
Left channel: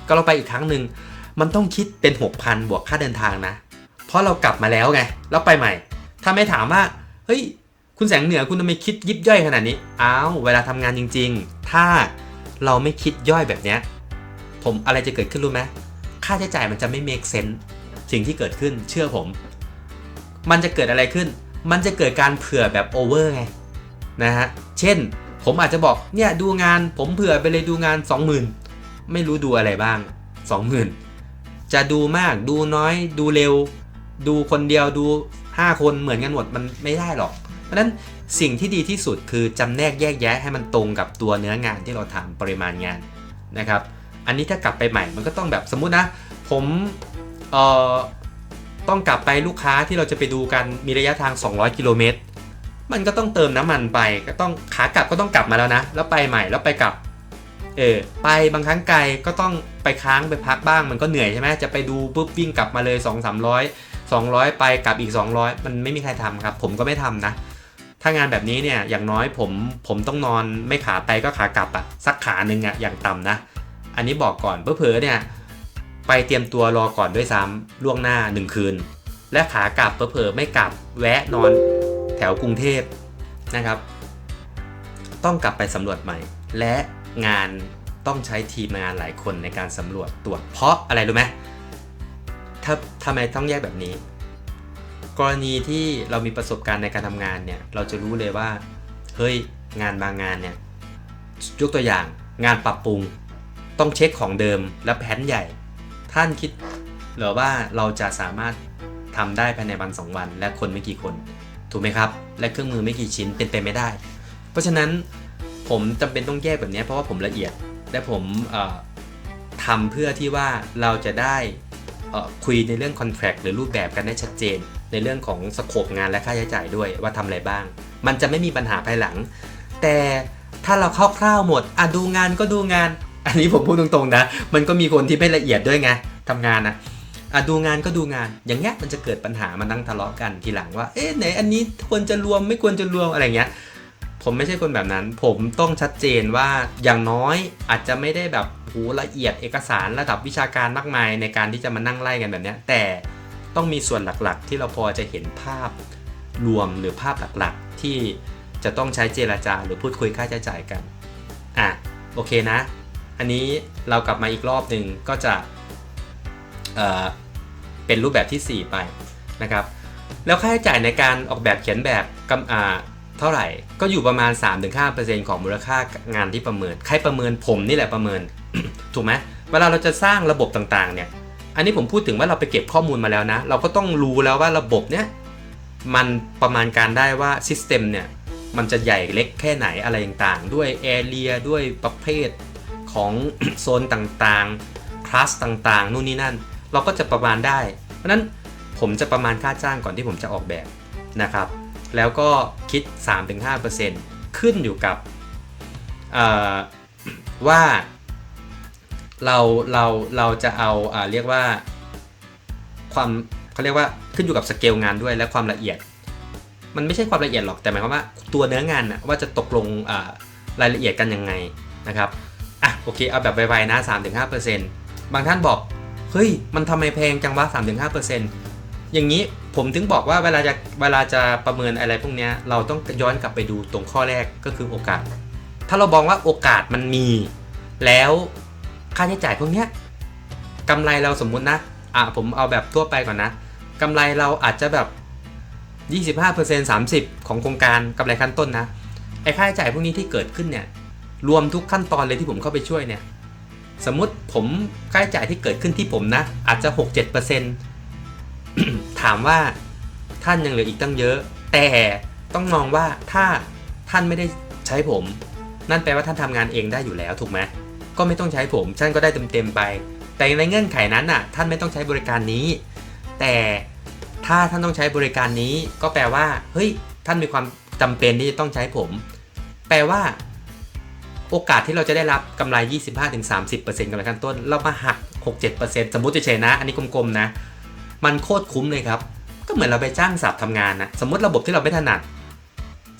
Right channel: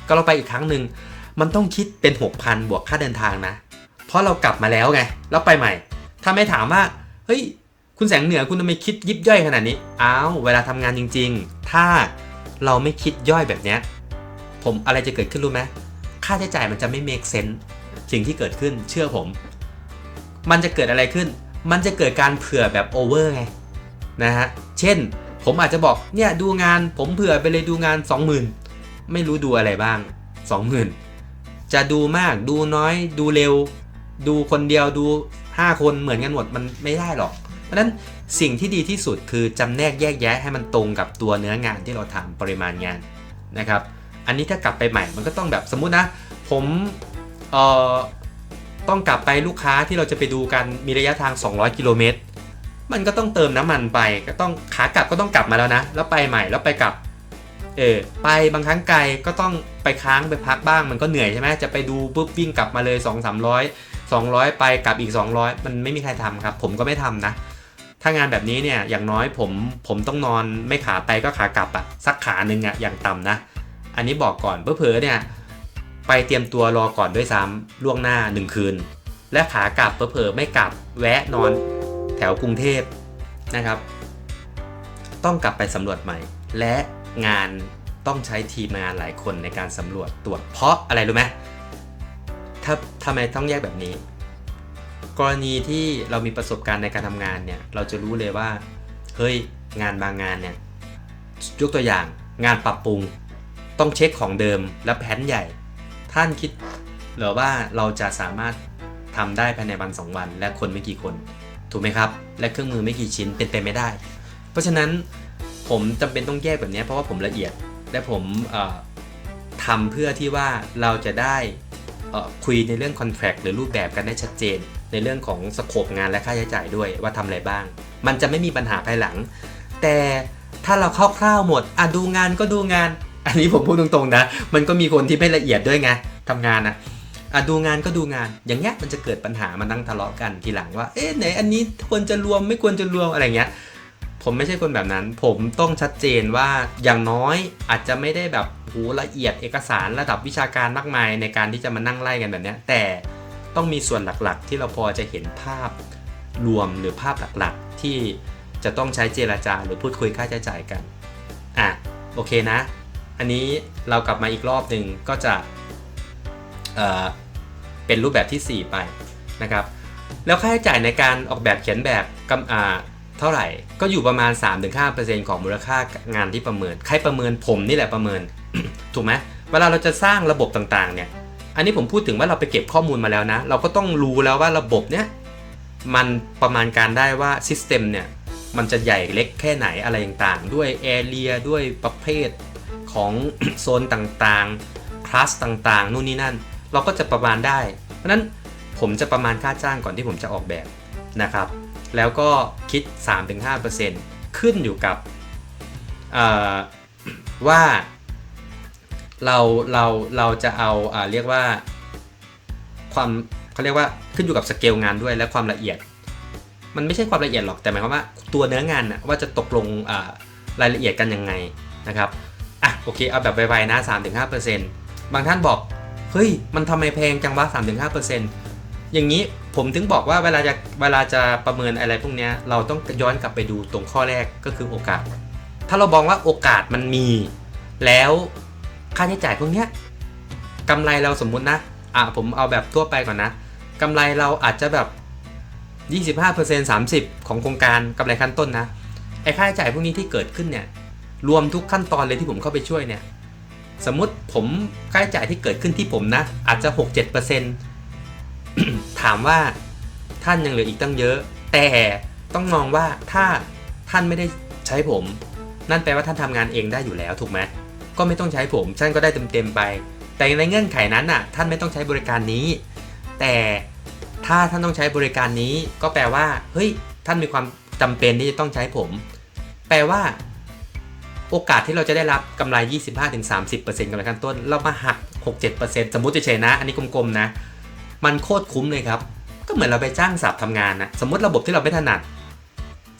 ก็เราไปอีกครั้งหนึ่งมันต้องคิดเป็น 6,000 บวกค่าเดินทางนะเพราะเรากลับมาแล้วไงแล้วไปใหม่ถ้าไม่ถามว่าเฮ้ยคุณแสงเหนือคุณทำไมคิดยิบย่อยขนาดนี้เวลาทำงานจริงๆถ้าเราไม่คิดย่อยแบบเนี้ยผมอะไรจะเกิดขึ้นรู้ไหมค่าใช้จ่ายมันจะไม่ make sense สิ่งที่เกิดขึ้นเชื่อผมมันจะเกิดอะไรขึ้นมันจะเกิดการเผื่อแบบโอเวอร์ไงนะฮะเช่นผมอาจจะบอกเนี่ยดูงานผมเผื่อไปเลยดูงาน 20,000 ไม่รู้ดูอะไรบ้าง 20,000 จะดูมากดูน้อยดูเร็วดูคนเดียวดู5 คนเหมือนกันหมดมันไม่ได้หรอกเพราะฉะนั้นสิ่งที่ดีที่สุดคือจำแนกแยกแยะให้มันตรงกับตัวเนื้องานที่เราทำปริมาณงานนะครับอันนี้ถ้ากลับไปใหม่มันก็ต้องแบบสมมุตินะผมต้องกลับไปลูกค้าที่เราจะไปดูกันมีระยะทาง200 กิโลเมตรมันก็ต้องเติมน้ำมันไปก็ต้องขากลับก็ต้องกลับมาแล้วนะแล้วไปใหม่แล้วไปกลับไปบางครั้งไกลก็ต้องไปค้างไปพักบ้างมันก็เหนื่อยใช่ไหมจะไปดูปุ๊บวิ่งกลับมาเลย 200 ไปกลับอีก200มันไม่มีใครทำครับผมก็ไม่ทำนะถ้างานแบบนี้เนี่ยอย่างน้อยผมต้องนอนไม่ขาไปก็ขากลับสักขาหนึ่งอย่างต่ำนะอันนี้บอกก่อนเผลอเนี่ยไปเตรียมตัวรอก่อนด้วยซ้ำล่วงหน้า1 คืนและขากลับเผลอไม่กลับแวะนอนแถวกรุงเทพนะครับต้องกลับไปสำรวจใหม่และงานต้องใช้ทีมงานหลายคนในการสำรวจตรวจเพราะอะไรรู้ไหมทำไมต้องแยกแบบนี้กรณีที่เรามีประสบการณ์ในการทำงานเนี่ยเราจะรู้เลยว่าเฮ้ยงานบางงานเนี่ยยกตัวอย่างงานปรับปรุงต้องเช็คของเดิมและแผนใหญ่ท่านคิดหรือว่าเราจะสามารถทำได้ภายในวัน2 วันและคนไม่กี่คนถูกไหมครับและเครื่องมือไม่กี่ชิ้นเป็นไปไม่ได้เพราะฉะนั้นผมจำเป็นต้องแยกแบบนี้เพราะว่าผมละเอียดและผมทำเพื่อที่ว่าเราจะได้คุยในเรื่อง contract หรือรูปแบบกันได้ชัดเจน ในเรื่องของสโคปงานและค่าใช้จ่ายด้วยว่าทำอะไรบ้าง มันจะไม่มีปัญหาภายหลังแต่ถ้าเราคร่าวๆหมดดูงานก็ดูงานอันนี้ผมพูดตรงๆนะมันก็มีคนที่ไม่ละเอียดด้วยไงทำงานดูงานก็ดูงานอย่างเงี้ยมันจะเกิดปัญหามานั่งทะเลาะกันทีหลังว่าไหนอันนี้ควรจะรวมไม่ควรจะรวมอะไรเงี้ยผมไม่ใช่คนแบบนั้นผมต้องชัดเจนว่าอย่างน้อยอาจจะไม่ได้แบบละเอียดเอกสารระดับวิชาการมากมายในการที่จะมานั่งไล่กันแบบนี้แต่ต้องมีส่วนหลักๆที่เราพอจะเห็นภาพรวมหรือภาพหลักๆที่จะต้องใช้เจรจาหรือพูดคุยค่าใช้จ่ายกันโอเคนะอันนี้เรากลับมาอีกรอบหนึ่งก็จะเป็นรูปแบบที่ 4 ไปนะครับแล้วค่าใช้จ่ายในการออกแบบเขียนแบบเท่าไหร่ก็อยู่ประมาณ 3-5% ของมูลค่างานที่ประเมินใครประเมินผมนี่แหละประเมิน ถูกไหมเวลาเราจะสร้างระบบต่างๆเนี่ยอันนี้ผมพูดถึงว่าเราไปเก็บข้อมูลมาแล้วนะเราก็ต้องรู้แล้วว่าระบบเนี้ยมันประมาณการได้ว่าซิสเต็มเนี่ยมันจะใหญ่เล็กแค่ไหนอะไรต่างๆด้วยแอเรียด้วยประเภทของ โซนต่างๆคลาสต่างๆนู่นนี่นั่นเราก็จะประมาณได้เพราะนั้นผมจะประมาณค่าจ้างก่อนที่ผมจะออกแบบนะครับแล้วก็คิด 3-5% ขึ้นอยู่กับว่าเราจะเอาเรียกว่าความเขาเรียกว่าขึ้นอยู่กับสเกลงานด้วยและความละเอียดมันไม่ใช่ความละเอียดหรอกแต่หมายความว่าตัวเนื้องานว่าจะตกลงรายละเอียดกันยังไงนะครับโอเคเอาแบบไวๆนะ 3-5% บางท่านบอกเฮ้ยมันทำไมแพงจังวะ 3-5% อย่างนี้ผมถึงบอกว่าเวลาจะประเมินอะไรพวกนี้เราต้องย้อนกลับไปดูตรงข้อแรกก็คือโอกาสถ้าเราบอกว่าโอกาสมันมีแล้วค่าใช้จ่ายพวกนี้กำไรเราสมมุตินะผมเอาแบบทั่วไปก่อนนะกำไรเราอาจจะแบบ 25% 30% ของโครงการกำไรขั้นต้นนะไอ้ค่าใช้จ่ายพวกนี้ที่เกิดขึ้นเนี่ยรวมทุกขั้นตอนเลยที่ผมเข้าไปช่วยเนี่ยสมมุติผมค่าใช้จ่ายที่เกิดขึ้นที่ผมนะอาจจะ 6-7% ถามว่าท่านยังเหลืออีกตั้งเยอะแต่ต้องมองว่าถ้าท่านไม่ได้ใช้ผมนั่นแปลว่าท่านทำงานเองได้อยู่แล้วถูกไหมก็ไม่ต้องใช้ผมท่านก็ได้เต็มๆไปแต่ในเงื่อนไขนั้นท่านไม่ต้องใช้บริการนี้แต่ถ้าท่านต้องใช้บริการนี้ก็แปลว่าเฮ้ยท่านมีความจำเป็นที่จะต้องใช้ผมแปลว่าโอกาสที่เราจะได้รับกำไร 25-30% กำไรขั้นต้นเรามาหัก 6-7% สมมุติเฉยๆนะอันนี้กลมๆนะมันโคตรคุ้มเลยครับก็เหมือนเราไปจ้างสับทำงานนะสมมติระบบที่เราไม่ถนัด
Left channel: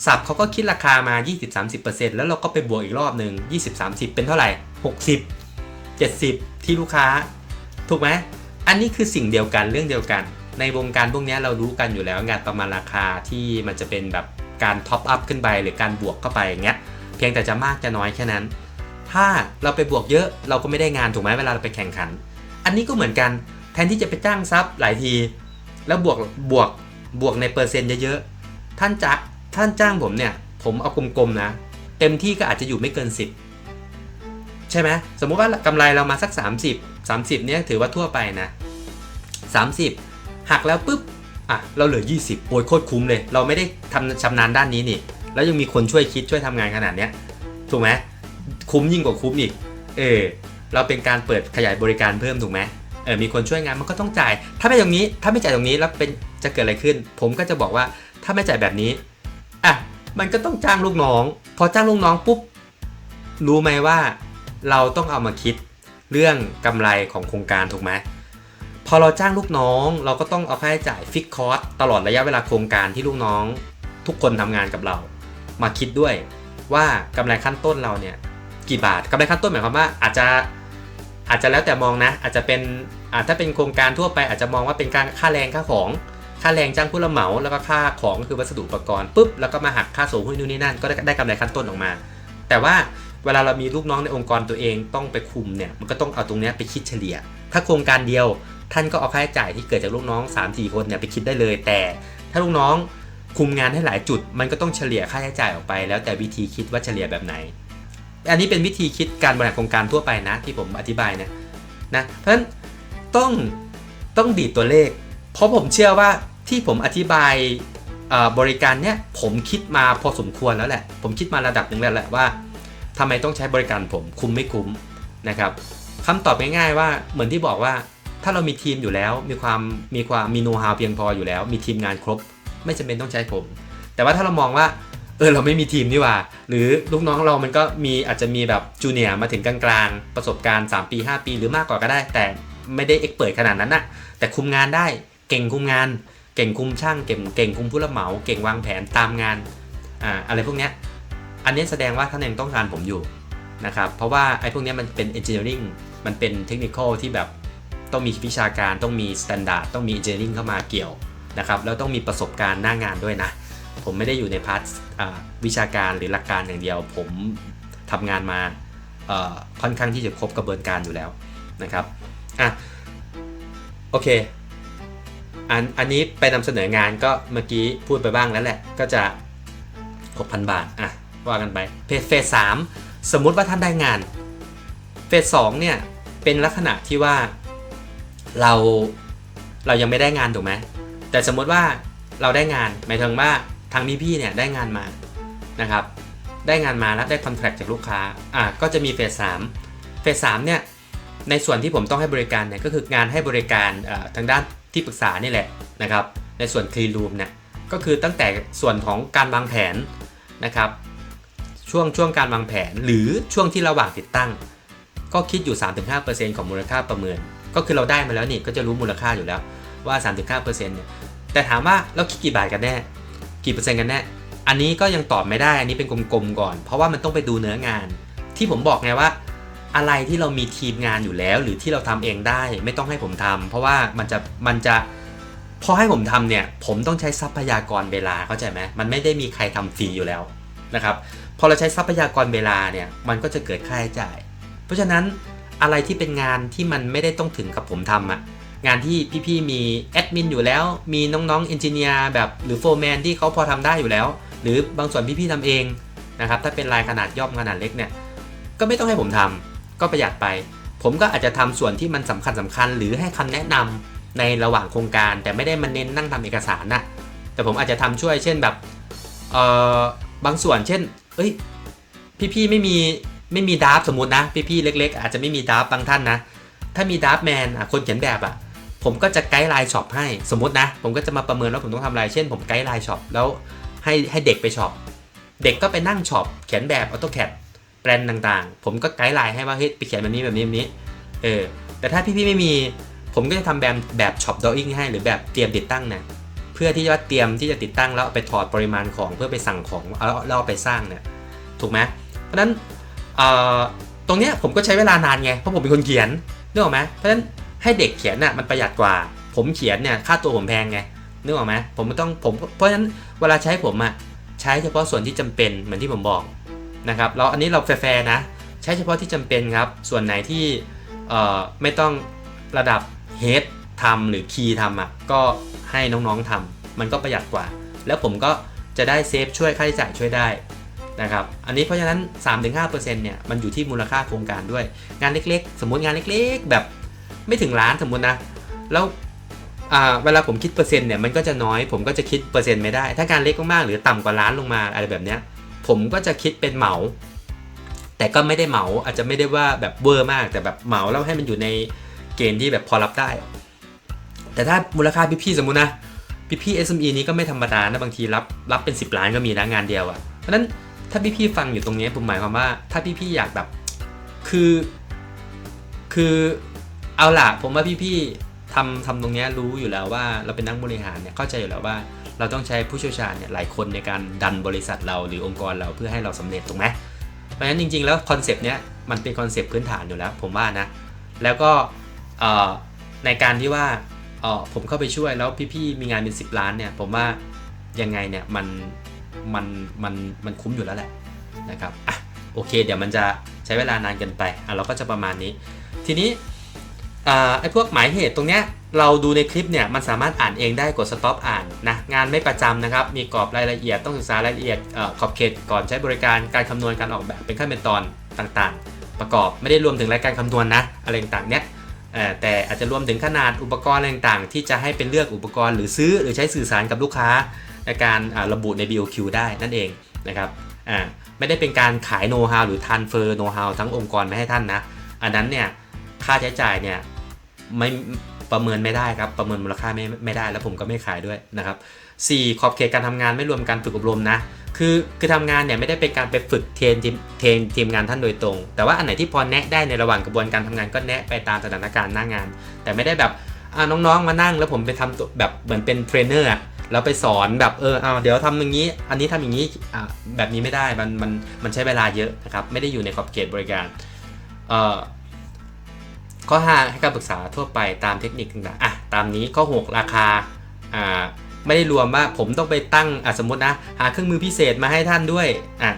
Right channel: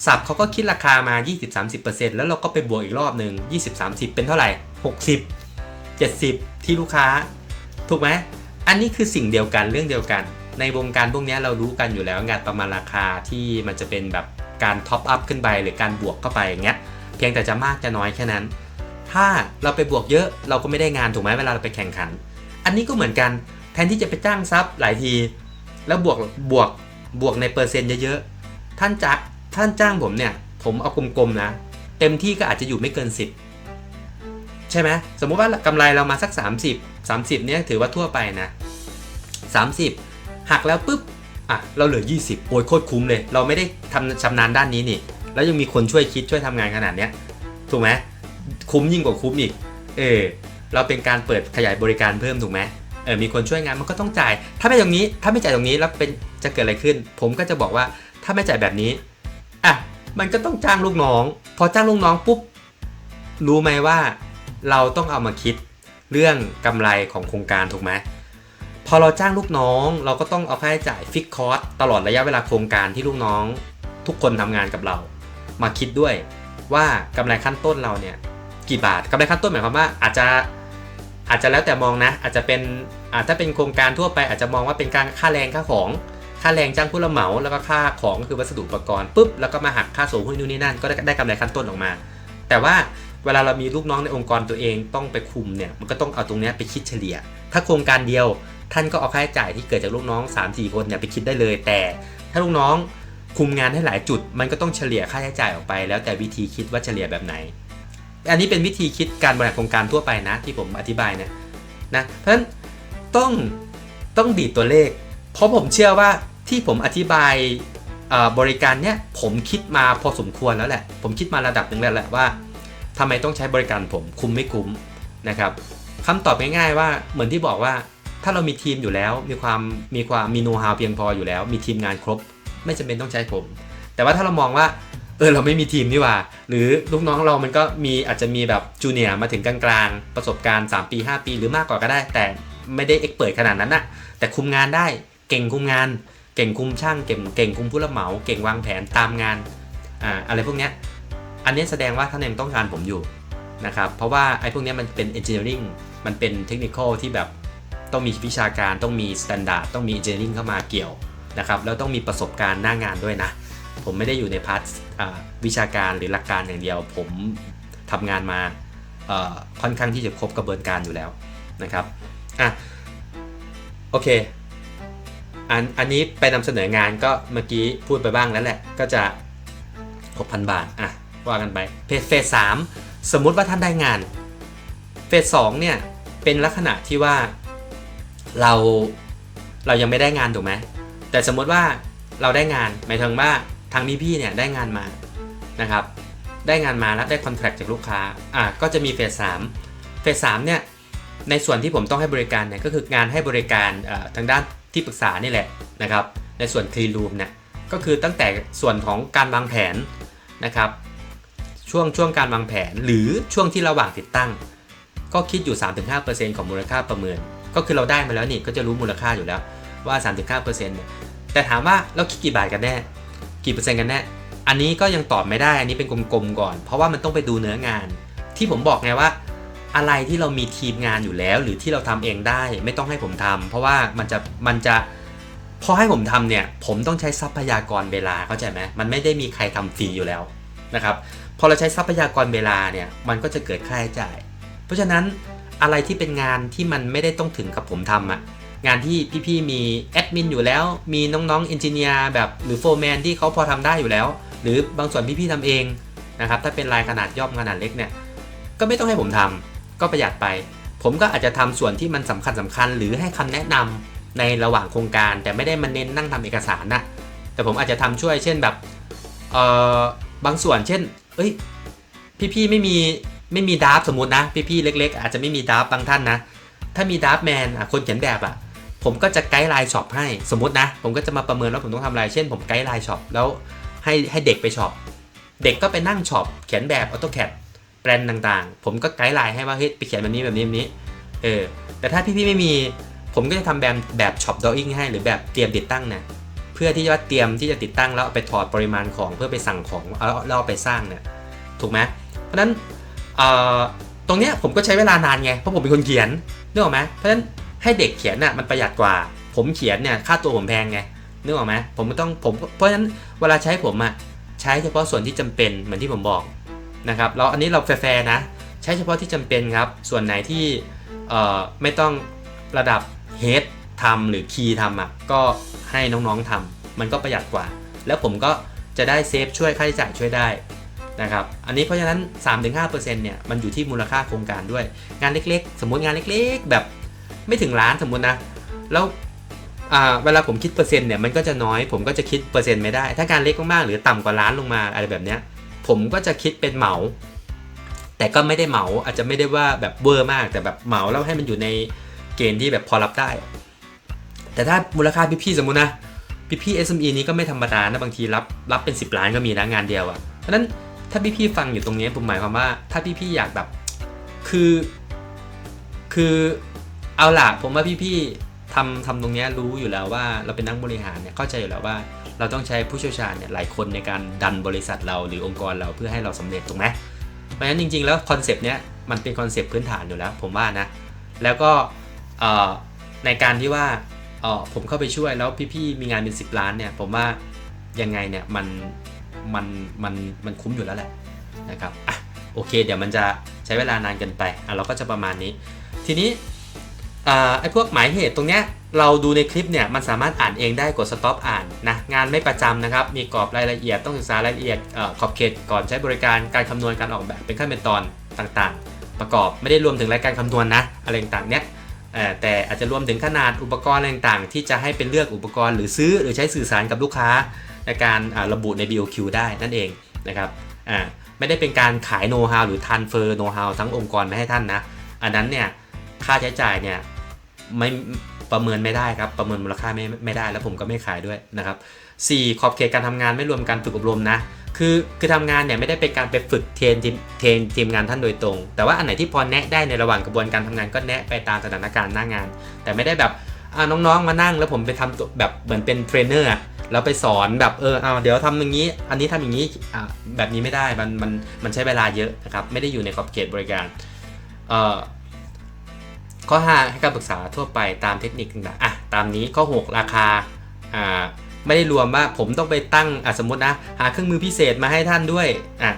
สับเขาก็คิดราคามา 20-30% แล้วเราก็ไปบวกอีกรอบหนึ่ง 20-30 เป็นเท่าไหร่ 60-70 ที่ลูกค้าถูกไหมอันนี้คือสิ่งเดียวกันเรื่องเดียวกันในวงการพวกนี้เรารู้กันอยู่แล้วงานประมาณราคาที่มันจะเป็นแบบการท็อปอัพขึ้นไปหรือการบวกเข้าไปอย่างเงี้ยเพียงแต่จะมากจะน้อยแค่นั้นถ้าเราไปบวกเยอะเราก็ไม่ได้งานถูกไหมเวลาเราไปแข่งขันอันนี้ก็เหมือนกันแทนที่จะไปจ้างซับหลายทีแล้วบวกในเปอร์เซ็นต์เยอะๆท่านจ้างผมเนี่ยผมเอากลมๆนะเต็มที่ก็อาจจะอยู่ไม่เกิน10ใช่ไหมสมมติว่ากำไรเรามาสัก30เนี่ยถือว่าทั่วไปนะ30หักแล้วปุ๊บเราเหลือ20โอ้ยโคตรคุ้มเลยเราไม่ได้ทำชำนาญด้านนี้นี่แล้วยังมีคนช่วยคิดช่วยทำงานขนาดเนี้ยถูกไหมคุ้มยิ่งกว่าคุ้มอีกเราเป็นการเปิดขยายบริการเพิ่มถูกไหมมีคนช่วยงานมันก็ต้องจ่ายถ้าไม่จ่ายตรงนี้แล้วจะเกิดอะไรขึ้นผมก็จะบอกว่าถ้าไม่จ่ายแบบนี้มันก็ต้องจ้างลูกน้องพอจ้างลูกน้องปุ๊บรู้ไหมว่าเราต้องเอามาคิดเรื่องกำไรของโครงการถูกไหมพอเราจ้างลูกน้องเราก็ต้องเอาค่าใช้จ่ายฟิกคอสตลอดระยะเวลาโครงการที่ลูกน้องทุกคนทำงานกับเรามาคิดด้วยว่ากำไรขั้นต้นเราเนี่ยกี่บาทกำไรขั้นต้นหมายความว่าอาจจะแล้วแต่มองนะอาจจะเป็นถ้าเป็นโครงการทั่วไปอาจจะมองว่าเป็นการค่าแรงค่าของค่าแรงจ้างผู้รับเหมาแล้วก็ค่าของก็คือวัสดุอุปกรณ์ปุ๊บแล้วก็มาหักค่าส่งหุ้นนู่นนี่นั่นก็ได้กำไรขั้นต้นออกมาแต่ว่าเวลาเรามีลูกน้องในองค์กรตัวเองต้องไปคุมเนี่ยมันก็ต้องเอาตรงนี้ไปคิดเฉลี่ยถ้าโครงการเดียวท่านก็เอาค่าใช้จ่ายที่เกิดจากลูกน้อง 3-4 คนเนี่ยไปคิดได้เลยแต่ถ้าลูกน้องคุมงานให้หลายจุดมันก็ต้องเฉลี่ยค่าใช้จ่ายออกไปแล้วแต่วิธีคิดว่าเฉลี่ยแบบไหนอันนี้เป็นวิธีคิดการบริหารโครงการทั่วไปนะที่ผมอธิบายนะเพราะฉะนั้นต้องดีดตัวเลขเพราะผมเชื่อว่าที่ผมอธิบายบริการเนี้ยผมคิดมาพอสมควรแล้วแหละผมคิดมาระดับหนึ่งแล้วแหละว่าทำไมต้องใช้บริการผมคุ้มไม่คุ้มนะครับคำตอบง่ายๆว่าเหมือนที่บอกว่า ถ้าเรามีทีมอยู่แล้วมีโน้ตฮาวเพียงพออยู่แล้วมีทีมงานครบไม่จำเป็นต้องใช้ผมแต่ว่าถ้าเรามองว่าเราไม่มีทีมนี่หว่าหรือลูกน้องเรามันก็อาจจะมีแบบจูเนียร์มาถึงกลางๆประสบการณ์3 ปี 5 ปีหรือมากกว่าก็ได้แต่ไม่ได้เอ็กเปิดขนาดนั้นนะแต่คุมงานได้เก่งคุมงานเก่งคุมช่างเก่งคุมผู้รับเหมาเก่งวางแผนตามงานอะไรพวกเนี้ยอันนี้แสดงว่าท่านยังต้องการผมอยู่นะครับเพราะว่าไอ้พวกนี้มันเป็น engineering มันเป็น technical ที่แบบต้องมีวิชาการต้องมี standard ต้องมี engineering เข้ามาเกี่ยวนะครับแล้วต้องมีประสบการณ์หน้างานด้วยนะผมไม่ได้อยู่ในพาร์ทวิชาการหรือหลักการอย่างเดียวผมทำงานมาค่อนข้างที่จะครบกระบวนการอยู่แล้วนะครับโอเคอันนี้ไปนำเสนองานก็เมื่อกี้พูดไปบ้างแล้วแหละก็จะ 6,000 บาทว่ากันไปเฟส 3สมมุติว่าท่านได้งานเฟส 2เนี่ยเป็นลักษณะที่ว่าเรายังไม่ได้งานถูกไหมแต่สมมติว่าเราได้งานหมายถึงว่าทางพี่เนี่ยได้งานมานะครับได้งานมาแล้วได้คอนแทคจากลูกค้าก็จะมีเฟส 3เฟส 3เนี่ยในส่วนที่ผมต้องให้บริการเนี่ยก็คืองานให้บริการทางด้านที่ปรึกษานี่แหละนะครับในส่วน Clean Room เนี่ยก็คือตั้งแต่ส่วนของการวางแผนนะครับช่วงการวางแผนหรือช่วงที่ระหว่างติดตั้งก็คิดอยู่ 3-5% ของมูลค่าประเมินก็คือเราได้มาแล้วนี่ก็จะรู้มูลค่าอยู่แล้วว่า 3-5% แต่ถามว่าเราคิดกี่บาทกันแน่กี่เปอร์เซ็นต์กันแน่อันนี้ก็ยังตอบไม่ได้อันนี้เป็นกลมๆก่อนเพราะว่ามันต้องไปดูเนื้องานที่ผมบอกไงว่าอะไรที่เรามีทีมงานอยู่แล้วหรือที่เราทำเองได้ไม่ต้องให้ผมทำเพราะว่ามันจะพอให้ผมทำเนี่ยผมต้องใช้ทรัพยากรเวลาเข้าใจไหมมันไม่ได้มีใครทำฟรีอยู่แล้วนะครับพอเราใช้ทรัพยากรเวลาเนี่ยมันก็จะเกิดค่าใช้จ่ายเพราะฉะนั้นอะไรที่เป็นงานที่มันไม่ได้ต้องถึงกับผมทำงานที่พี่ๆมีแอดมินอยู่แล้วมีน้องๆเอนจิเนียร์แบบหรือโฟร์แมนที่เขาพอทำได้อยู่แล้วหรือบางส่วนพี่ๆทำเองนะครับถ้าเป็นรายขนาดย่อมขนาดเล็กเนี่ยก็ไม่ต้องให้ผมทำก็ประหยัดไปผมก็อาจจะทำส่วนที่มันสำคัญหรือให้คำแนะนำในระหว่างโครงการแต่ไม่ได้มาเน้นนั่งทำเอกสารนะแต่ผมอาจจะทำช่วยเช่นแบบบางส่วนเช่นพี่ๆไม่มีดราฟสมมุตินะพี่ๆเล็กๆอาจจะไม่มีดราฟบางท่านนะถ้ามีดราฟแมนคนเขียนแบบผมก็จะไกด์ไลน์ช็อปให้สมมตินะผมก็จะมาประเมินว่าผมต้องทำอะไรเช่นผมไกด์ไลน์ช็อปแล้วให้เด็กไปช็อปเด็กก็ไปนั่งช็อปเขียนแบบ AutoCAD แปลนต่างๆผมก็ไกด์ไลน์ให้ว่าเฮ้ยไปเขียนแบบนี้แต่ถ้าพี่ๆไม่มีผมก็จะทำแบบช็อปดรออิ่งให้หรือแบบเตรียมติดตั้งนะเพื่อที่จะเตรียมที่จะติดตั้งแล้วไปถอดปริมาณของเพื่อไปสั่งของแล้วไปสร้างเนี่ยถูกไหมเพราะฉะนั้นตรงเนี้ยผมก็ใช้เวลานานไงเพราะผมเป็นคนเขียนนึกออกไหมเพราะฉะนั้นให้เด็กเขียนมันประหยัดกว่าผมเขียนเนี่ยค่าตัวผมแพงไงนึกออกไหมเพราะฉะนั้นเวลาใช้ผมใช้เฉพาะส่วนที่จำเป็นเหมือนที่ผมบอกนะครับแล้วอันนี้เราแฟร์ๆนะใช้เฉพาะที่จำเป็นครับส่วนไหนที่ไม่ต้องระดับเฮดทำหรือคีย์ทำก็ให้น้องๆทำมันก็ประหยัดกว่าแล้วผมก็จะได้เซฟช่วยค่าใช้จ่ายช่วยได้นะครับอันนี้เพราะฉะนั้น 3-5% เนี่ยมันอยู่ที่มูลค่าโครงการด้วยงานเล็กๆสมมุติงานเล็กๆแบบไม่ถึงล้านสมมุตินะแล้วเวลาผมคิดเปอร์เซ็นต์เนี่ยมันก็จะน้อยผมก็จะคิดเปอร์เซ็นต์ไม่ได้ถ้าการเล็กมากๆหรือต่ำกว่าล้านลงมาอะไรแบบเนี้ยผมก็จะคิดเป็นเหมาแต่ก็ไม่ได้เหมาอาจจะไม่ได้ว่าแบบเวอร์มากแต่แบบเหมาแล้วให้มันอยู่ในเกณฑ์ที่แบบพอรับได้แต่ถ้ามูลค่าพี่ๆสมมุตินะพี่ SME นี้ก็ไม่ธรรมดานะบางทีรับเป็น10 ล้านก็มีนะงานเดียวเพราะฉะนั้นถ้าพี่ๆฟังอยู่ตรงนี้ผมหมายความว่าถ้าพี่ๆอยากแบบคือเอาล่ะผมว่าพี่ๆทำตรงนี้รู้อยู่แล้วว่าเราเป็นนักบริหารเนี่ยเข้าใจอยู่แล้วว่าเราต้องใช้ผู้เชี่ยวชาญเนี่ยหลายคนในการดันบริษัทเราหรือองค์กรเราเพื่อให้เราสำเร็จถูกไหมเพราะฉะนั้นจริงๆแล้วคอนเซปต์เนี้ยมันเป็นคอนเซปต์พื้นฐานอยู่แล้วผมว่านะแล้วก็ในการที่ว่าผมเข้าไปช่วยแล้วพี่ๆมีงานเป็น10 ล้านเนี่ยผมว่ายังไงเนี่ยมันคุ้มอยู่แล้วแหละนะครับโอเคเดี๋ยวมันจะใช้เวลานานเกินไปเราก็จะประมาณนี้ทีนี้ไอ้พวกหมายเหตุตรงเนี้ยเราดูในคลิปเนี่ยมันสามารถอ่านเองได้กด stop อ่านนะงานไม่ประจำนะครับมีกรอบรายละเอียดต้องศึกษารายละเอียดขอบเขตก่อนใช้บริการการคำนวณการออกแบบเป็นขั้นเป็นตอนต่างๆประกอบไม่ได้รวมถึงรายการคำนวณนะอะไรต่างๆเนี้ยแต่อาจจะรวมถึงขนาดอุปกรณ์อะไรต่างๆที่จะให้เป็นเลือกอุปกรณ์หรือซื้อหรือใช้สื่อสารกับลูกค้าในการระบุใน BOQ ได้นั่นเองนะครับไม่ได้เป็นการขายโน้ตฮาวหรือ transfer โน้ตฮาวทั้งองค์กรไปให้ท่านนะอันนั้นเนี่ยค่าใช้จ่ายเนี่ย ประเมินไม่ได้ครับประเมินมูลค่าไม่ได้แล้วผมก็ไม่ขายด้วยนะครับ4ขอบเขตการทำงานไม่รวมการฝึกอบรมนะคือทำงานเนี่ยไม่ได้เป็นการไปฝึกเทรนทีมงานท่านโดยตรงแต่ว่าอันไหนที่พอแนะได้ในระหว่างกระบวนการทำงานก็แนะไปตามสถานการณ์หน้างานแต่ไม่ได้แบบน้องๆมานั่งแล้วผมไปทำตัวแบบเหมือนเป็นเทรนเนอร์แล้วไปสอนแบบเอาเดี๋ยวทำอย่างนี้อันนี้ทำอย่างนี้แบบนี้ไม่ได้มันใช้เวลาเยอะนะครับไม่ได้อยู่ในขอบเขตบริการข้อ 5 ให้การปรึกษาทั่วไปตามเทคนิคต่างๆตามนี้ข้อ 6 ราคาไม่ได้รวมว่าผมต้องไปตั้งสมมตินะหาเครื่องมือพิเศษมาให้ท่านด้วย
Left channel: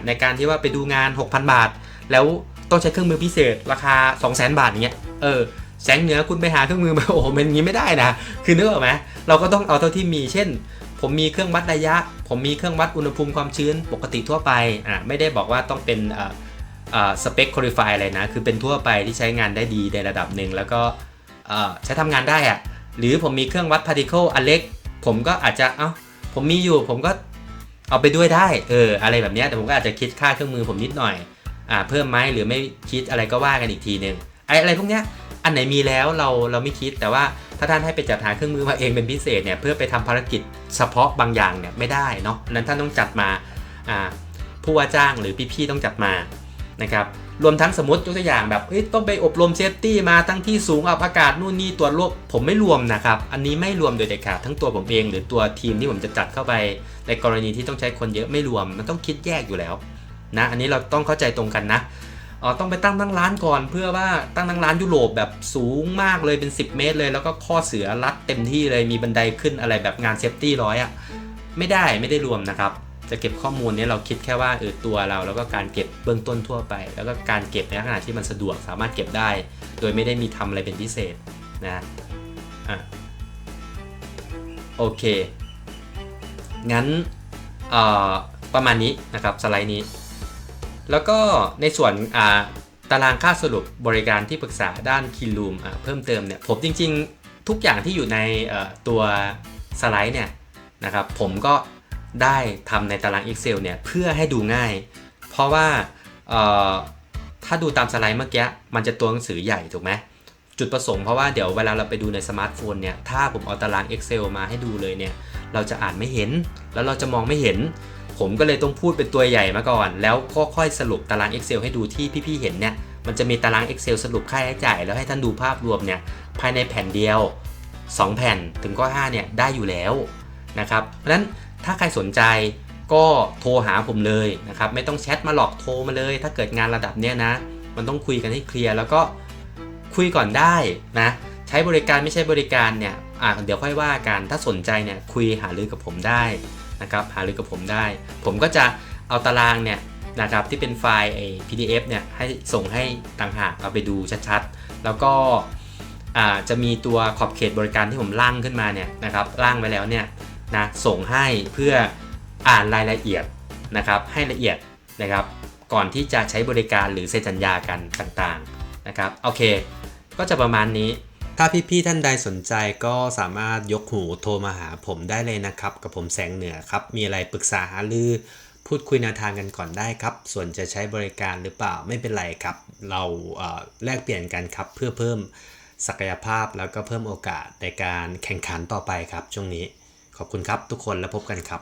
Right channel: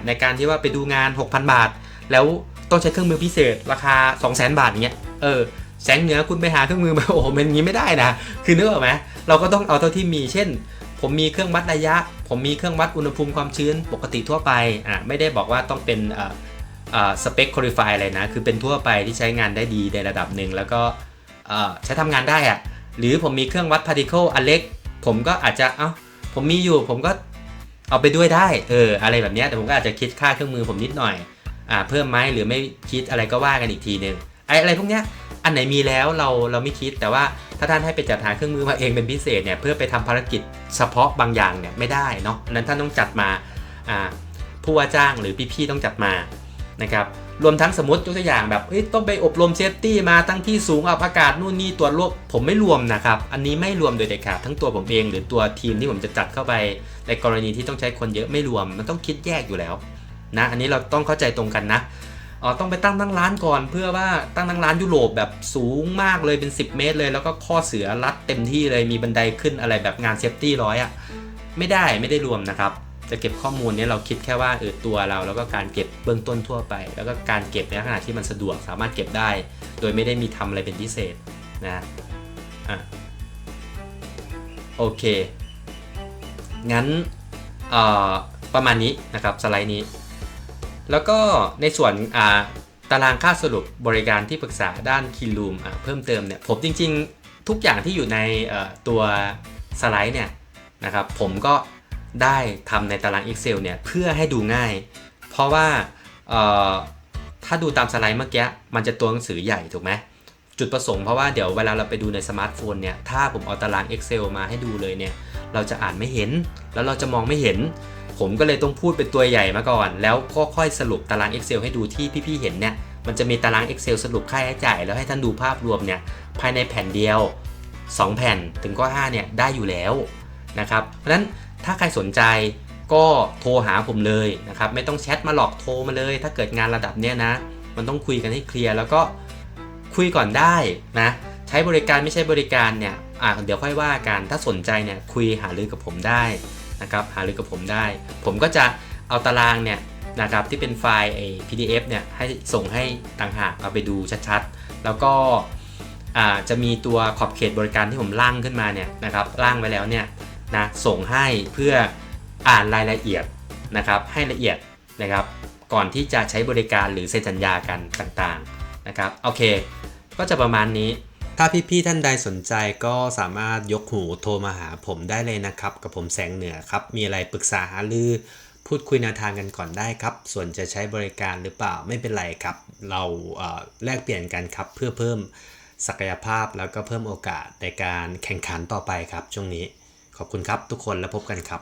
ในการที่ว่าไปดูงาน 6,000 บาทแล้วต้องใช้เครื่องมือพิเศษราคา 200,000 บาทเงี้ยแสงเหนือคุณไปหาเครื่องมือมาโอ้โหมันงี้ไม่ได้นะคือนึกออกไหมเราก็ต้องเอาเท่าที่มีเช่นผมมีเครื่องวัดระยะผมมีเครื่องวัดอุณหภูมิความชื้นปกติทั่วไปไม่ได้บอกว่าต้องเป็นสเปคคุริฟายอะไรนะคือเป็นทั่วไปที่ใช้งานได้ดีในระดับหนึ่งแล้วก็ใช้ทำงานได้หรือผมมีเครื่องวัดพาร์ติเคิลอันเล็กผมก็อาจจะผมมีอยู่ผมก็เอาไปด้วยได้อะไรแบบนี้แต่ผมก็อาจจะคิดค่าเครื่องมือผมนิดหน่อยเพิ่มไหมหรือไม่คิดอะไรก็ว่ากันอีกทีนึงอะไรพวกเนี้ยอันไหนมีแล้วเราไม่คิดแต่ว่าถ้าท่านให้ไปจัดหาเครื่องมือมาเองเป็นพิเศษเนี่ยเพื่อไปทำภารกิจเฉพาะบางอย่างเนี่ยไม่ได้เนาะนั้นท่านต้องจัดมาผู้ว่าจ้างหรือพี่ๆต้องจัดมานะครับรวมทั้งสมมติตัวอย่างแบบต้องไปอบรมเซฟตี้มาตั้งที่สูงอับอากาศนู่นนี่ตรวจโรคผมไม่รวมนะครับอันนี้ไม่รวมโดยเด็ดขาดทั้งตัวผมเองหรือตัวทีมที่ผมจะจัดเข้าไปในกรณีที่ต้องใช้คนเยอะไม่รวมมันต้องคิดแยกอยู่แล้วนะอันนี้เราต้องเข้าใจตรงกันนะต้องไปตั้งร้านก่อนเพื่อว่าตั้งร้านยุโรปแบบสูงมากเลยเป็น10 เมตรเลยแล้วก็ข้อเสือรัดเต็มที่เลยมีบันไดขึ้นอะไรแบบงานเซฟตี้100ไม่ได้รวมนะครับจะเก็บข้อมูลนี้เราคิดแค่ว่าตัวเราแล้วก็การเก็บเบื้องต้นทั่วไปแล้วก็การเก็บในขณะที่มันสะดวกสามารถเก็บได้โดยไม่ได้มีทำอะไรเป็นพิเศษนะโอเคงั้นประมาณนี้นะครับสไลด์นี้แล้วก็ในส่วนตารางค่าสรุปบริการที่ปรึกษาด้าน Kinroom เพิ่มเติมเนี่ยผมจริงๆทุกอย่างที่อยู่ในตัวสไลด์เนี่ยนะครับผมก็ได้ทำในตาราง Excel เนี่ยเพื่อให้ดูง่ายเพราะว่าถ้าดูตามสไลด์เมื่อกี้มันจะตัวหนังสือใหญ่ถูกไหมจุดประสงค์เพราะว่าเดี๋ยวเวลาเราไปดูในสมาร์ทโฟนเนี่ยถ้าผมเอาตาราง Excel มาให้ดูเลยเนี่ยเราจะอ่านไม่เห็นแล้วเราจะมองไม่เห็นผมก็เลยต้องพูดเป็นตัวใหญ่มาก่อนแล้วก็ค่อยสรุปตาราง Excel ให้ดูที่พี่ๆเห็นเนี่ยมันจะมีตาราง Excel สรุปค่าใช้จ่ายแล้วให้ท่านดูภาพรวมเนี่ยภายในแผ่นเดียว2แผ่นถึงข้อ5เนี่ยได้อยู่แล้วนะครับเพราะฉะนั้นถ้าใครสนใจก็โทรหาผมเลยนะครับไม่ต้องแชทมาหลอกโทรมาเลยถ้าเกิดงานระดับเนี้ยนะมันต้องคุยกันให้เคลียร์แล้วก็คุยก่อนได้นะใช้บริการไม่ใช่บริการเนี่ยเดี๋ยวค่อยว่ากันถ้าสนใจเนี่ยคุยหารือกับผมได้นะครับหารือกับผมได้ผมก็จะเอาตารางเนี่ยนะครับที่เป็นไฟล์ PDF เนี่ยให้ส่งให้ต่างหากเอาไปดูชัดๆแล้วก็จะมีตัวขอบเขตบริการที่ผมร่างขึ้นมาเนี่ยนะครับร่างไว้แล้วเนี่ยนะส่งให้เพื่ออ่านรายละเอียดนะครับให้ละเอียดนะครับก่อนที่จะใช้บริการหรือเซ็นสัญญากันต่างๆนะครับโอเคก็จะประมาณนี้ถ้าพี่ๆท่านใดสนใจก็สามารถยกหูโทรมาหาผมได้เลยนะครับกับผมแสงเหนือครับมีอะไรปรึกษาหารือพูดคุยแนวทางกันก่อนได้ครับส่วนจะใช้บริการหรือเปล่าไม่เป็นไรครับเราแลกเปลี่ยนกันครับเพื่อเพิ่มศักยภาพแล้วก็เพิ่มโอกาสในการแข่งขันต่อไปครับช่วงนี้ขอบคุณครับทุกคนแล้วพบกันครับ